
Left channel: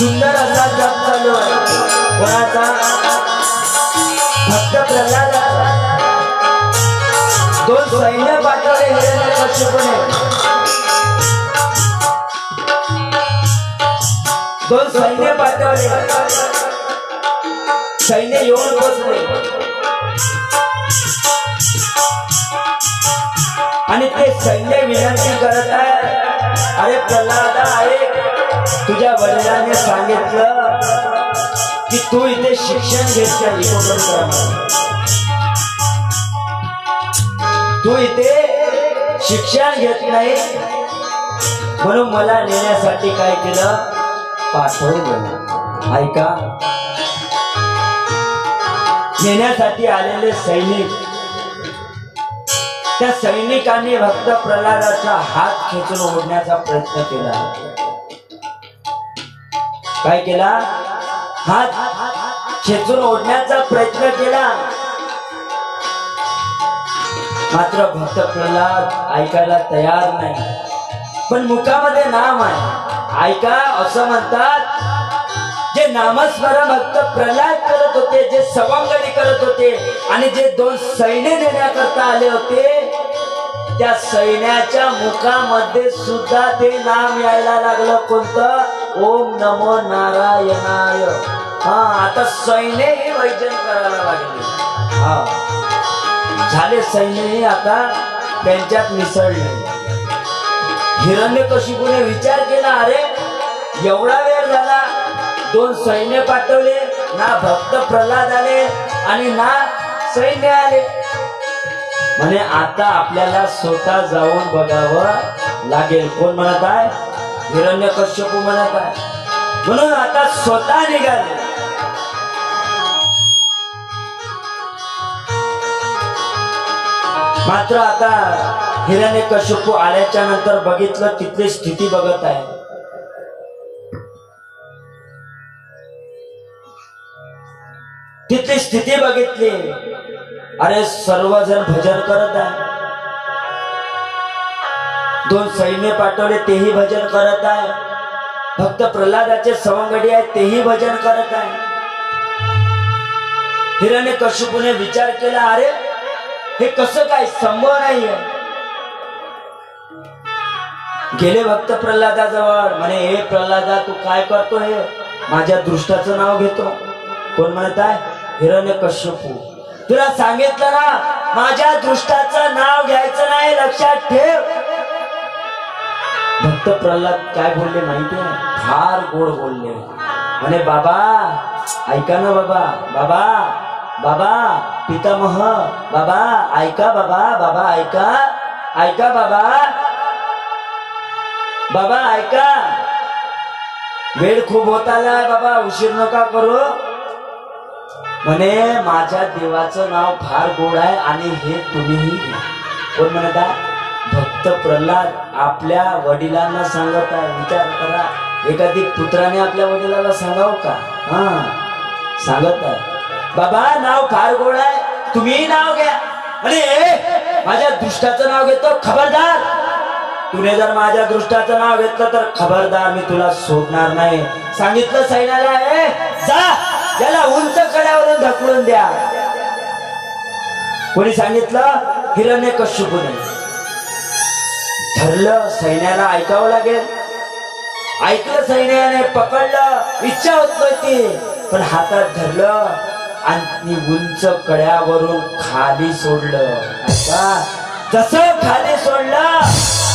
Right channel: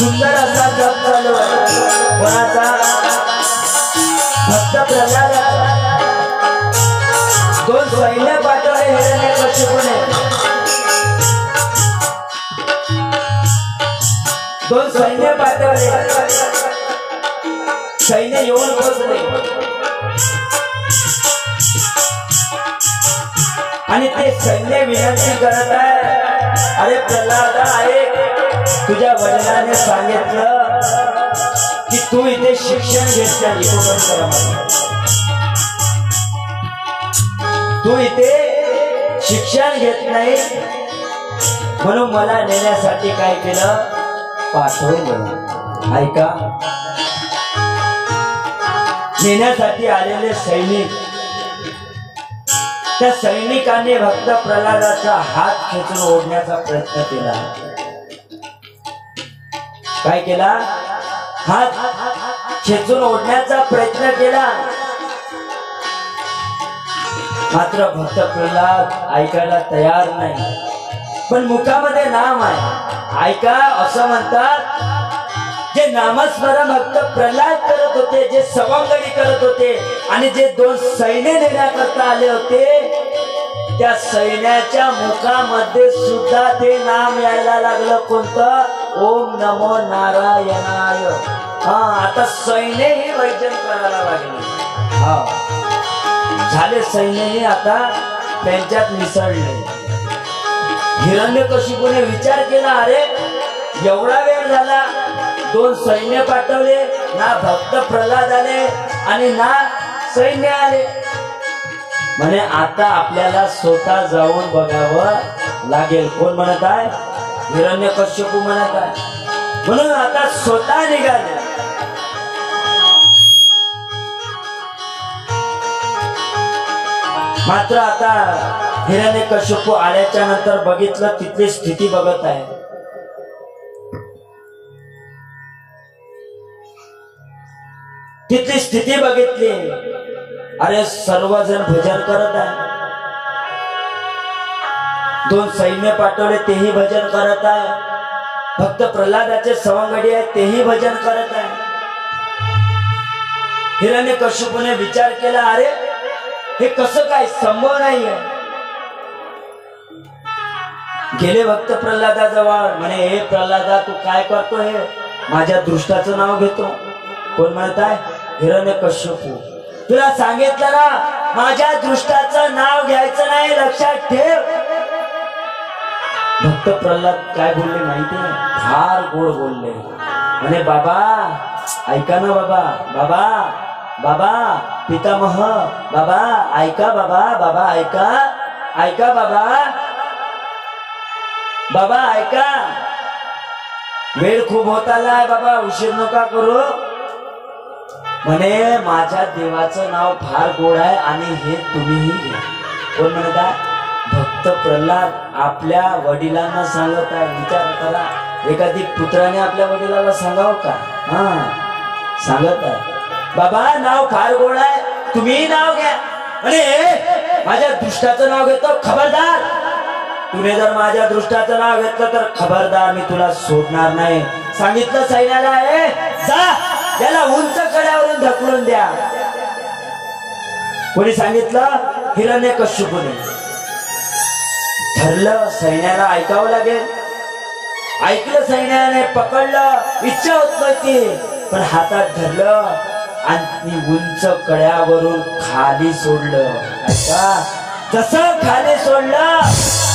सुंदर असा जप चालू आहे. कोणाचा? भक्त प्रल्हादाचा. दोन सैन्य पाठवले हिरण्यकशिपूने. दोन सैन्य पाठवले. सैन्य येऊन पोचले आणि ते सैन्य विनंती करत आहे, अरे प्रल्हादा ऐक, तुझ्या वडिलांनी सांगितलं की तू इथे शिक्षण घेतलं. तू इथे शिक्षण घेत नाही म्हणून मला नेण्यासाठी काय केलं? पाठवलं. ऐका, नेण्यासाठी आलेले सैनिक, त्या सैनिकांनी भक्त प्रल्हादाचा हात खेचून ओढण्याचा प्रयत्न केला. काय केला? हात खेचून ओढण्याचा प्रयत्न केला. मात्र भक्त प्रल्हाद ऐकायला तयार नाही. पण मुखामध्ये नाम आहे. ऐका, असं म्हणतात, जे नामस्मरण भक्त प्रल्हाद करत होते, जे सवंगडी करत होते आणि जे दोन सैन्य नेण्याकरता आले होते, त्या सैन्याच्या मुखामध्ये सुद्धा ते नाम यायला लागलं. कोणतं? ओम नमो नारायणाय. आता सैन्यही वैजन करायला लागले. झाले सैन्यही आता त्यांच्यात मिसळले. हिरण्यकशिपूने विचार केला, अरे एवढा वेळ झाला, 2 सैन्य पाठवले, ना भक्त प्रल्हाद आले आणि ना सैन्य आले. म्हणे आता आपल्याला स्वतः जाऊन बघावं लागेल. कोण म्हणत आहे? हिरण्यकशिपू म्हणत आहे. म्हणून आता स्वतः निघाले. मात्र आता हिरण्यकशिपू आल्याच्या नंतर बघितलं, तिथली स्थिती बघत आहे. तिथली स्थिती बघितली. अरे सर्वजण भजन करत आहे. 2 सैन्य पाठवले, तेही भजन करत आहे. भक्त प्रल्हादाचे सवंगडी आहेत, तेही भजन करत आहे. हिरण्यकशिपूने विचार केला, अरे हे कसं काय, संभव नाहीये. गेले भक्त प्रल्हादाजवळ. म्हणे हे प्रल्हादा, तू काय करतो? हे माझ्या दृष्टाचं नाव घेतो. कोण म्हणत आहे? हिरण्यकशिपू. तुला सांगितलं ना, माझ्या दृष्टाचं नाव घ्यायचं नाही, लक्षात ठेव. भक्त प्रल्हाद काय बोलले माहिती आहे? फार गोड बोलले. म्हणे बाबा ऐका ना, बाबा बाबा बाबा पितामह, बाबा ऐका, बाबा बाबा ऐका, ऐका बाबा, बाबा ऐका, वेळ खूप होत आलाय बाबा, उशीर नका करू. म्हणे माझ्या देवाचं नाव फार गोड आहे आणि हे तुम्हीही घ्या. कोण म्हणत आहे? भक्त प्रल्हाद आपल्या वडिलांना सांगत आहे. विचार करा, एखादी पुत्राने आपल्या वडिलाला सांगावं का? सांगत आहे, बाबा नाव फार गोड आहे, तुम्ही नाव घ्या. म्हणे माझ्या दृष्टाचं नाव घेतो, खबरदार. तुने जर माझ्या दृष्टाचं नाव घेतलं तर खबरदार, मी तुला सोडणार नाही. सांगितलं सैन्याला, जा त्याला उंच कड्यावरून ढकलून द्या. कोणी सांगितलं? हिरण्यकशिपूने. ठरलं सैन्याला ऐकावं लागेल. ऐकलं सैन्याने, पकडलं. इच्छा होत नव्हती पण हातात धरलं आणि उंच कड्यावरून खाली सोडलं. ऐका, जसं खाली सोडलं,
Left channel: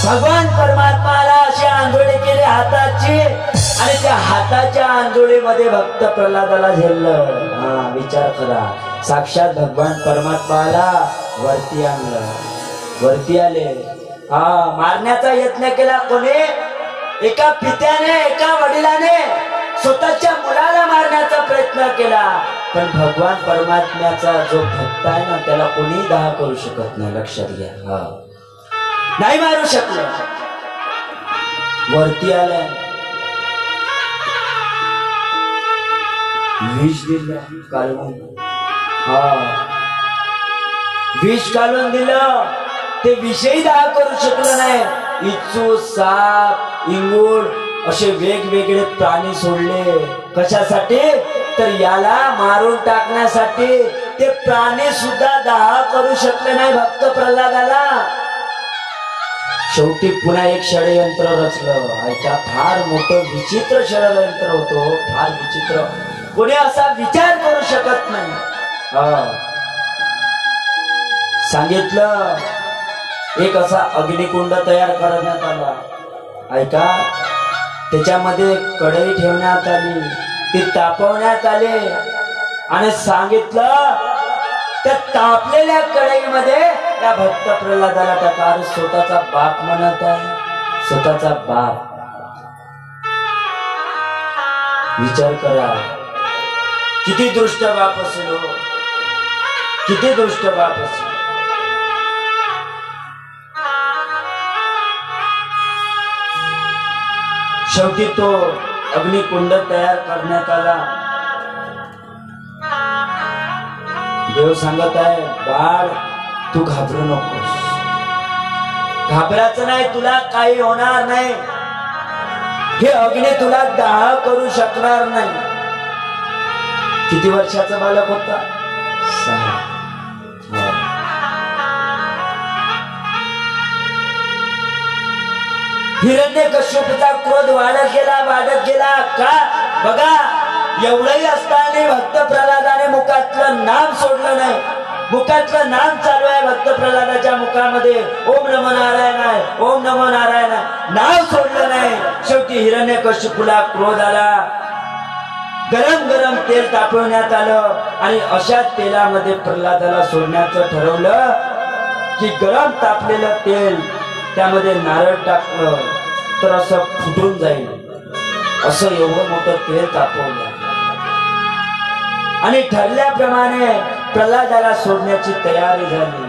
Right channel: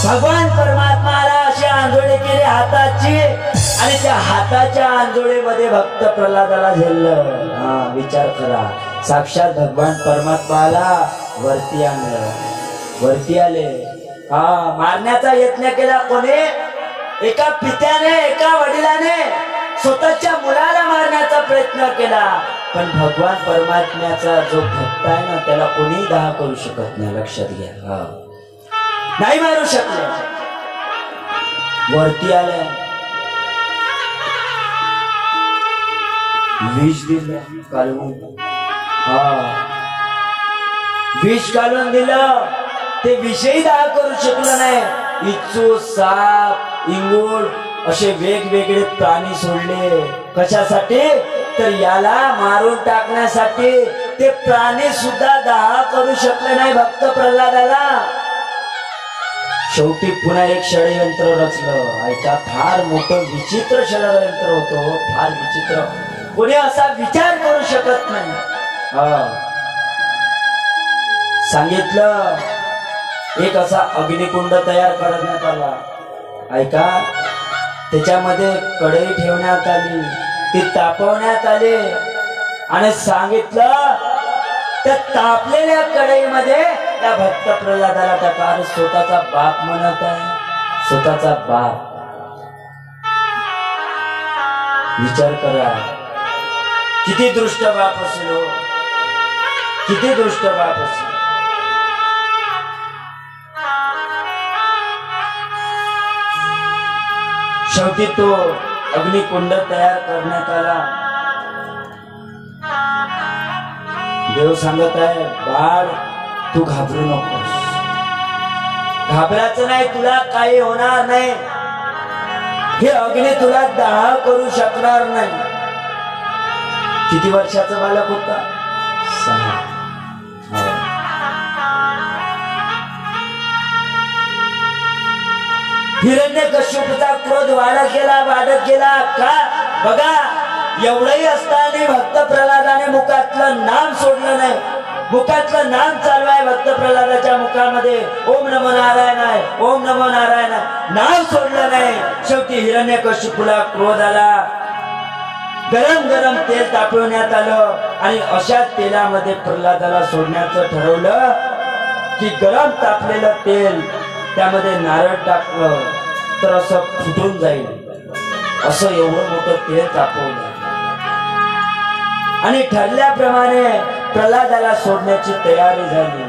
भगवान परमात्माला अशी आंधोळी केली हाताची आणि त्या हाताच्या आंधोळीमध्ये भक्त प्रल्हादाला झेललं. विचार करा, साक्षात भगवान परमात्माला वरती आणलं. वरती आले. मारण्याचा यत्न केला कोणी? एका पित्याने, एका वडिलाने स्वतःच्या मुलाला मारण्याचा प्रयत्न केला. पण भगवान परमात्म्याचा जो भक्त आहे ना, त्याला कोणी दहा करू शकत नाही. लक्षात घ्या, नाही मारू शकलं. वरती आल्या, विष दिलं काढून. विष काढून दिलं. ते विषयी दहा करू शकलं नाही. इच्छू, साप, इंगूळ असे वेगवेगळे प्राणी सोडले. कशासाठी? तर याला मारून टाकण्यासाठी. ते प्राणी सुद्धा दहा करू शकले नाही भक्त प्रल्हादाला. शेवटी पुन्हा एक षडयंत्र रचलं. ऐका, फार मोठं विचित्र षडयंत्र होतं, फार विचित्र. कोणी असा विचार करू शकत नाही. सांगितलं, एक असा अग्निकुंड तयार करण्यात आला. ऐका, त्याच्यामध्ये कढई ठेवण्यात आली, ती तापवण्यात आली आणि सांगितलं त्या तापलेल्या कढईमध्ये त्या भक्त प्रल्हादाला टाका. स्वतःचा बाप म्हणत आहे, स्वतःचा बाप. विचार करा, किती दृष्ट बाप असेल, किती दृष्ट बाप असेल. शेवटी तो अग्निकुंड तयार करण्यात आला. देव सांगत आहे, बाळ तू घाबरू नकोस, घाबरायचं नाही, तुला काही होणार नाही. हे अग्नी तुला दाह करू शकणार नाही. किती वर्षाचा बालक होता? 6. हिरण्यकशिपूचा क्रोध वाढत गेला, वाढत गेला. का? बघा, एवढंही असताना भक्त प्रल्हादाने मुखातलं नाम सोडलं नाही. मुखातलं नाम चालू आहे भक्त प्रल्हादाच्या मुखामध्ये. ओम नमो नारायण आहे, ओम नमो नारायण आहे. नाव सोडलं नाही. शेवटी हिरण्यकशिपूला क्रोध आला. गरम गरम तेल तापवण्यात आलं आणि अशा तेलामध्ये प्रल्हादाला सोडण्याचं ठरवलं की गरम तापलेलं तेल त्यामध्ये नारळ टाकलं तर असं फुटून जाईल. असं एवढं मोठं तेल तापवलं आणि ठरल्याप्रमाणे प्रल्हादाला सोडण्याची तयारी झाली.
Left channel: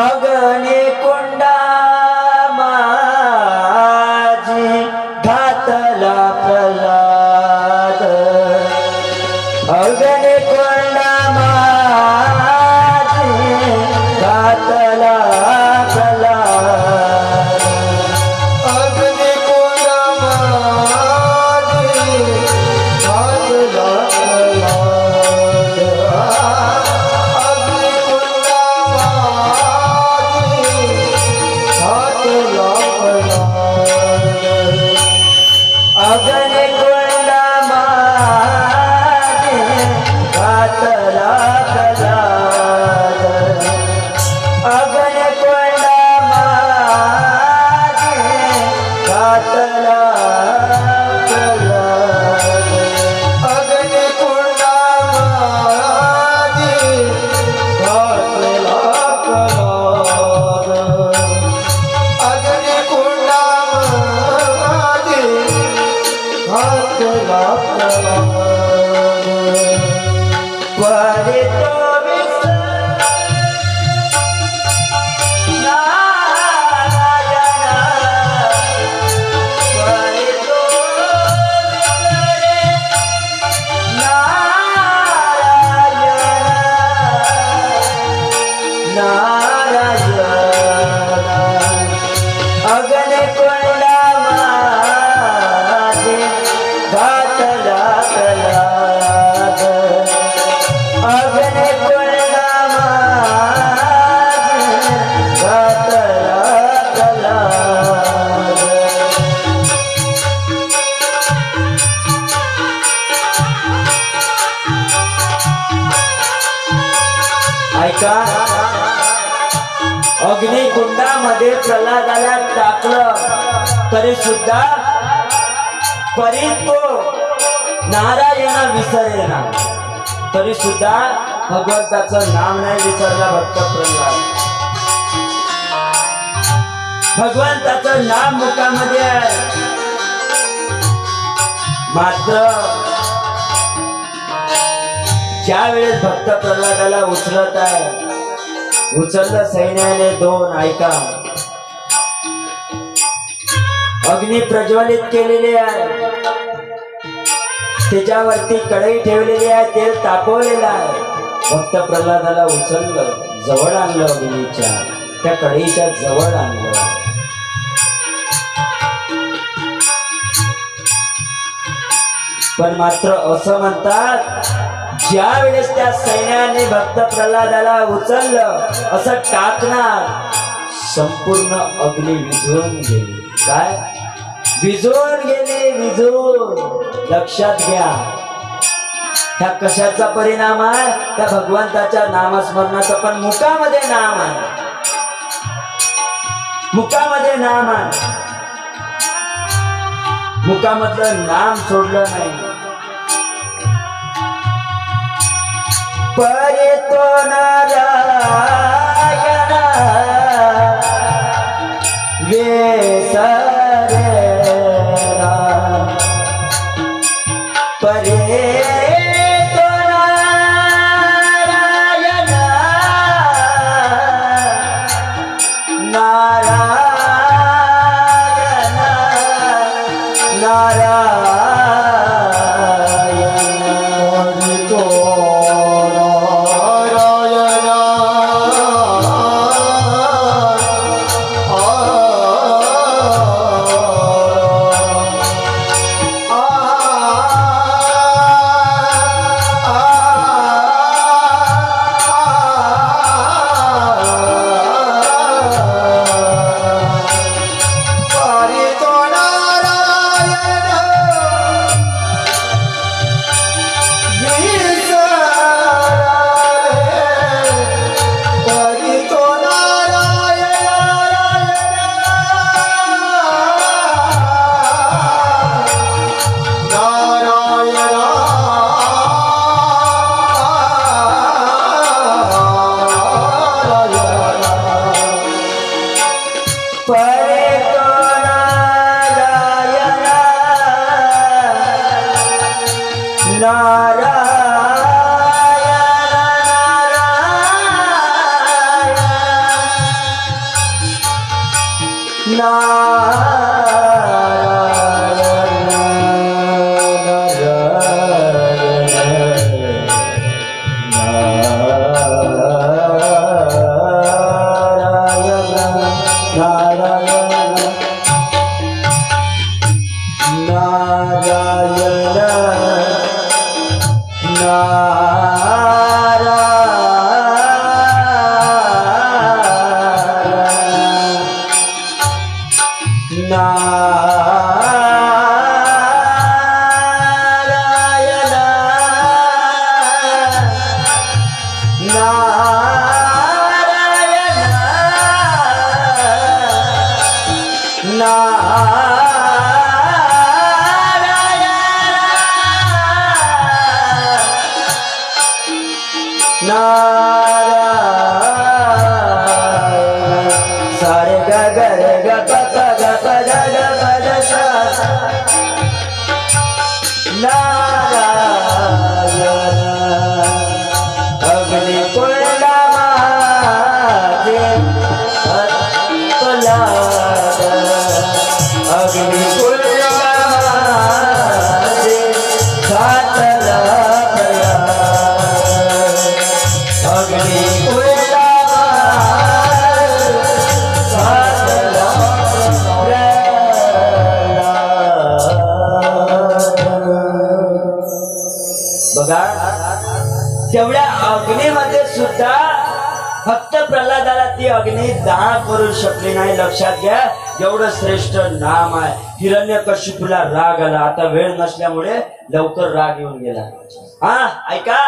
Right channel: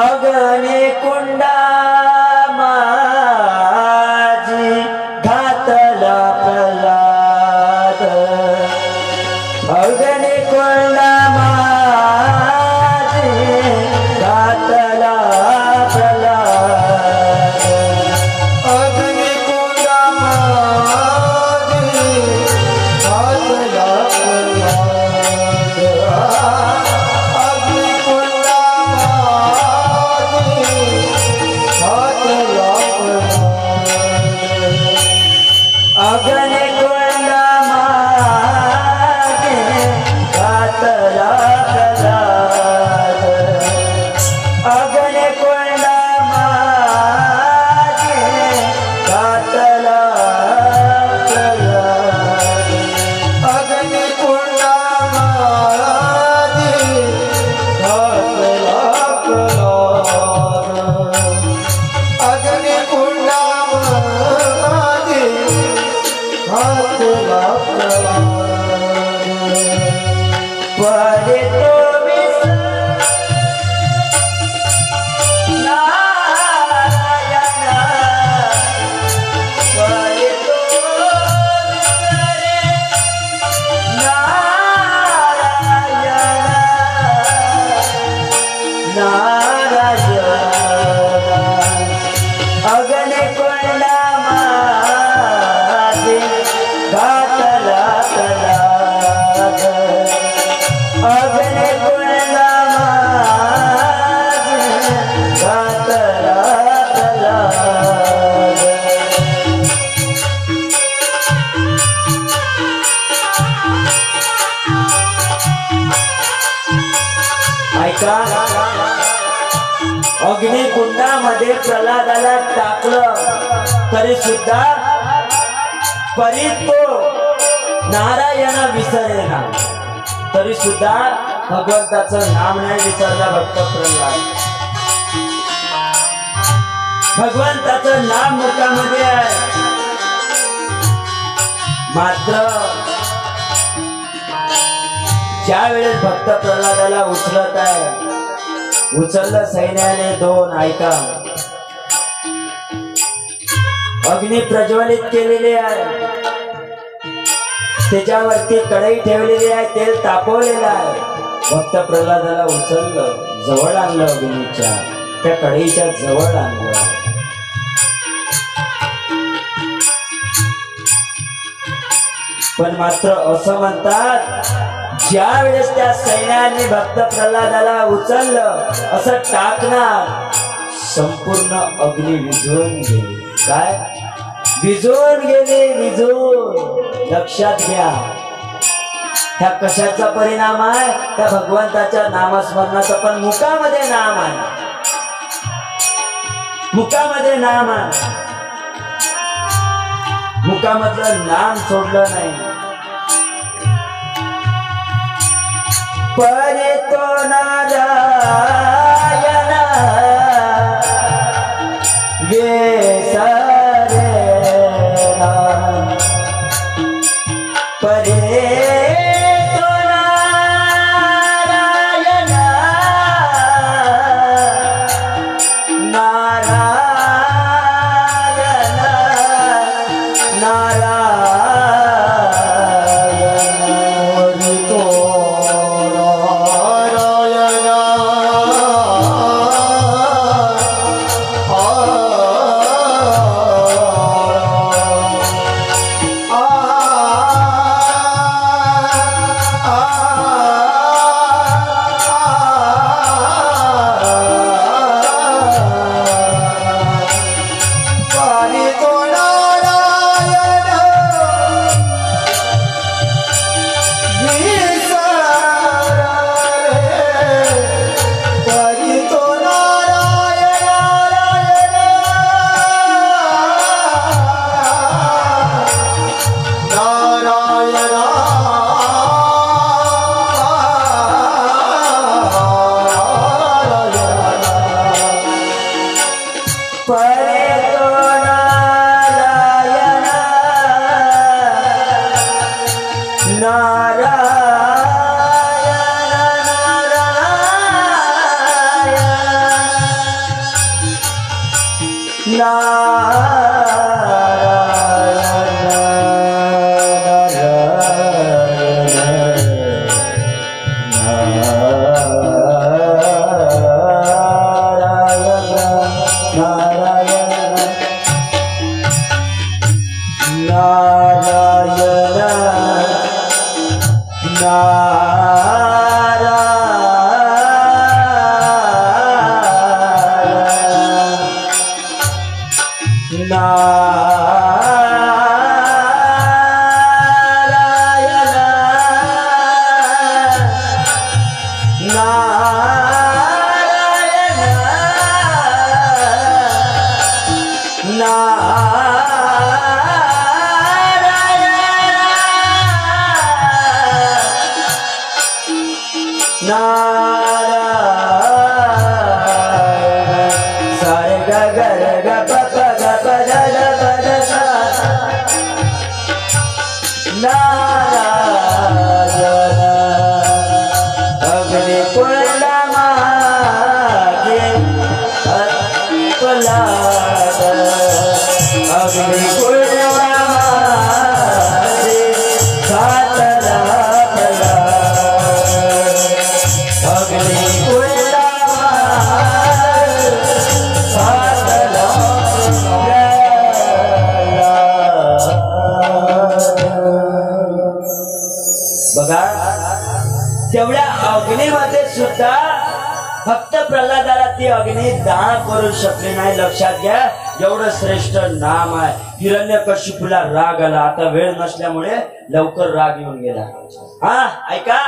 अग्नी कुंडा माझी घातला प्रल्हाद. अग्नी कुंडा माझी घातला प्रल्हाद. अग्नी कुंडा माझी घातला प्रल्हाद. अग्नी कुंडा माझी घातला प्रल्हाद. अग्नि कुंडा माझी घातला प्रल्हाद. अग्नि कुंडा माझी घातला प्रल्हाद. अग्नी कुंडा माझी घातला प्रल्हाद. अग्नी कुंडा माझी घातला प्रल्हाद. परे तो विसर नारायणा. परे तो विसरे नारायणा. नारायणा. अग्नि कुंडा माझी घातला प्रल्हाद. अग्नि कुंडा माझी घातला प्रल्हाद. ऐका, अग्निकुंडामध्ये प्रल्हादाला टाकलं तरी सुद्धा परी तो नारायणा विसरेना. तरी सुद्धा भगवंताचं नाम नाही विसरला भक्त प्रल्हाद. भगवंताचं नाम मुखामध्ये आहे. मात्र ज्या वेळेस भक्त प्रल्हादाला उचलत आहे, उचललं सैन्याने दोन. ऐका, अग्नी प्रज्वलित केलेली आहे, त्याच्यावरती कढई ठेवलेली आहे, तेल तापवलेलं आहे. भक्त प्रल्हादाला उचललं, जवळ आणलं, अग्नीच्या त्या कढईच्या जवळ आणलं. पण मात्र असं म्हणतात, ज्या वेळेस त्या सैन्याने भक्त प्रल्हादाला उचललं, असं टाकणार, संपूर्ण अग्नी विझवून गेली. काय विझवून गेली? विझवून. लक्षात घ्या, ह्या कशाचा परिणाम आहे? त्या भगवंताच्या नामस्मरणाचा. पण मुखामध्ये नाम आहे, मुखामध्ये नाम आहे. मुखामधलं नाम सोडलं नाही. परे तो नारायण विसरेना. परे तो नारायण नारायण नारायण. तो परे तो नारायण तेवढ्या अग्नीमध्ये सुद्धा फक्त प्रल्हादाला ती अग्नी दान करू शकली नाही. लक्षात घ्या, एवढं श्रेष्ठ नाम आहे. हिरण्यकशिपूला राग आला. आता वेळ नसल्यामुळे लवकर राग येऊन गेला. हा ऐका,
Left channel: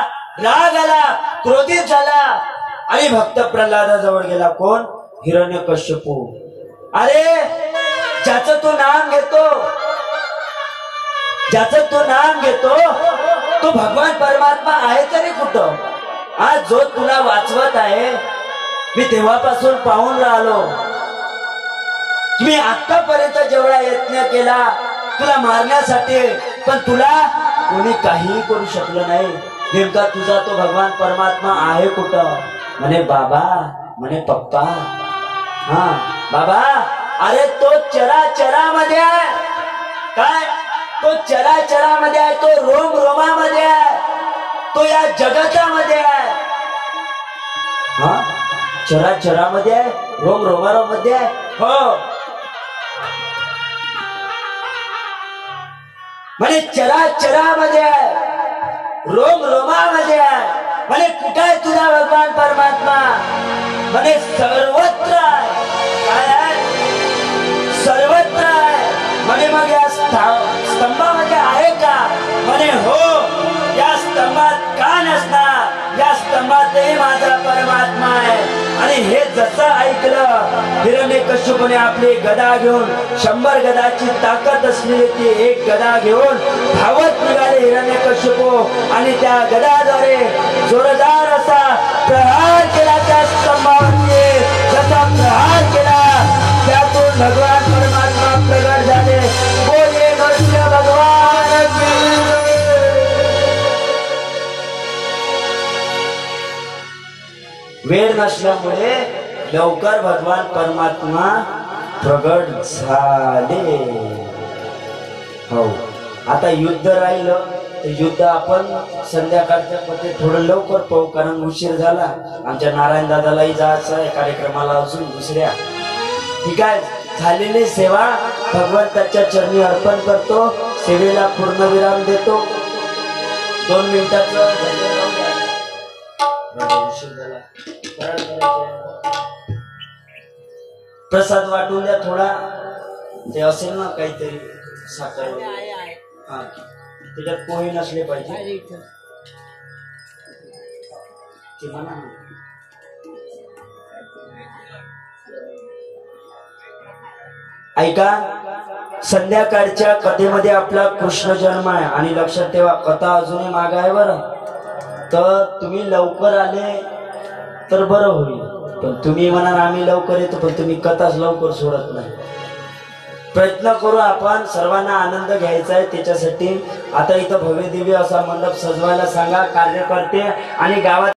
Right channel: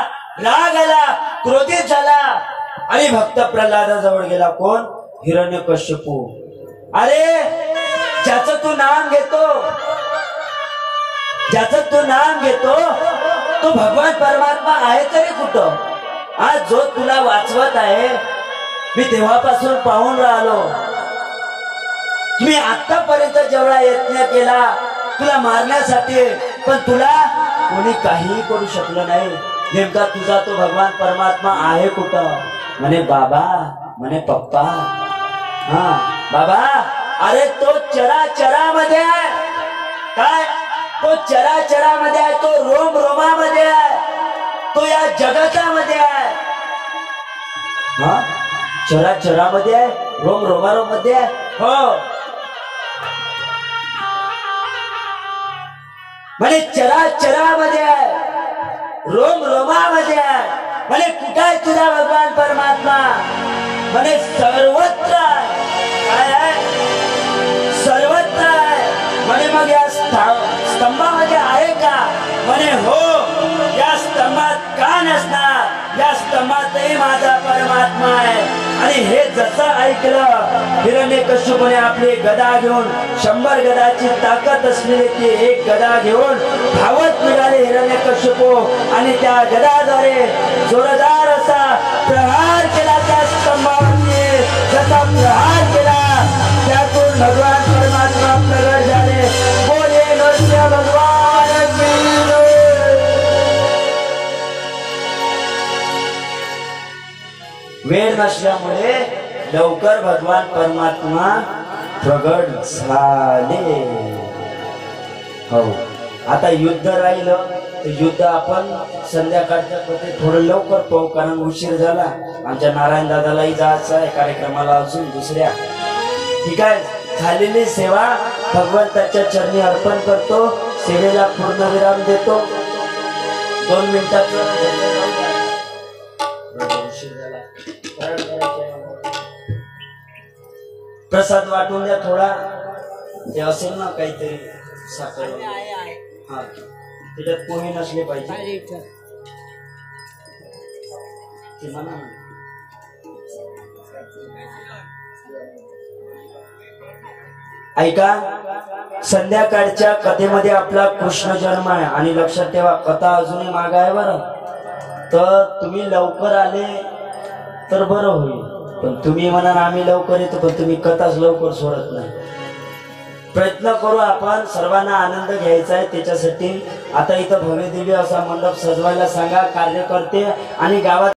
राग आला, क्रोधित झाला आणि भक्त प्रल्हादाजवळ गेला. कोण? हिरण्यकशिपू. अरे ज्याचं तू नाम घेतो, ज्याचं तू नाम घेतो तो भगवान परमात्मा आहे तरी कुठं? आज जो तुला वाचवत आहे, मी तेव्हापासून पाहून राहिलो. मी आतापर्यंत जेवढा यत्न केला तुला मारण्यासाठी, पण तुला कोणी काही करू शकलं नाही. नेमका तुझा तो भगवान परमात्मा आहे कुठं? म्हणे बाबा, म्हणे पप्पा. हा बाबा, अरे तो चराचरामध्ये आहे. काय? तो चराचरामध्ये आहे, तो रोम रोमामध्ये आहे, तो या जगतामध्ये आहे. हा, चराचरामध्ये आहे, रोम रोमामध्ये आहे. हो, म्हणे चराचरामध्ये आहे, रोम रोमामध्ये आहे. म्हणे कुठे आहे तुझा भगवान परमात्मा? म्हणे सर्वत्र आहे. काय आहे? सर्वत्र आहे. म्हणे मग या स्तंभामध्ये आहे का? म्हणे हो. या स्तंभात का नसणार? या स्तंभातही माझा परमात्मा आहे. आणि हे जसं ऐकलं, हिरण्यकशिपूने आपली गदा घेऊन, 100 गदाची ताकद असलेली ती एक गदा घेऊन धावत निघाले हिरण्यकशिपू आणि त्या गदाद्वारे जोरदार असा प्रहार केला त्या स्तंभावरती. जसा प्रहार केला त्यातून भगवान परमात्मा प्रगट झाले. बोले नरसिंह भगवान की. वेळ नसल्यामुळे लवकर भगवान परमात्मा प्रगट झाले. हो, आता युद्ध राहिलं तर युद्ध आपण संध्याकाळच्या पती थोडं लवकर पाहू, कारण उशीर झाला. आमच्या नारायण दादालाही जायचं आहे कार्यक्रमाला, अजून दुसऱ्या. ठीक आहे, झालेली सेवा भगवंताच्या चरणी अर्पण करतो. सेवेला पूर्णविराम देतो. 2 मिनिटाचं प्रसाद वाटून द्या थोडा. ते असेल ना काहीतरी साखर, हा, त्याच्यात पोहे नसले पाहिजे ते म्हणा. ऐका, संध्याकाळच्या कथेमध्ये आपला कृष्ण जन्म आहे. आणि लक्षात ठेवा, कथा अजूनही माग आहे बरं. तर तुम्ही लवकर आले तर बरं होईल. पण तुम्ही म्हणा आम्ही लवकर येतो, पण तुम्ही कथाच लवकर सोडत नाही. प्रयत्न करू आपण, सर्वांना आनंद घ्यायचा आहे. त्याच्यासाठी आता इथं भव्य दिव्य असा मंडप सजवायला सांगा कार्यकर्ते आणि गावात